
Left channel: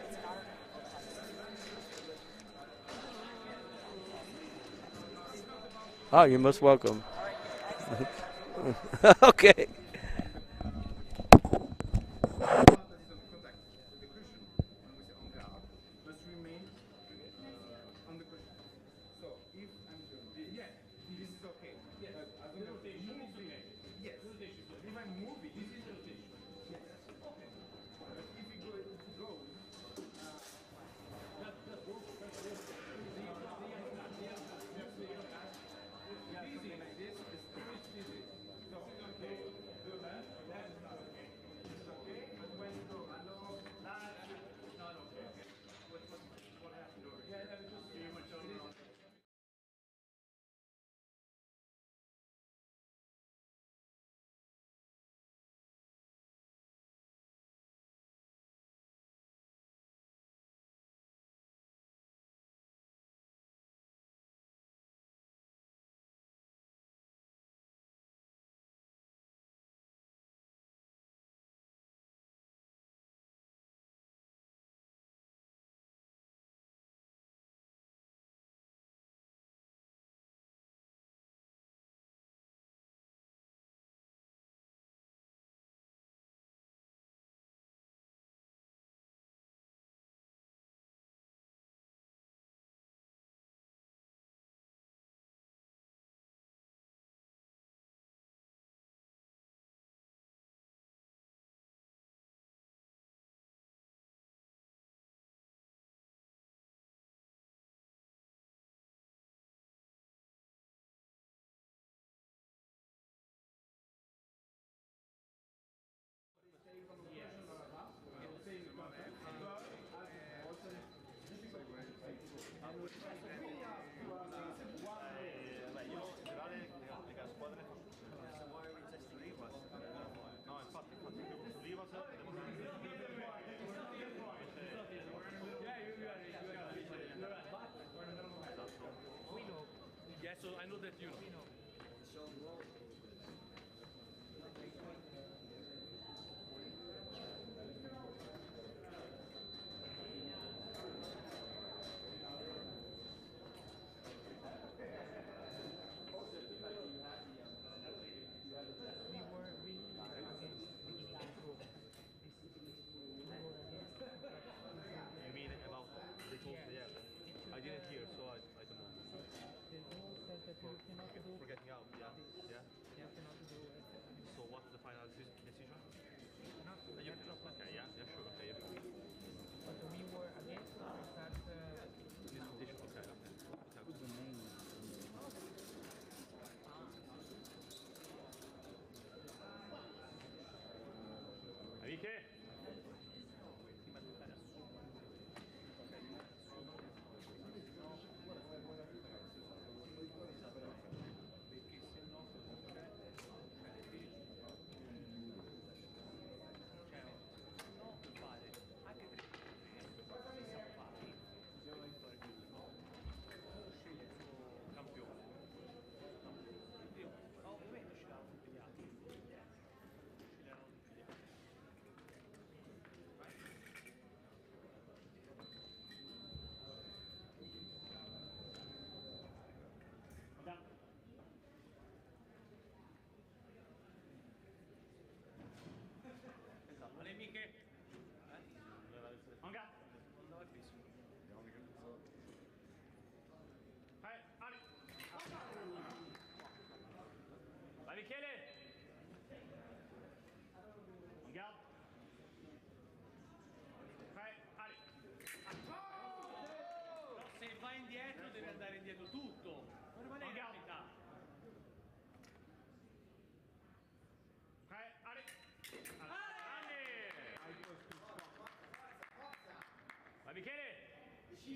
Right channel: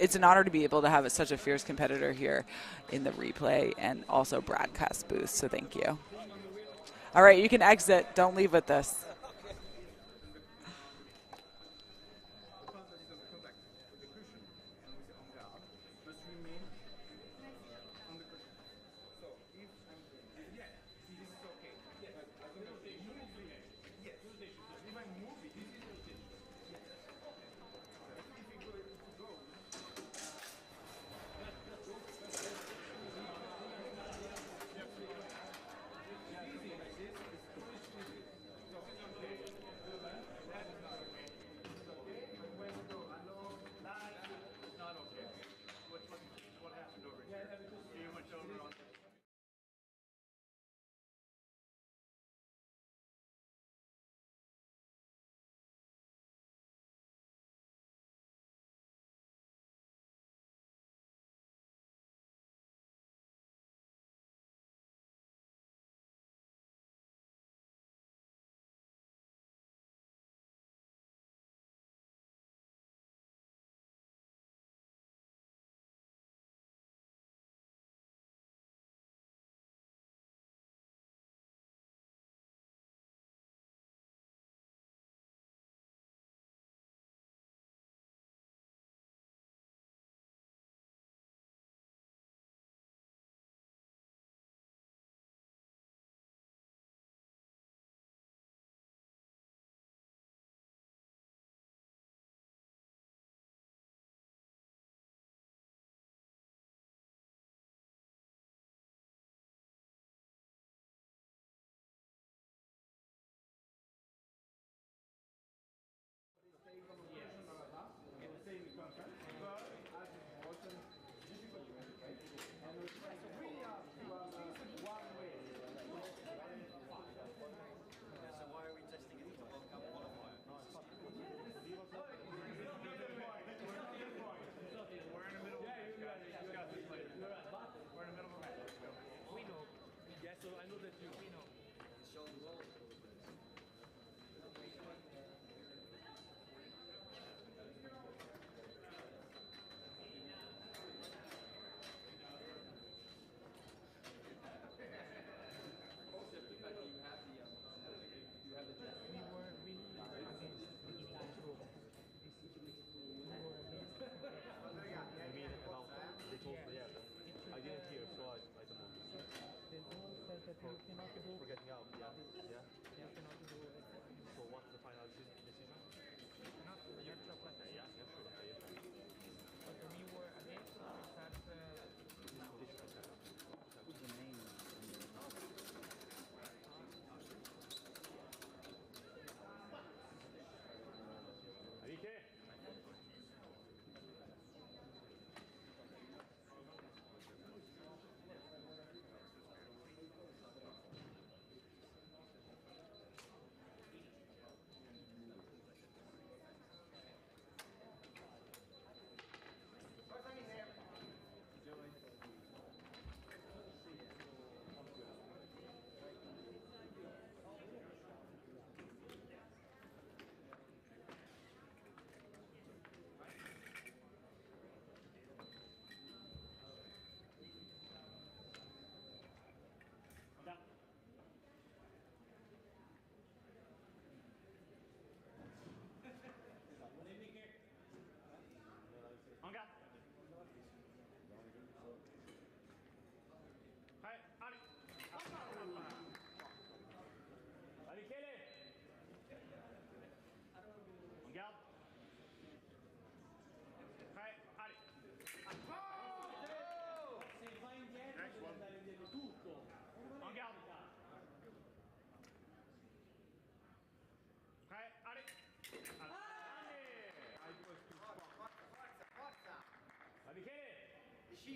it's an honor to be able to have such a fierce competitor here in the replay and also broadcast booth. So thank you. Oh, you're most welcome. All right, you can exit. Don't leave with this. Okay.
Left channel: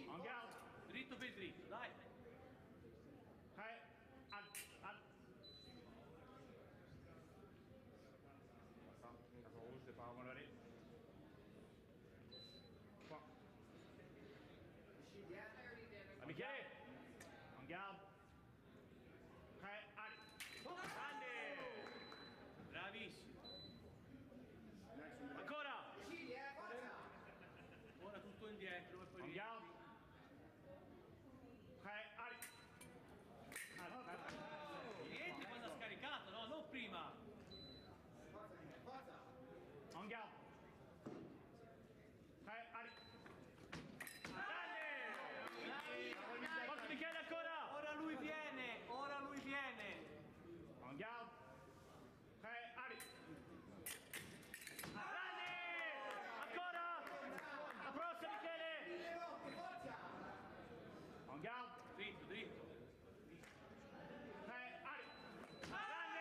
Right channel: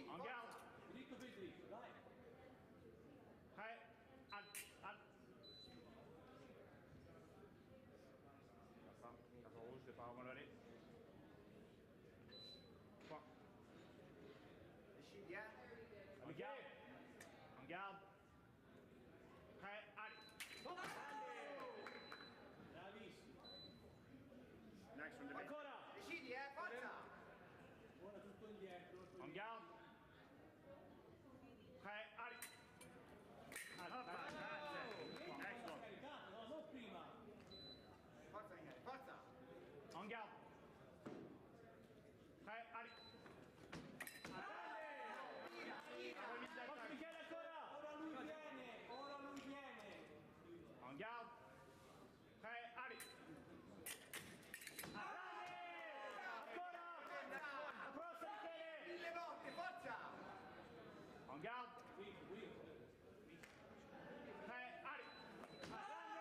Andiamo. Dritto per dritto, dai. Al. Caso se fa magari. Qua. Michele. Andiamo. Ali. Grande. Bravissimo. Ancora. Decidi, forza! Ora tutto indietro e poi Andiamo. Ali. niente quando ha scaricato, no? Non prima. Forza, Michele, forza! Andiamo. Ali. Grande. Forza Michele ancora. Ora lui viene, ora lui viene. Andiamo. Ali. Grande. Ancora. La prossima Michele. Mille volte, forza! Andiamo. Dritto, dritto. Ali. Grande.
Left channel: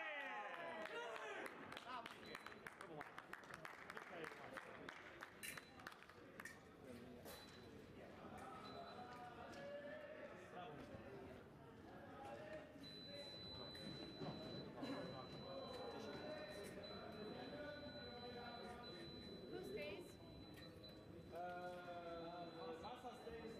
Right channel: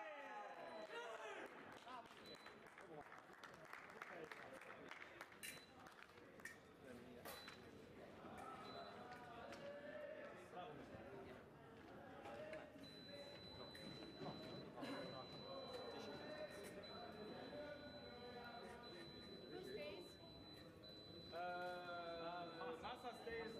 Who stays? Massa stays.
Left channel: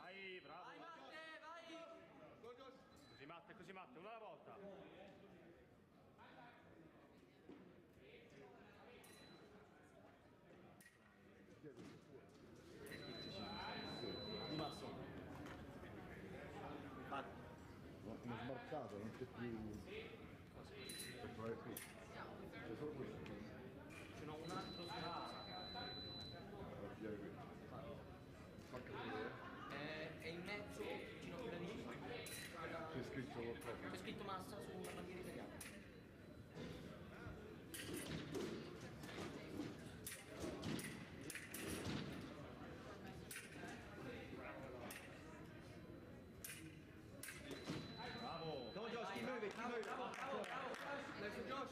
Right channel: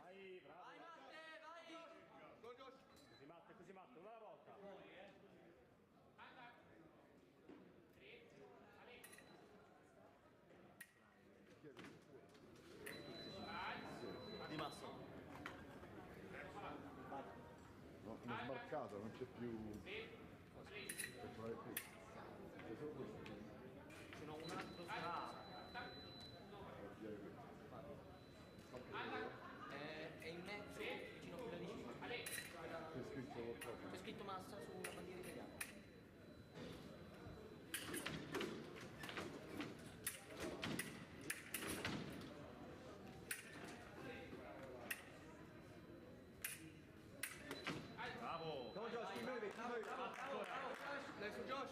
Vai, bravo. Vai Matte, vai! Così Matte, una alla volta. Di basso. No, mi è smarcato, non c'è più per trovare qui. C'è solo questo. Ce n'ho un altro sulla. Devo pigliare qui. Spacca vedere. C'è scritto massa su una bandiera italiana. Bravo. Come on, Josh, keep moving, keep moving. Bravo. Next one, Josh.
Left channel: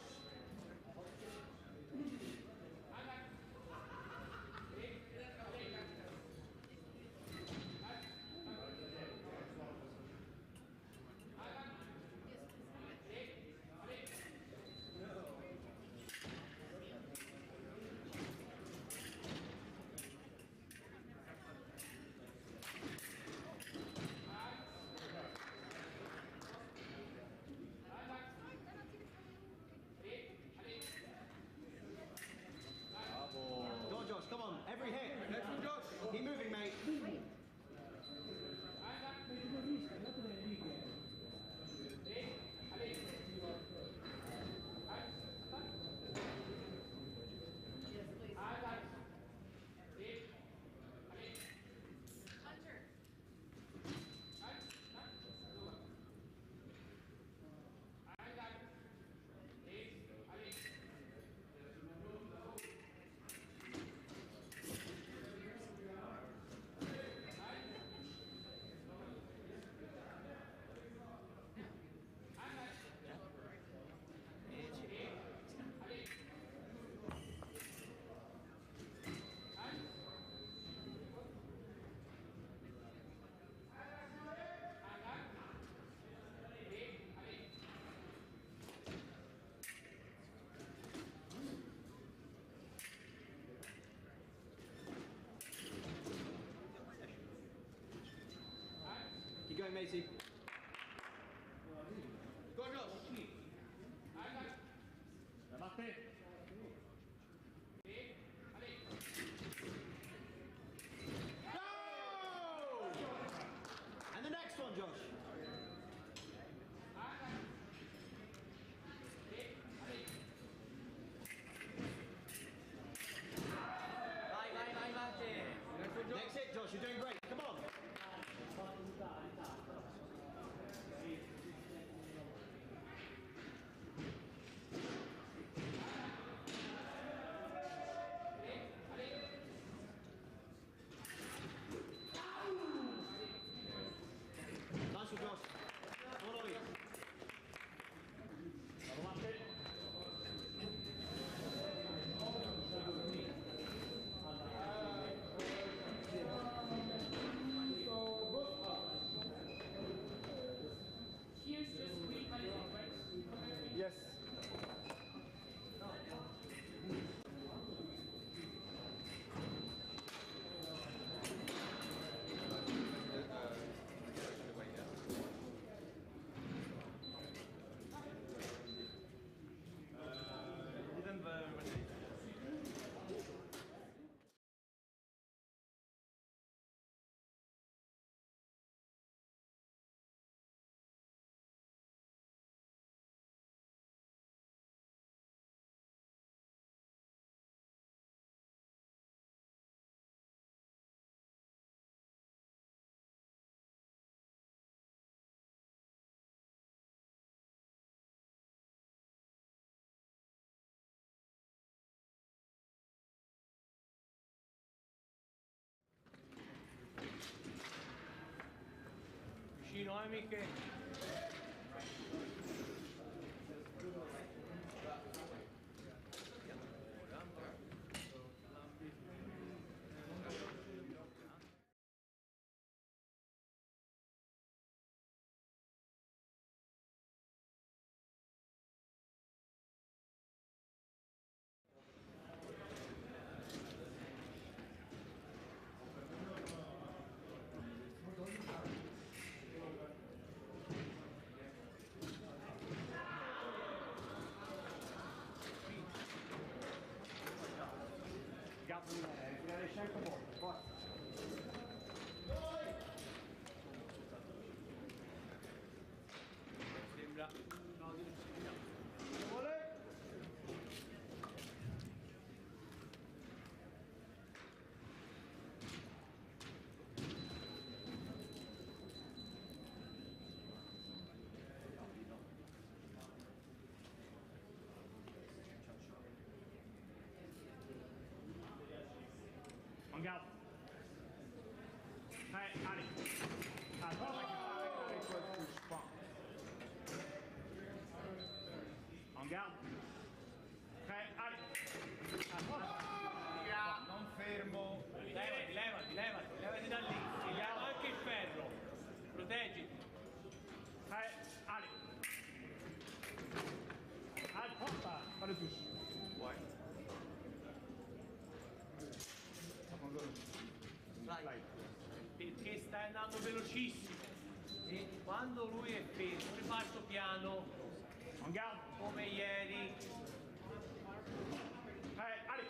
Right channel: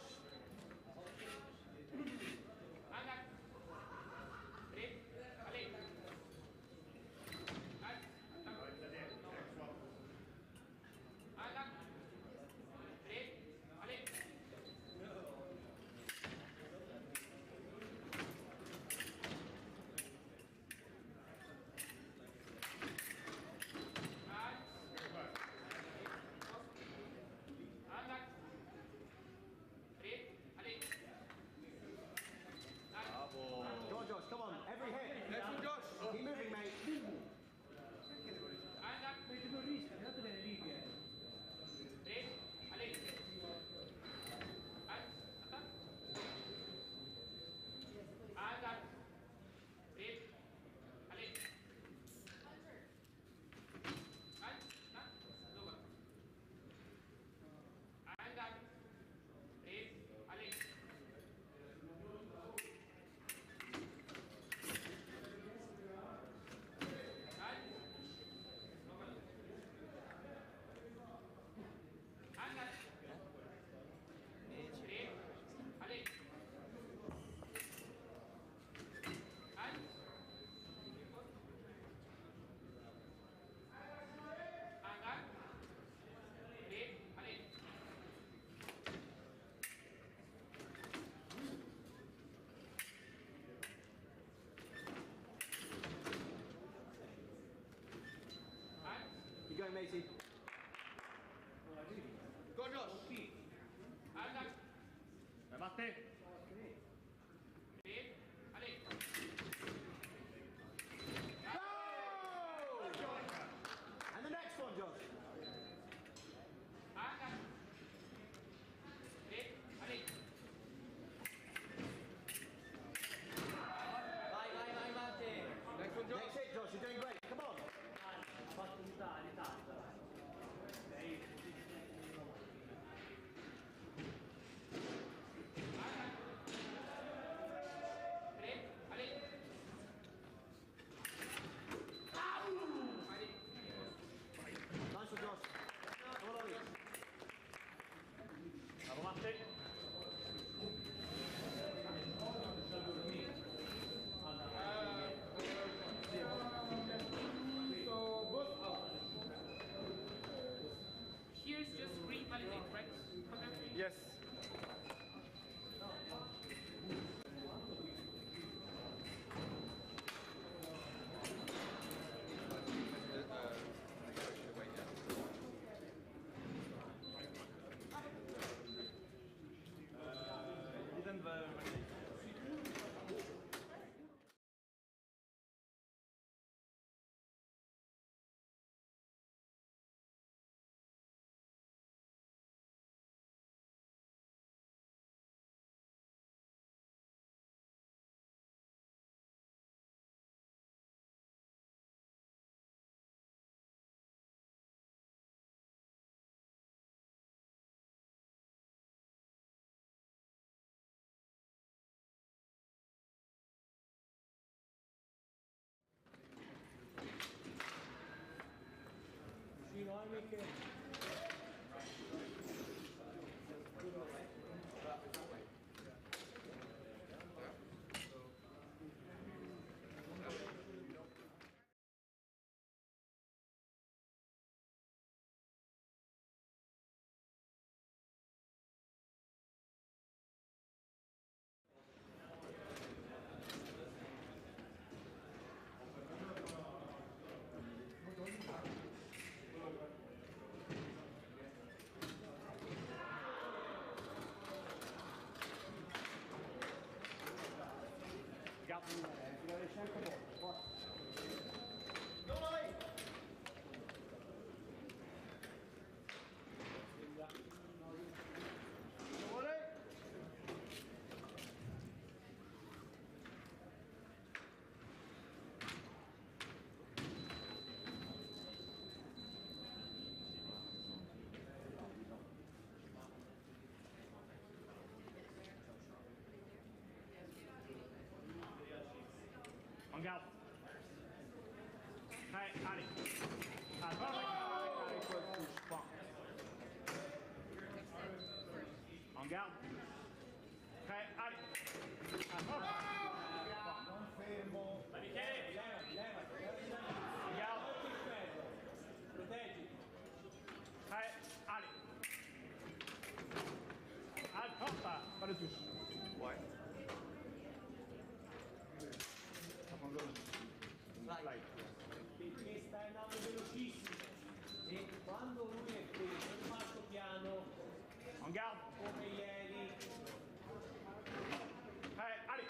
Come on, Josh, come on. Every hit. Next one, Josh. Keep moving, mate. Keep going, matey. Go on, Josh. Batte. Go! And the next one, Josh. Vai, Matte. Next one, Josh. Next hit, Josh. You're doing great. Come on. Nice one, Josh. Come on, Ollie. Bravo Matte. Here's just green validate, right? Yes. Didn't validate. Vicino, Miche. Gatto di me, tirare sempre molto, forza. Sembra. allez. Attends, avec quoi de touche, pas. En garde. Prêt, allez. Non fermo. Levati da lì. Tiriamo anche il ferro. Proteggiti. Prêt, allez. Allez, hop, pas de touche. Ouais. Vai. Perché stai andando velocissimo. E quando lui è fermo, riparto piano, En garde. come ieri. Prêt, allez.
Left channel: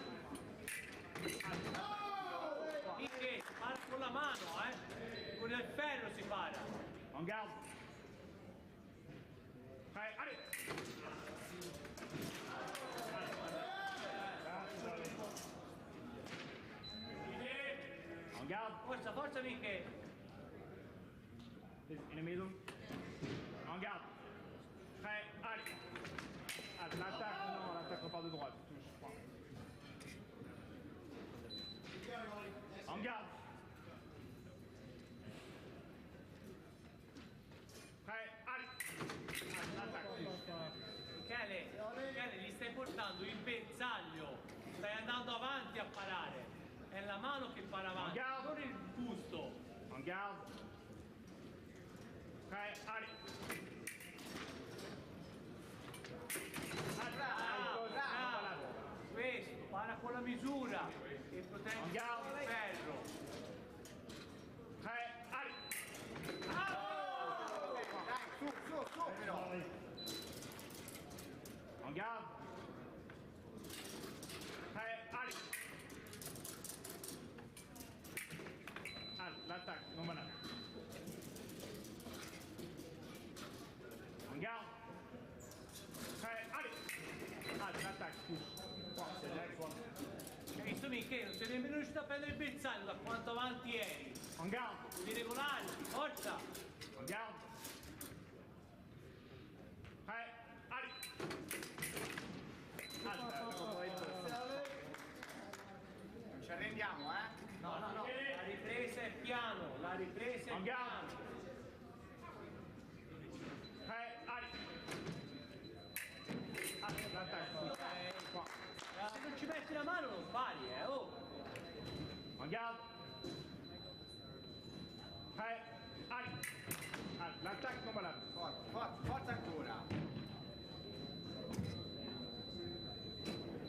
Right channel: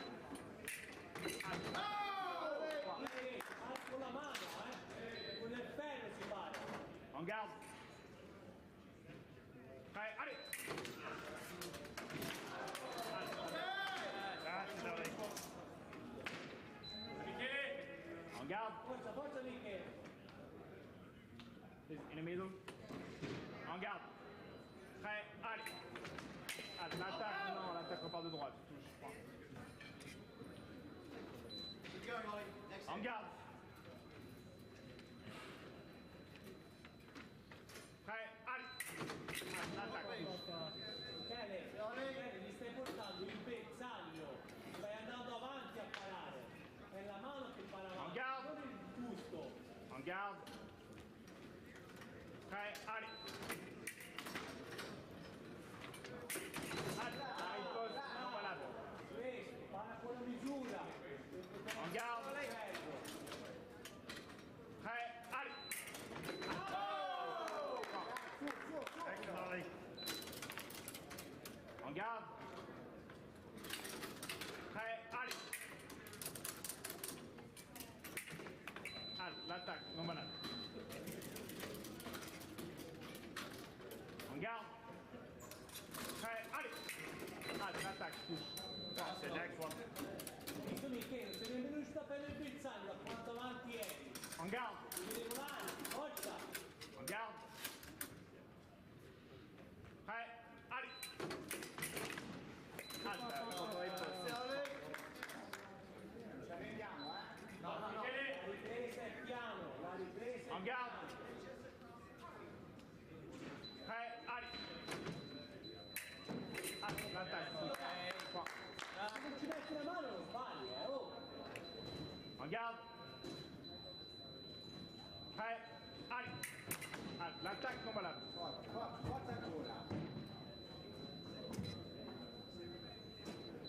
Perché para con la mano, con il ferro si para. En garde. Prêt, allez. En garde. Forza, forza Michele. In the middle. En garde. Prêt, allez. Ah, l'attaque, non, l'attaque repart de droite. Touche, pas. En garde. Prêt, allez. Ah, l'attaque, touche. Michele, gli stai portando il bersaglio, stai andando avanti a parare. È la mano che para avanti, Guarda. non il busto. En garde. Prêt, allez. Voilà. Questo, para con la misura e protegge il Andiamo. ferro. Prêt, allez. En garde. Prêt, allez. Ah, l'attaque, non malade. En garde. Prêt, allez. Ah, l'attaque, touche. C'est next one. Hai visto Michele? Non sei nemmeno riuscito a prendere il bersaglio da quanto avanti eri. En garde. Devi regolarti, forza! En garde. Prêt, allez. Ci arrendiamo, eh? No, la ripresa è piano, la ripresa è En garde. piano. Prêt, allez. Ah, l'attaque. Qua. Se non ci metti la mano non sbagli, oh! En garde. Prêt, allez. Ah, l'attaque non malade. Forza ancora.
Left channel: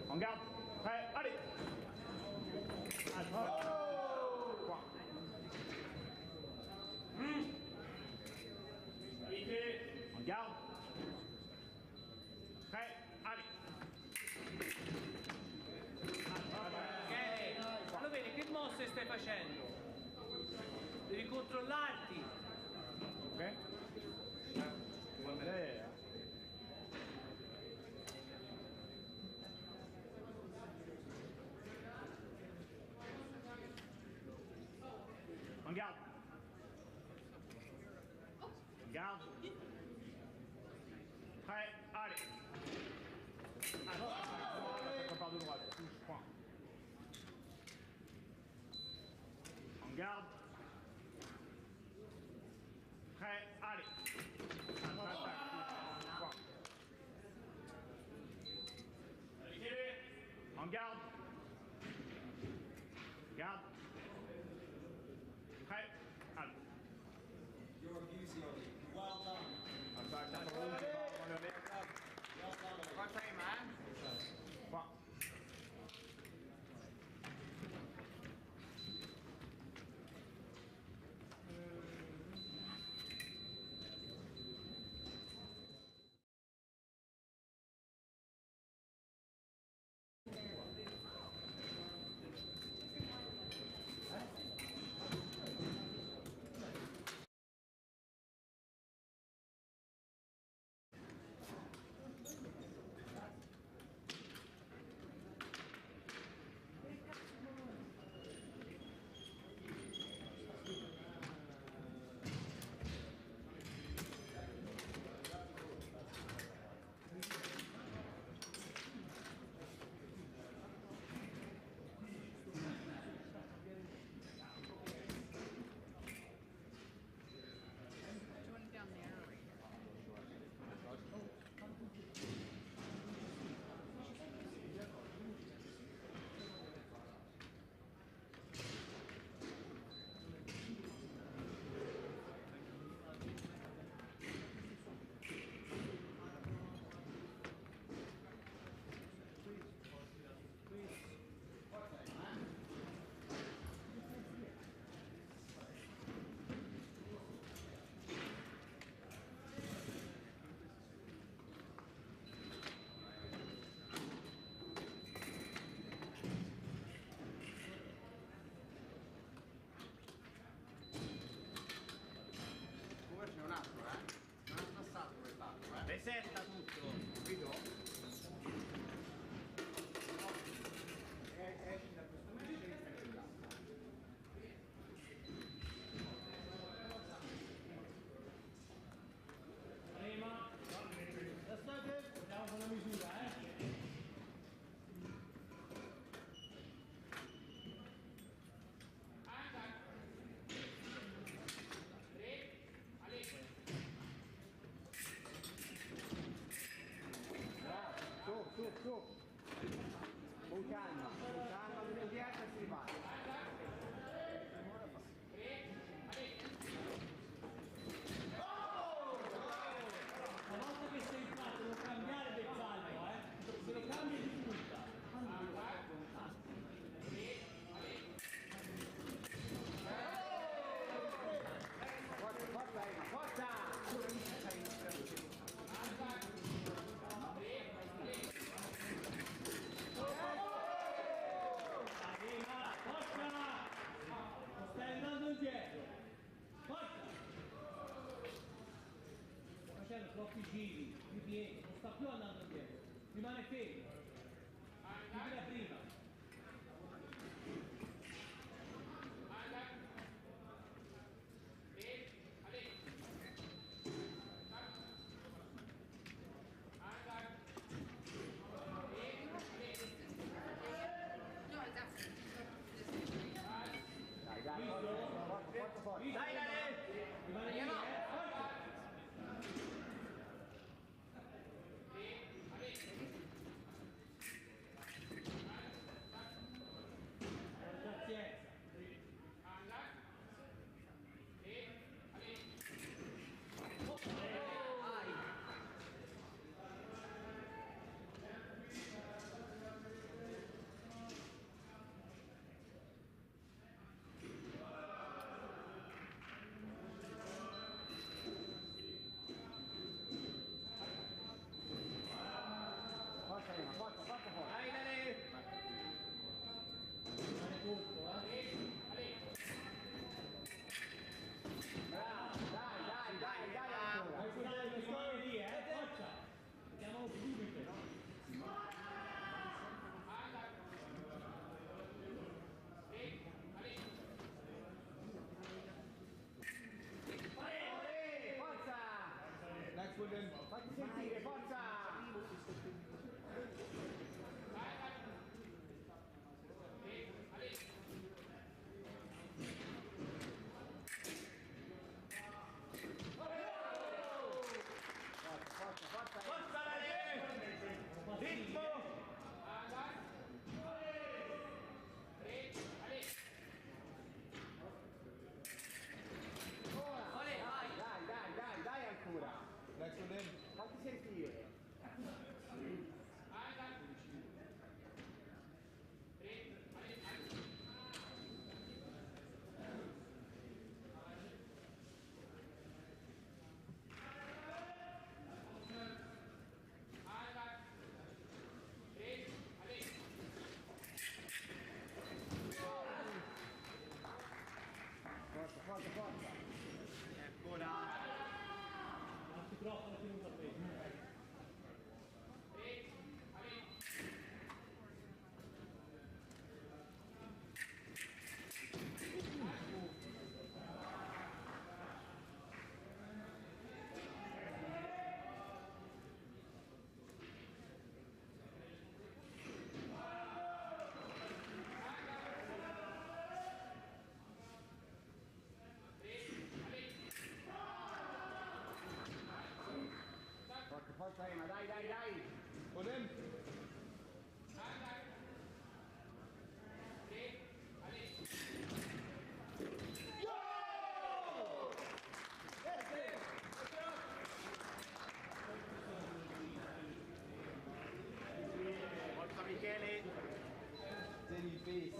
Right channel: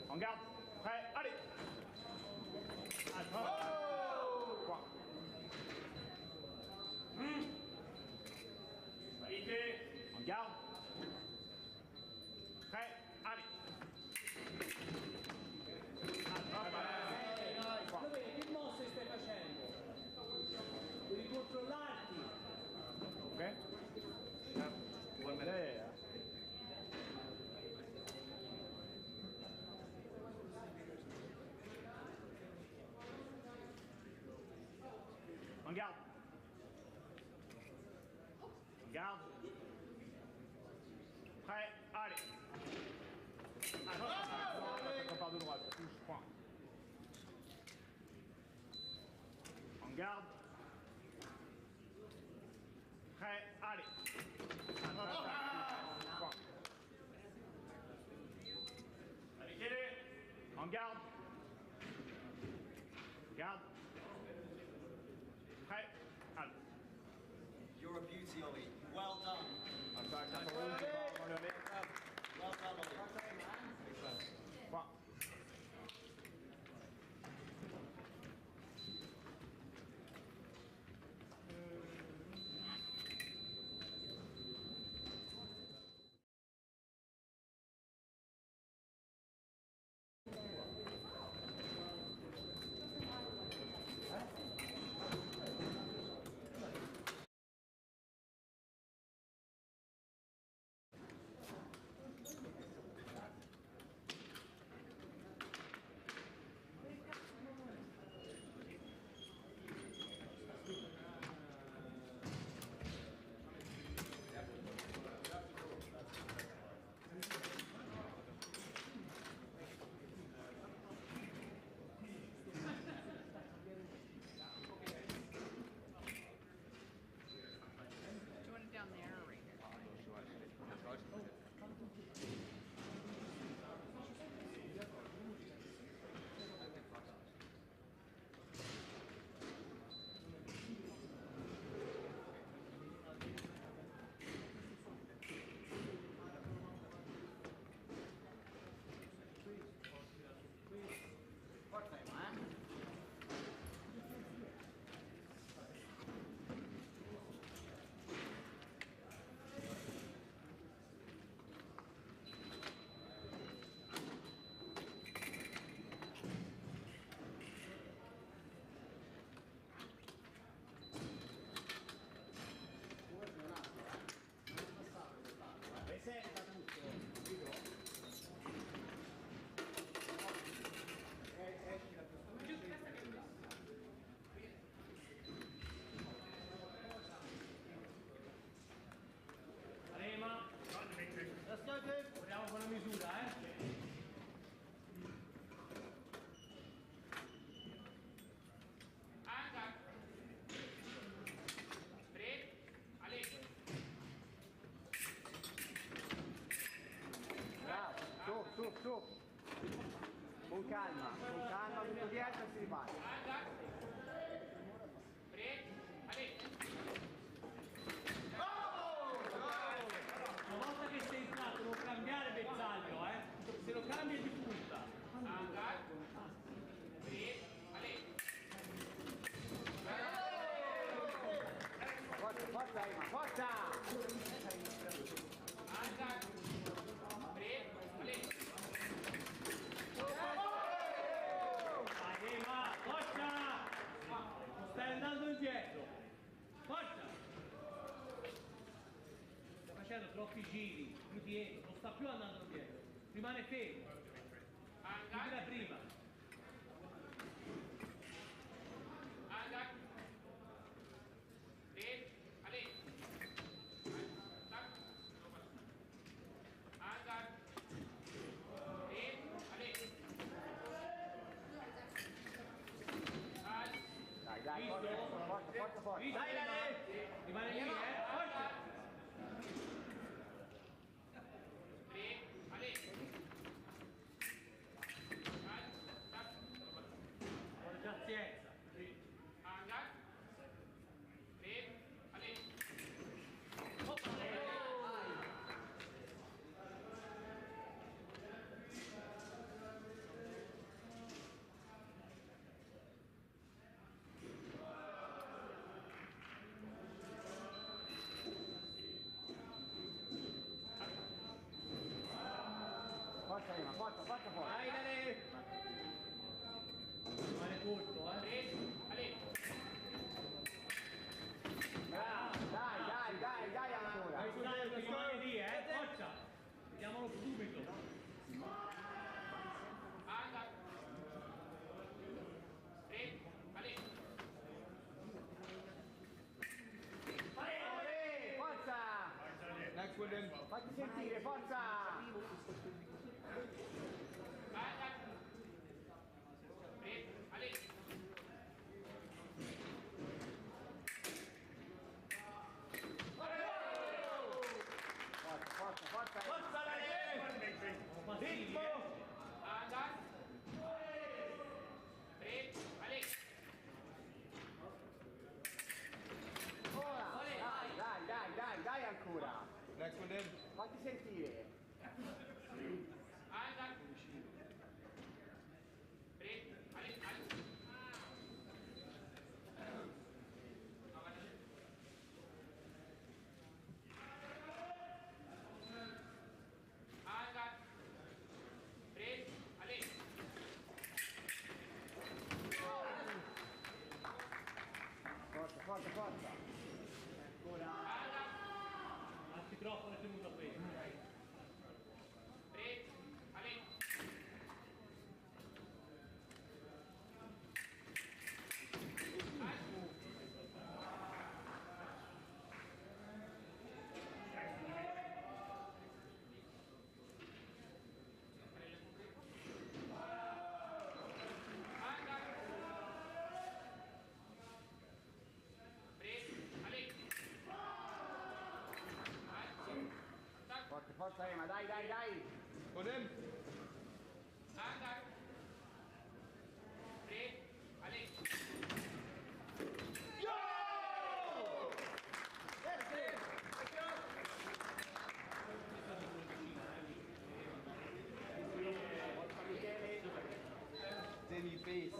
En garde. Prêt, allez. Ah, Qua. En garde. Prêt, allez. Ok, lo vedi che mosse stai facendo? Devi controllarti. Ok? Yeah. En garde. En garde. Prêt, allez. Attaque part de droite, touche, point. En garde. Prêt, allez. Attaque, touche, point. En garde. Garde. Prêt, allez. You're a beauty, Ollie. Well done. Attaque, à rouge, on le met. Well done, Ollie. Forza in man. Point. su. Con calma, tutto dietro e si riparte. Una volta che sei entrato non cambiare bersaglio, se lo cambi è di punta. Forza, forza Ema, forza! Ema, forza! Non stai andando indietro. Forza! Sta facendo troppi giri, ripiego, non sta più andando indietro. Rimane fermo. Come da prima. Dai, forza. Dai, Dale! Rimane lì, forza! Pazienza. Forza Ema, forza. Dai, Dale! Rimane corto, Bravo, dai ancora. Rimane lì, forza! Andiamo subito. Forza! Fatti sentire, forza! Forza! Forza, Dale! Ritmo! Dai ancora! Fatti sentire! Forza! Il microfono è tenuto preso. Forza Ema, dai! Forza Michele!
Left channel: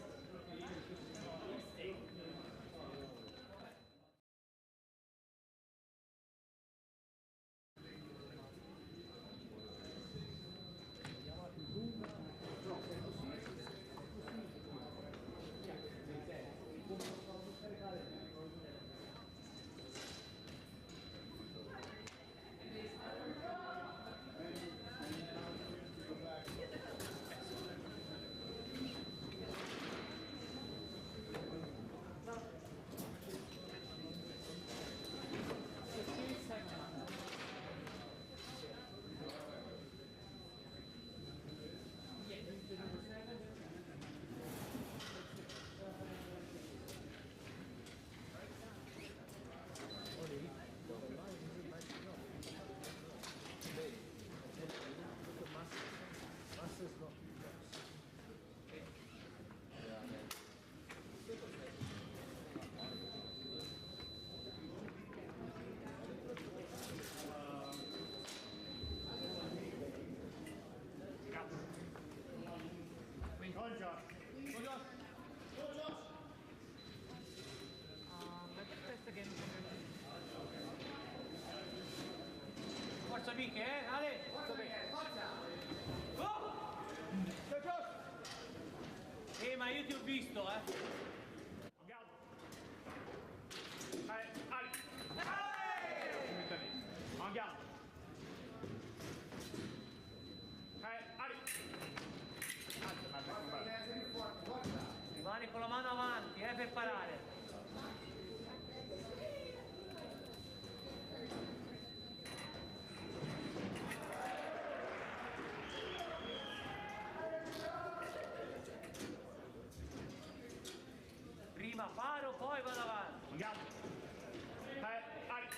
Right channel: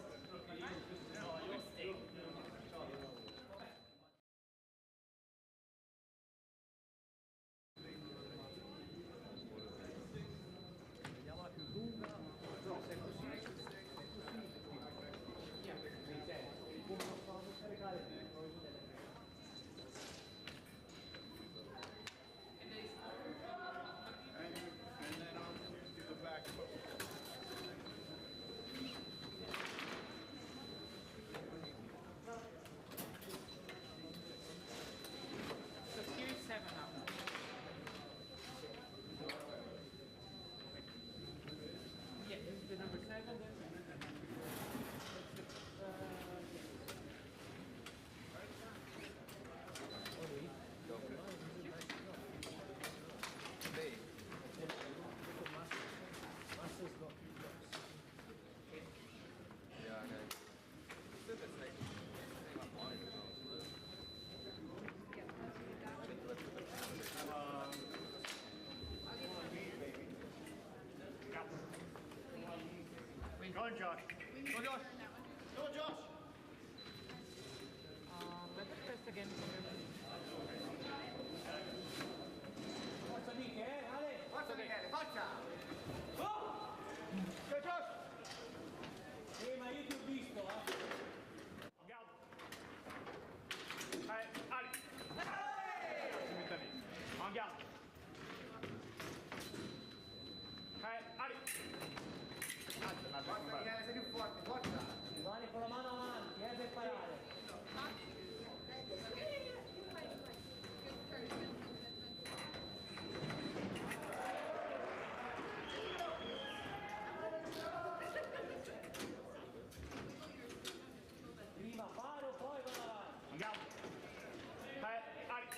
En garde. Prêt, allez. Alza l'attacco, non vale. Sei più forte, forza! Rimani con la mano avanti, per parare. Prima paro, poi vado avanti. En garde. Prêt, allez.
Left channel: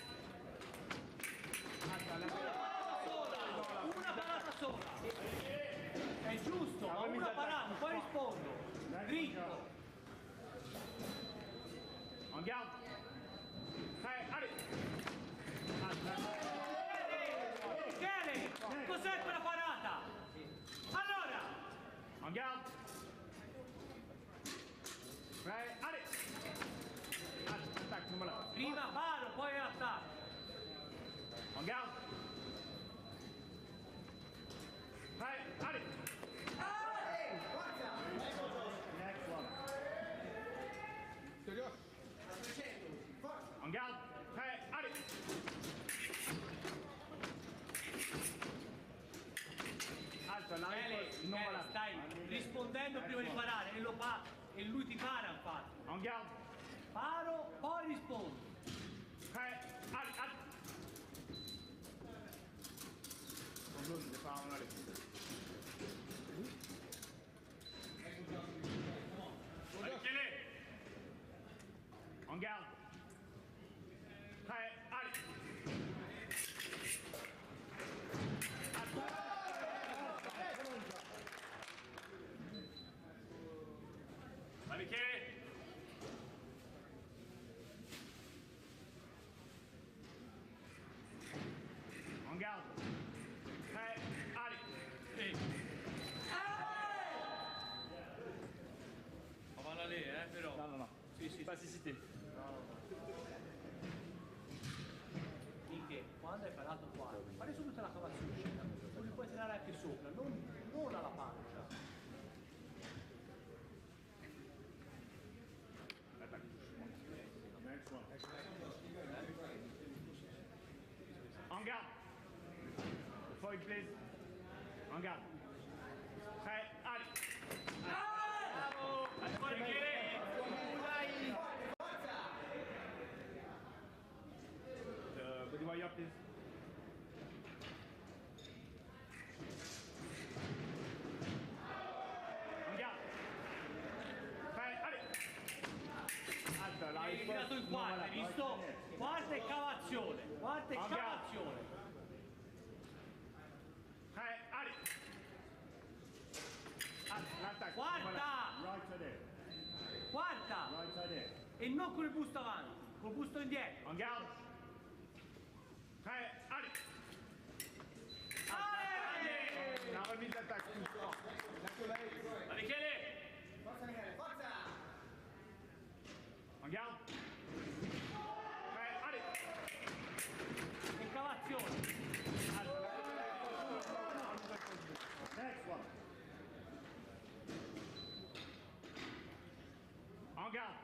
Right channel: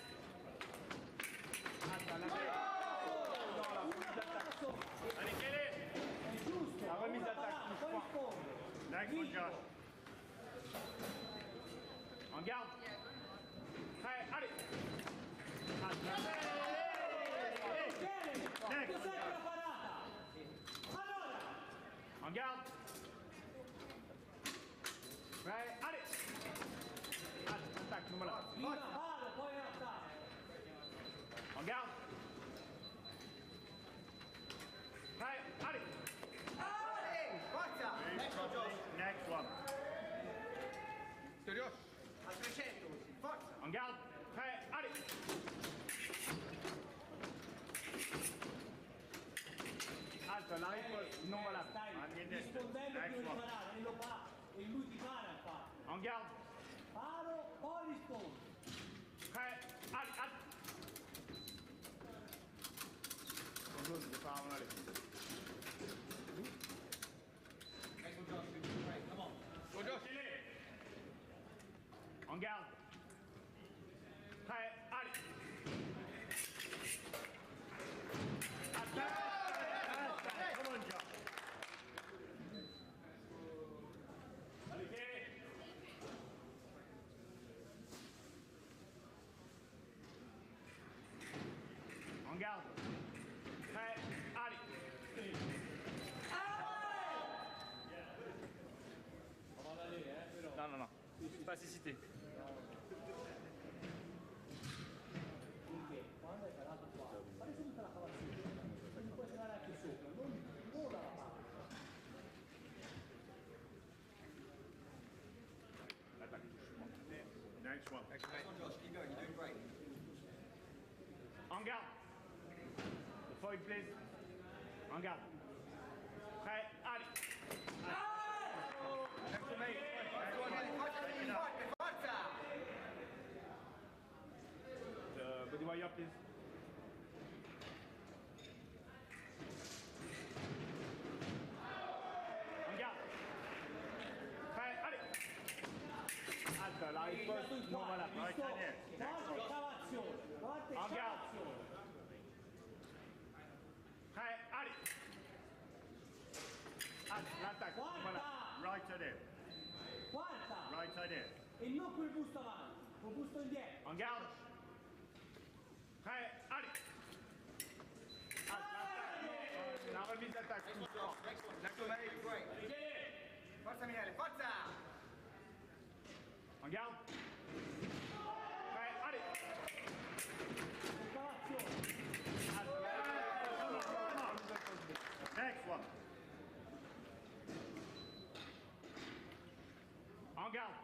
Alza l'attacco. Una parata sola. Allez, tieni. È giusto, La ma remise una d'attaque, parata, plus poi fort. rispondo. Next, Dritto. En garde. Prêt, allez. Alza. Michele, cos'è quella parata? Allora, En garde. Prêt, allez. Alza l'attacco, non vale. prima paro, poi attacco. En garde. Prêt, allez. Forza! Next one. A 300 così, forza! En garde. Prêt, allez. Alza la riposta, non va là. Stai rispondendo prima di parare e lui ti para infatti. En garde. Paro, poi rispondo. Prêt, allez, allez. Bonjour, je vais pas en aller. Allez, en garde. Prêt, allez. Va Michele. En garde. Prêt, allez. Vado lì, però. Non, non, non. Sì. Plasticité. Finché quando hai parato qua, fai subito la cavazzina, così puoi tirare anche sopra, non alla parte. L'attaque touche. Next one. En garde. Forward, please. En garde. Prêt, allez. Allez, Michele. Forza! Body wire, please. En garde. Prêt, allez. Alza, la Hai risposta tirato in non va quarta, là. hai visto? Quarta e cavazione, quarta e Andiamo. cavazione. Prêt, allez. Alza, l'attaque. Guarda. Voilà. Right side in. Quarta! Right side in. E non col busto avanti, col busto indietro. En garde. Prêt, allez. La remise d'attaque. Michele. Forza Michele, forza! En garde. Prêt, allez. E cavazione. Next one. En garde.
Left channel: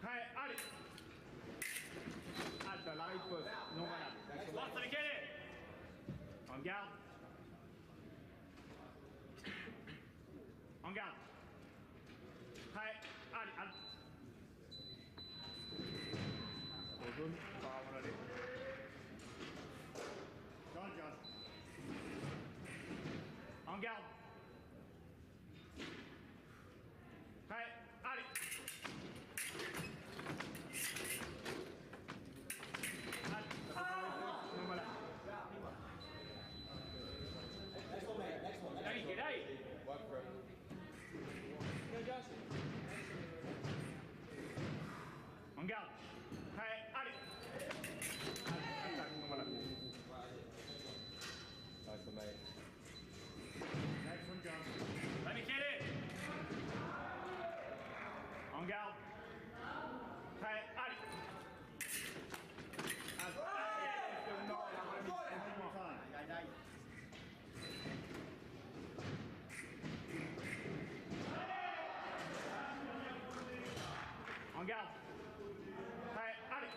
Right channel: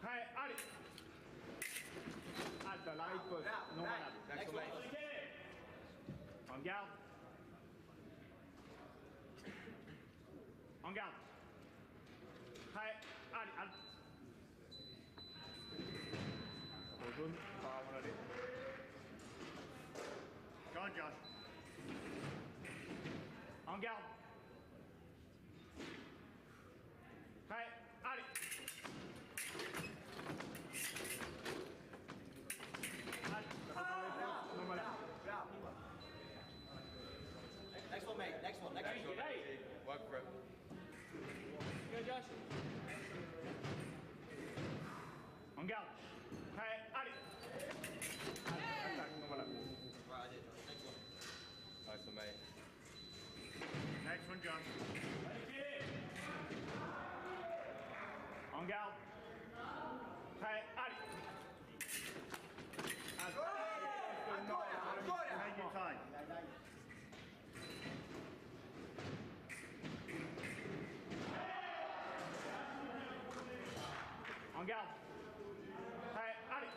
Prêt, allez. Alta, la riposte. Non valable. Forza Michele. En garde. En garde. Prêt, allez, allez. Jaune, pas avant d'aller. Garde. En garde. Prêt, allez. Non, voilà. Next one mate, next one. En garde. Prêt, allez. Attaque, non, voilà. Next one, jump. Va Michele. En garde. Prêt, allez. En garde. Prêt, allez.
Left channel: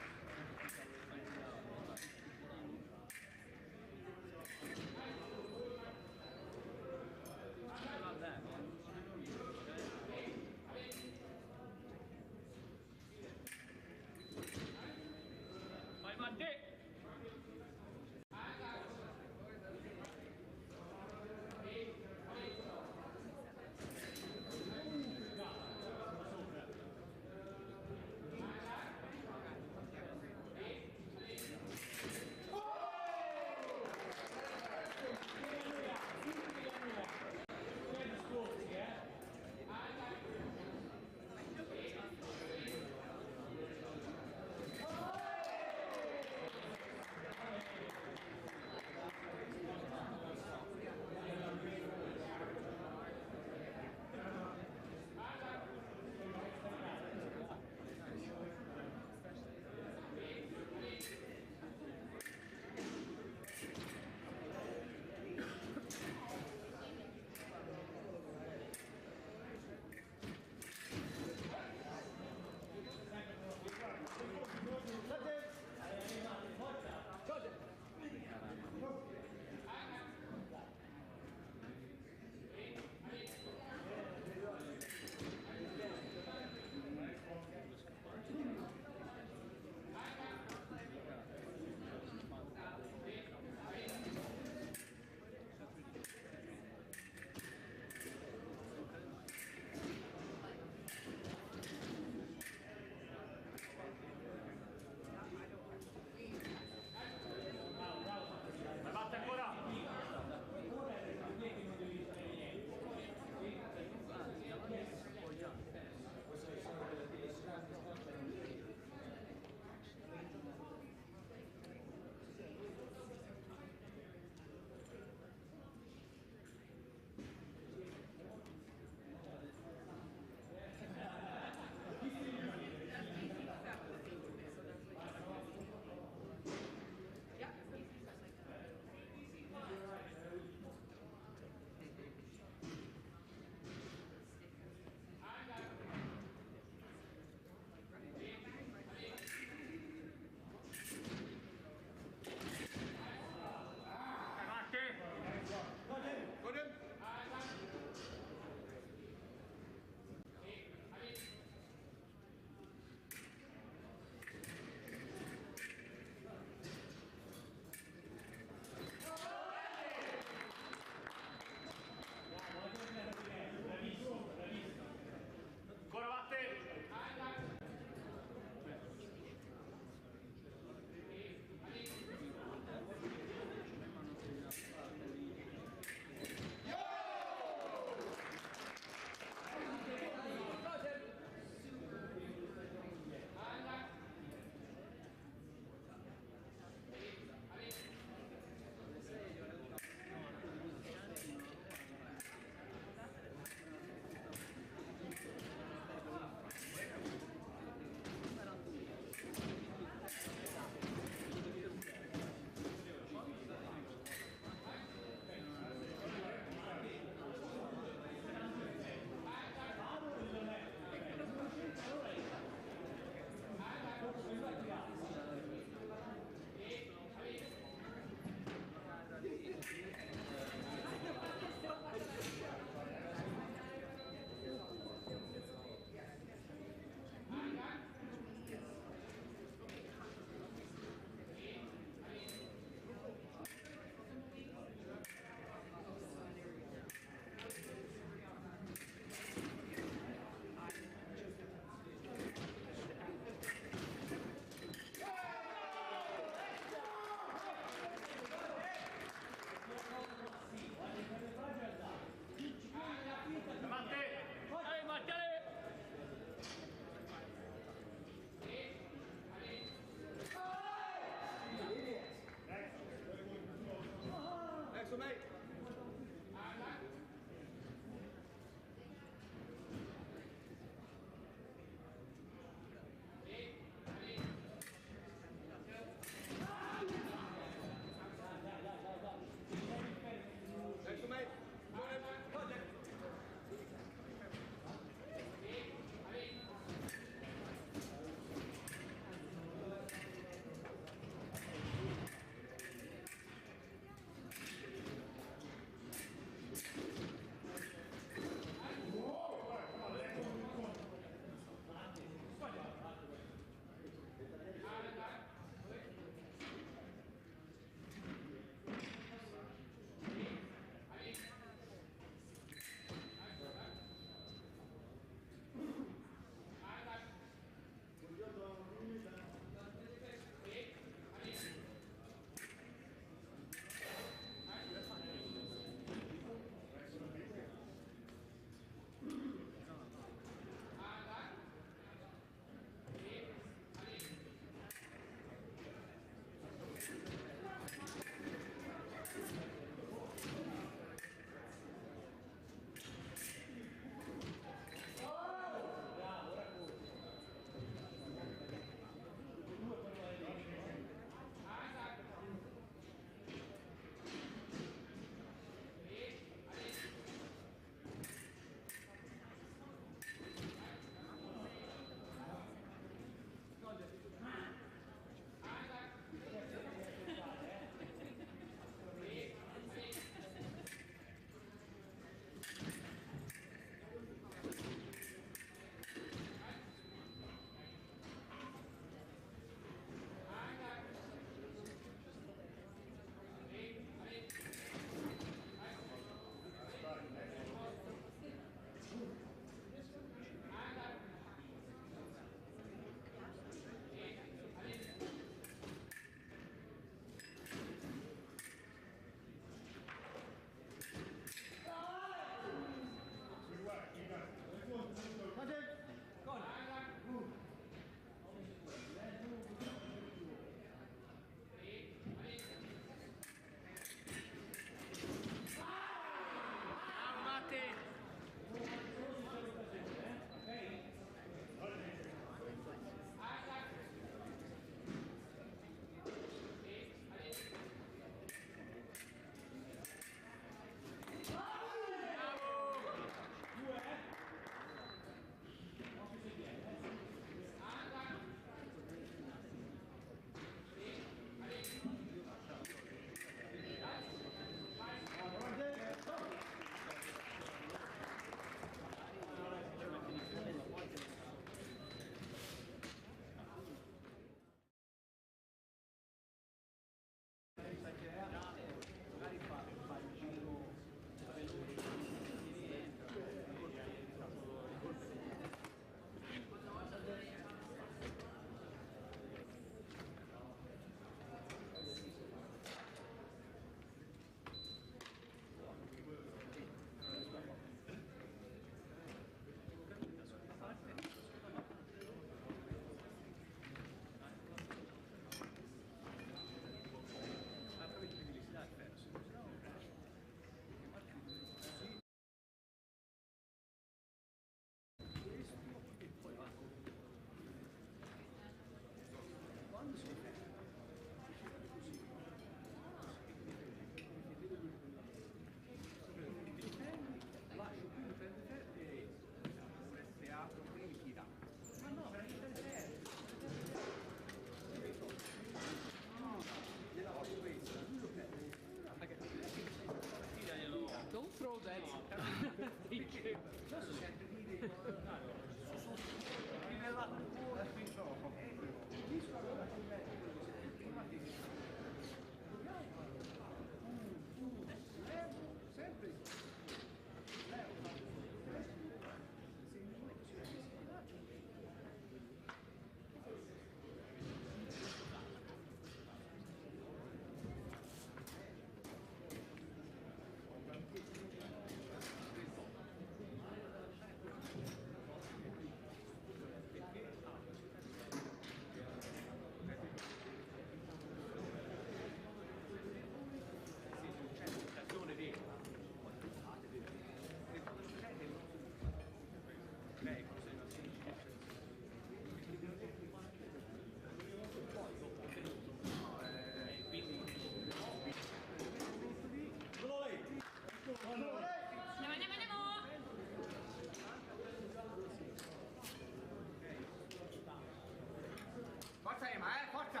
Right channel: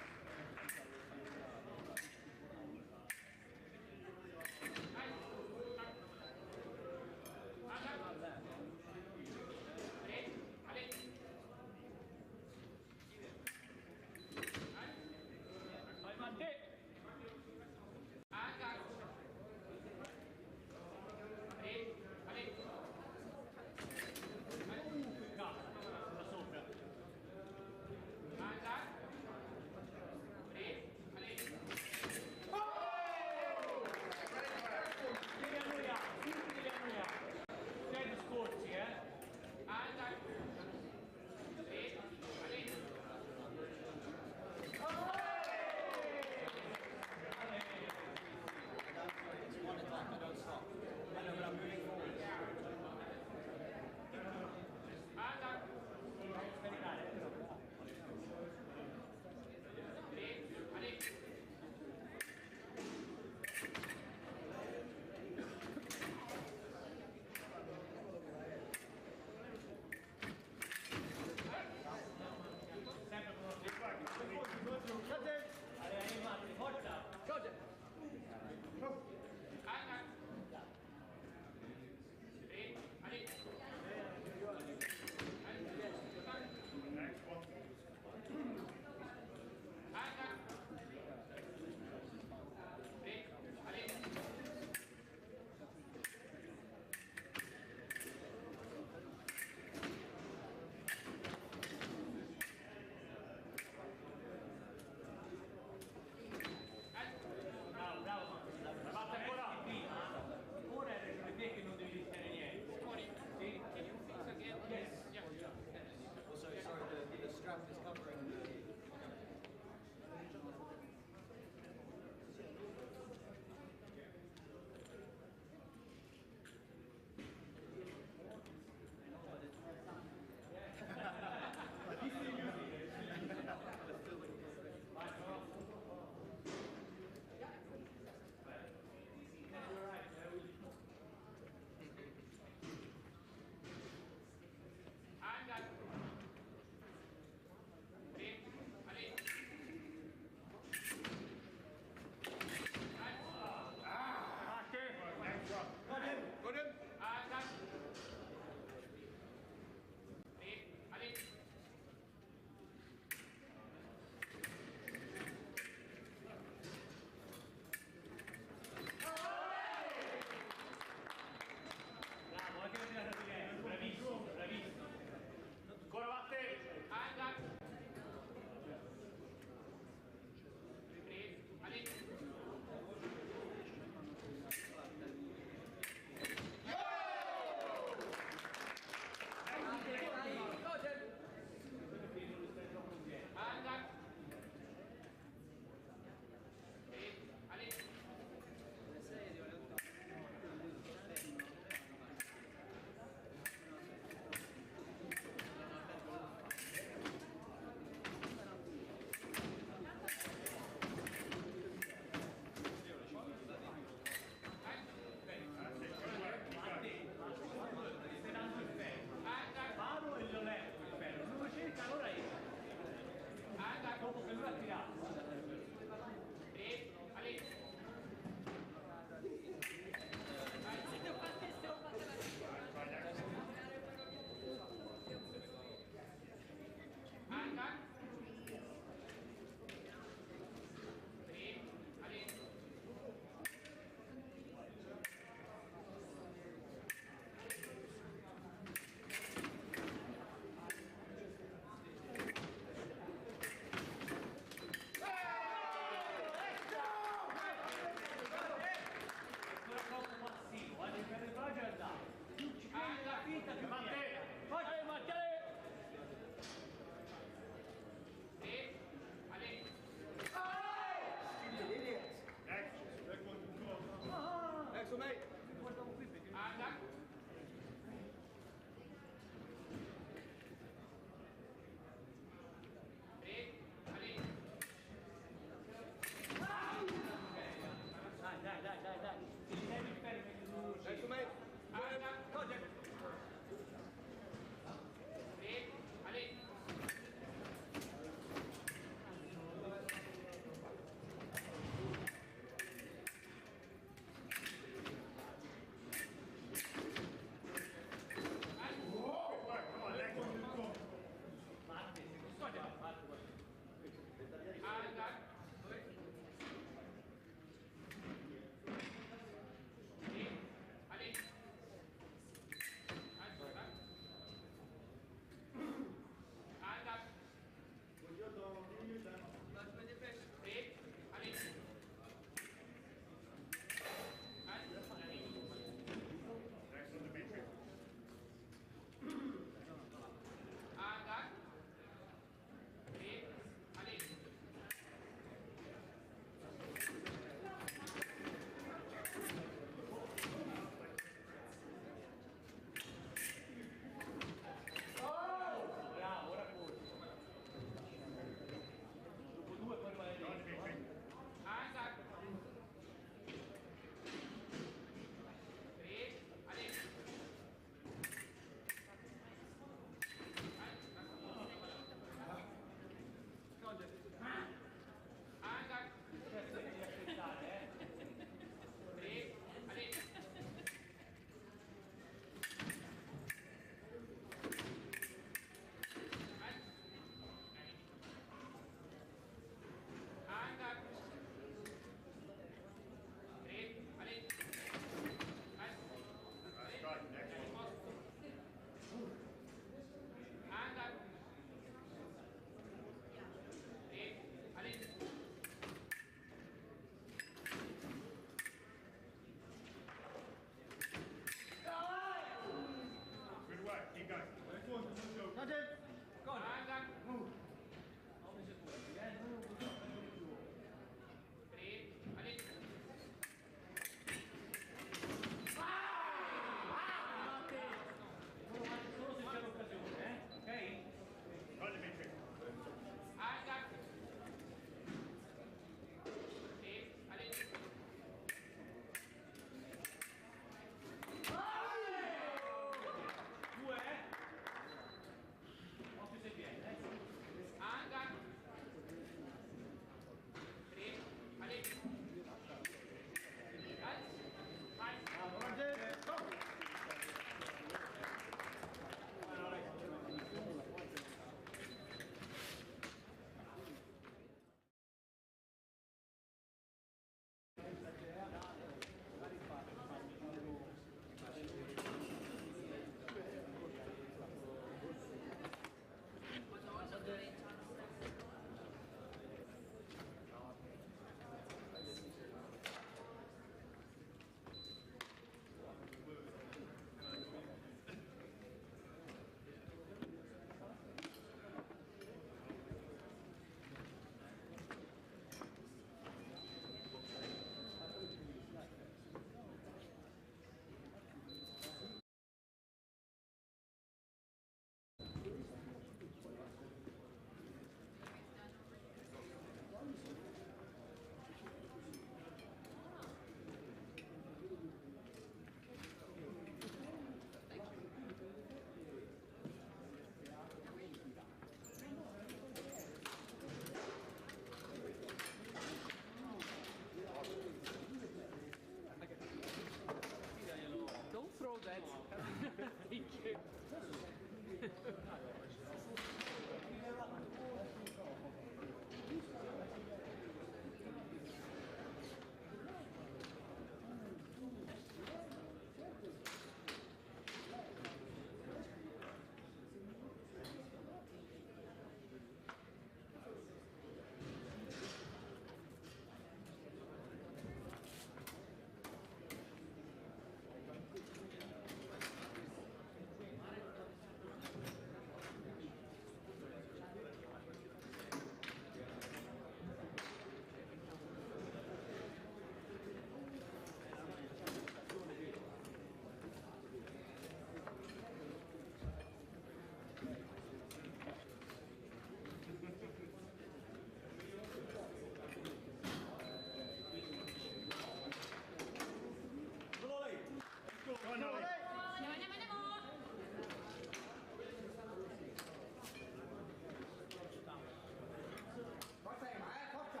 Forza Ema, forza!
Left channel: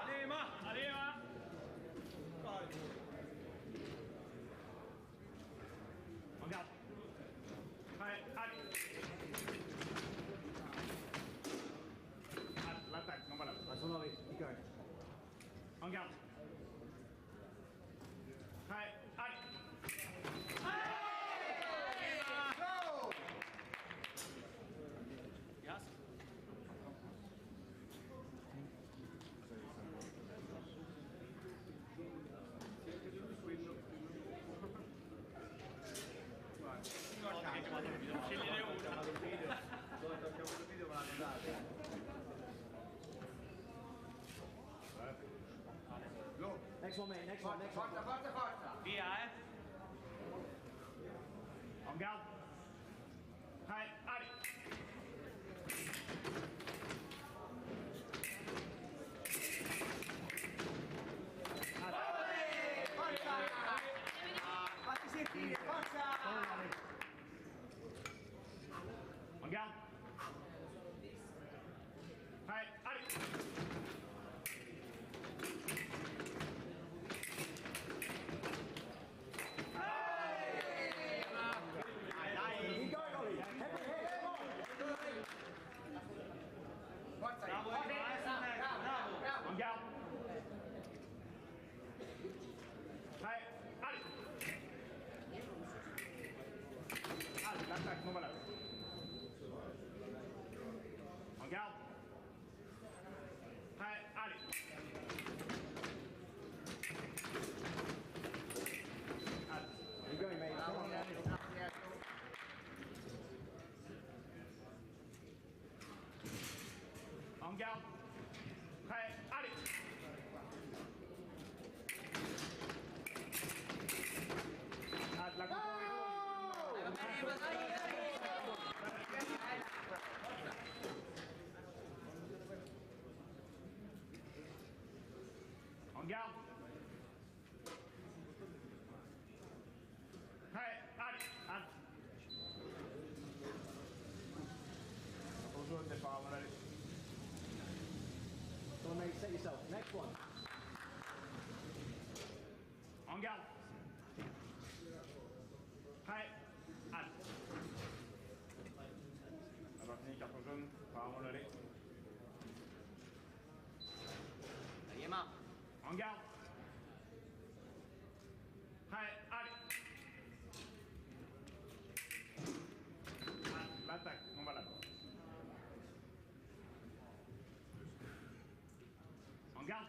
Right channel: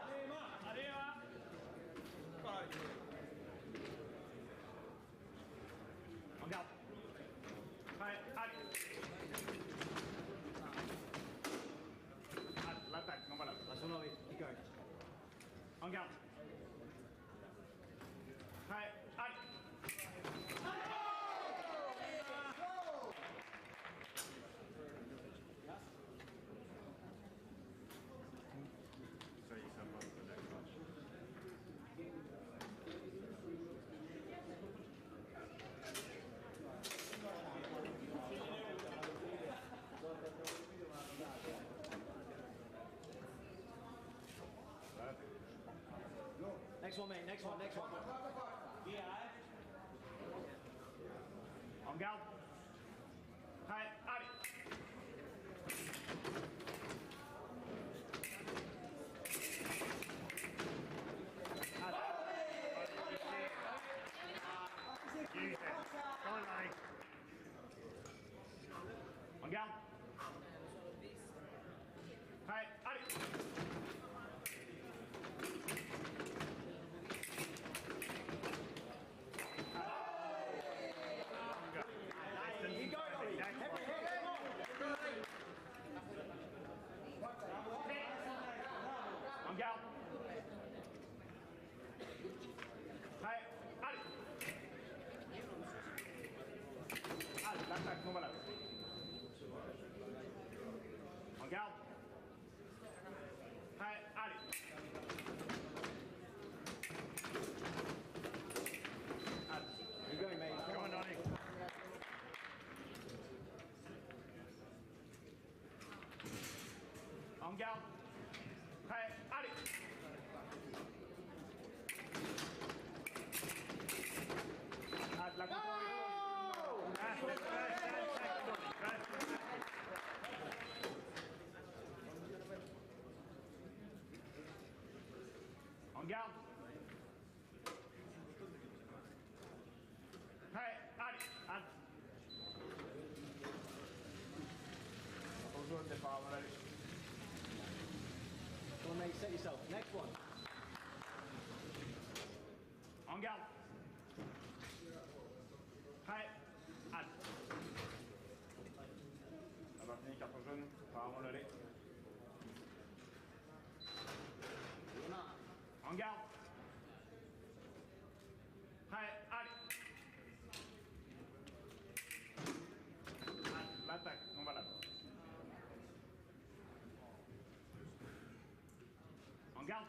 Arriva! Andiamo! Vai, Ali! L'attacco, non va là. That's one ollie. Keep going. Andiamo! Vai, Ali! Next one, mate. Next one. Next one. Forza, forza, forza! Via, Andiamo! Vai, Ali! Fatti sentire, forza! Andiamo! Vai, Ali! Keep going, Ollie. Heavy hit. Come on. Forza Ema! Bravo, bravo! Andiamo! Vai, Ali! Ali, l'attacco, non va là. Andiamo! Vai, Ali! Ali. Keep going, mate. Come on, Ollie. Andiamo! Vai, Ali! Ali, la Andiamo! Vai, Ali! Ali! Bonjour, t'es pas allez. Come on, mate. Set yourself. Next one. En garde. Prêt. Halte. Ça va finir, carton jaune. Apparemment le lait. Ema! En garde. Prêt. Allez. Halte. L'attaque. Non valable. En garde.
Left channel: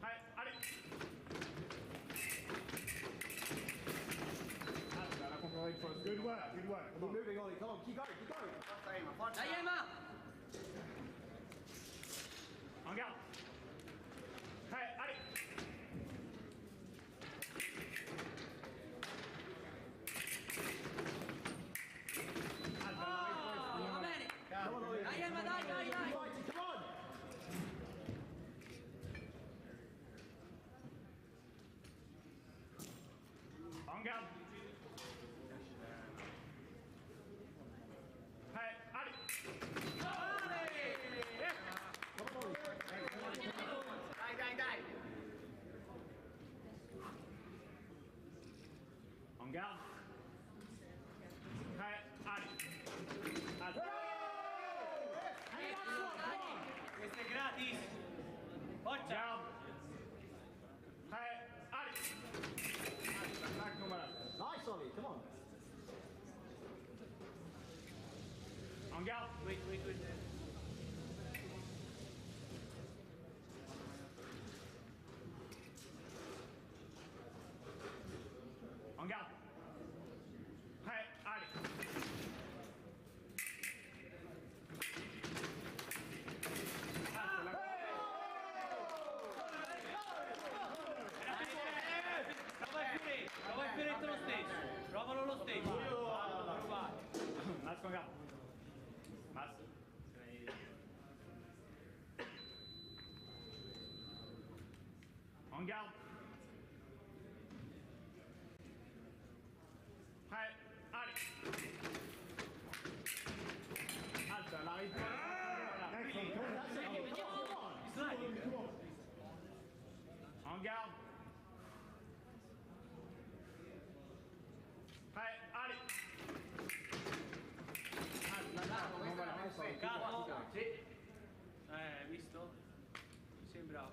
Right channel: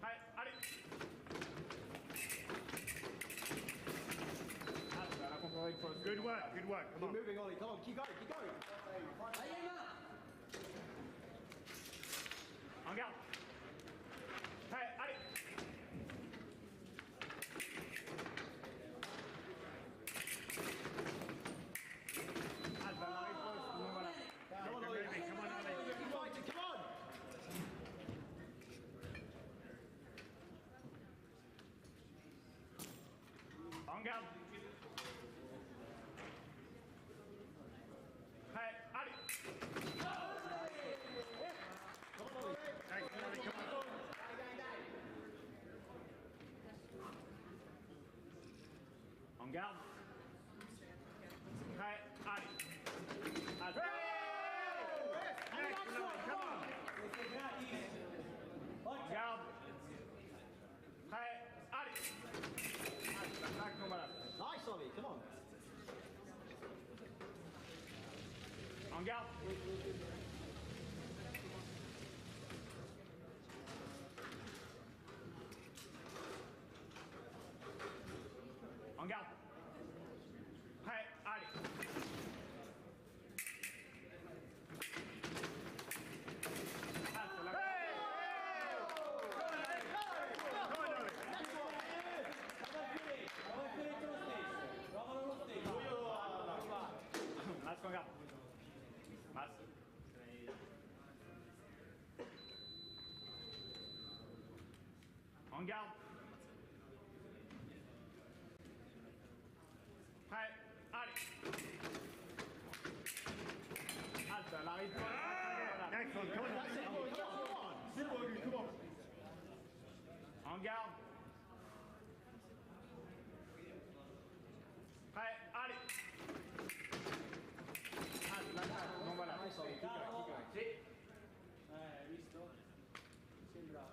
Prêt. Allez. La contre une fois. Good one. Good one. Keep moving, Ollie. Come on. Keep going. Keep going. Forza Ema, forza! Dai Ema! En garde. Prêt. Allez. Halte. La réponse. Non valable. Come on, Ollie. Dai Ema, dai, dai, Keep dai! fighting. Come on. En garde. Prêt. Allez. Dai, dai, dai! En garde. Prêt. Allez. En garde. Oui, oui, oui. En garde. Prêt, allez. Prova il fioretto lo stesso. Provalo lo stesso. Masque en garde. Masque. En garde. Prêt, allez. Halte, elle arrive pas. En garde. Prêt, allez. Halte, l'attaque. Non, voilà. Capo? Sì. Visto? Sembra.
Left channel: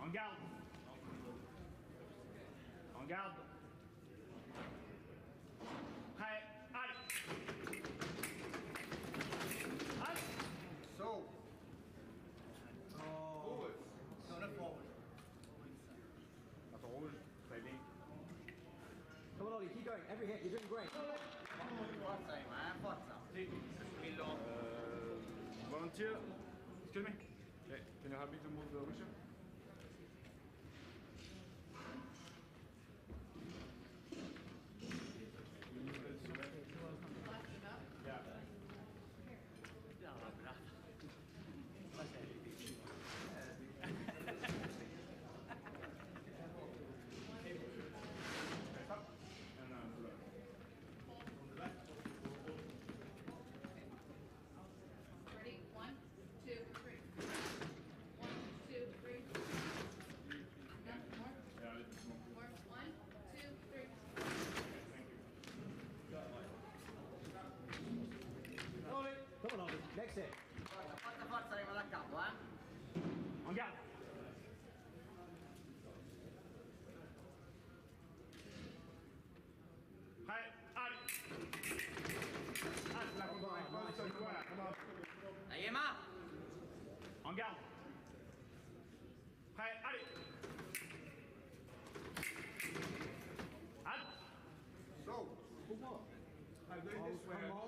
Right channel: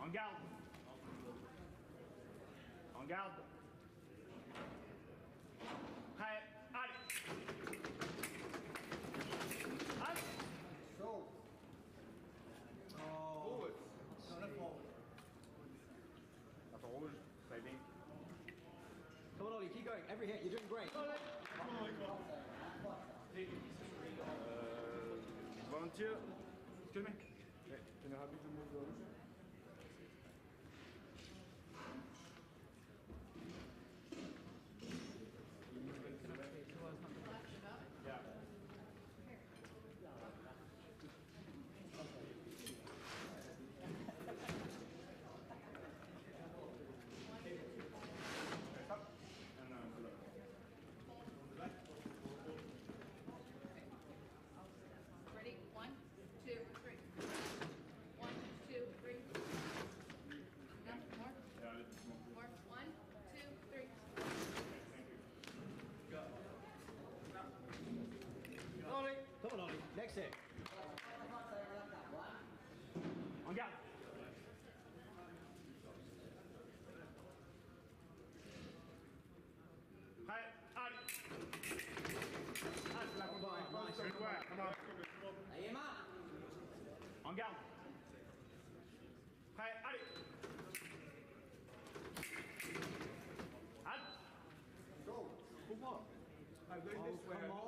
En garde. En garde. Prêt, allez. Halte. So. Forward. No, not forward. Bâton rouge, très bien. Come on, Ollie, keep going. Every hit, you're doing great. Volunteer. Excuse me. Okay. Can you help me to move the wheelchair? Yeah. Okay, stop. And to the left. Ready? 1, 2, 3. 1, 2, 3. No, more. Yeah, a little bit more. More. 1, 2, 3. Okay, thank you. Come on, Ollie. Next hit. En garde. Prêt, allez. Halte, la contre-poste, voilà. En garde. Prêt, allez. Halte. So, come on. I'm going this way. Come on.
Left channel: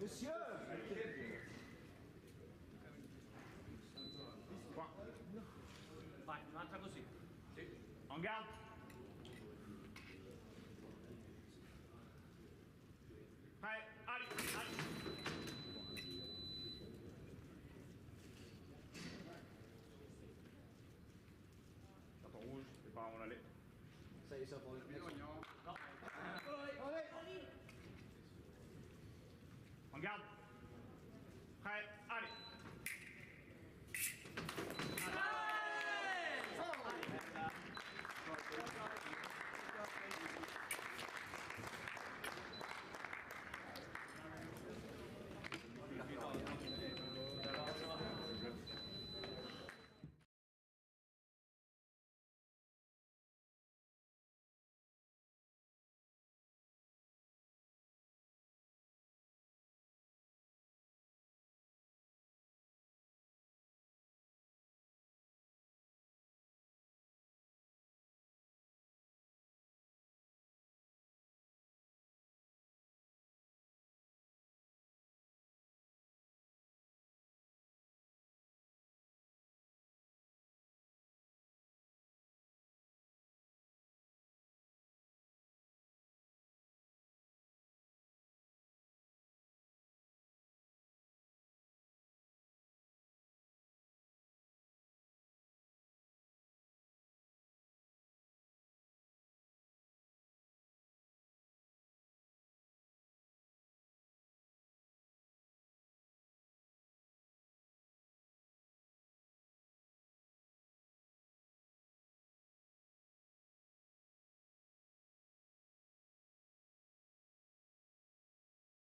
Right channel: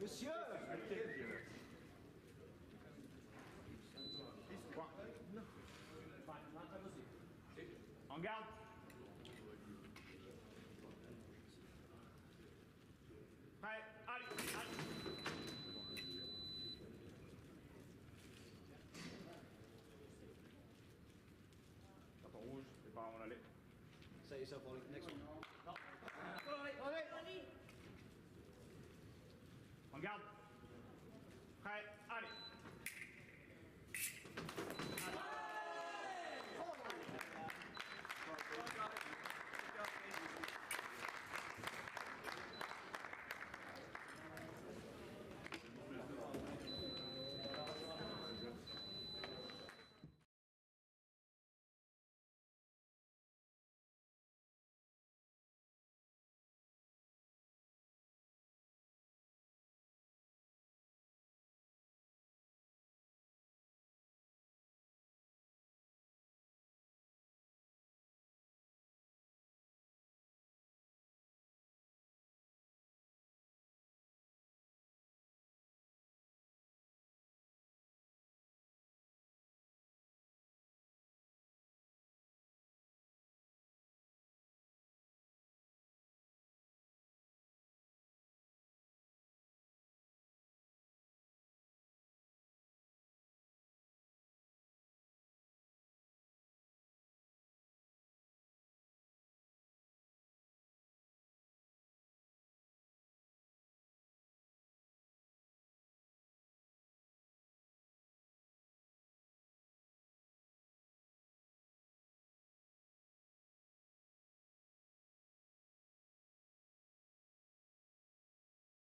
Monsieur. Qua. Vai, un'altra così. En garde. Prêt, allez, allez. Carton rouge, c'est par où on allait. Set yourself on it. Next one. En garde.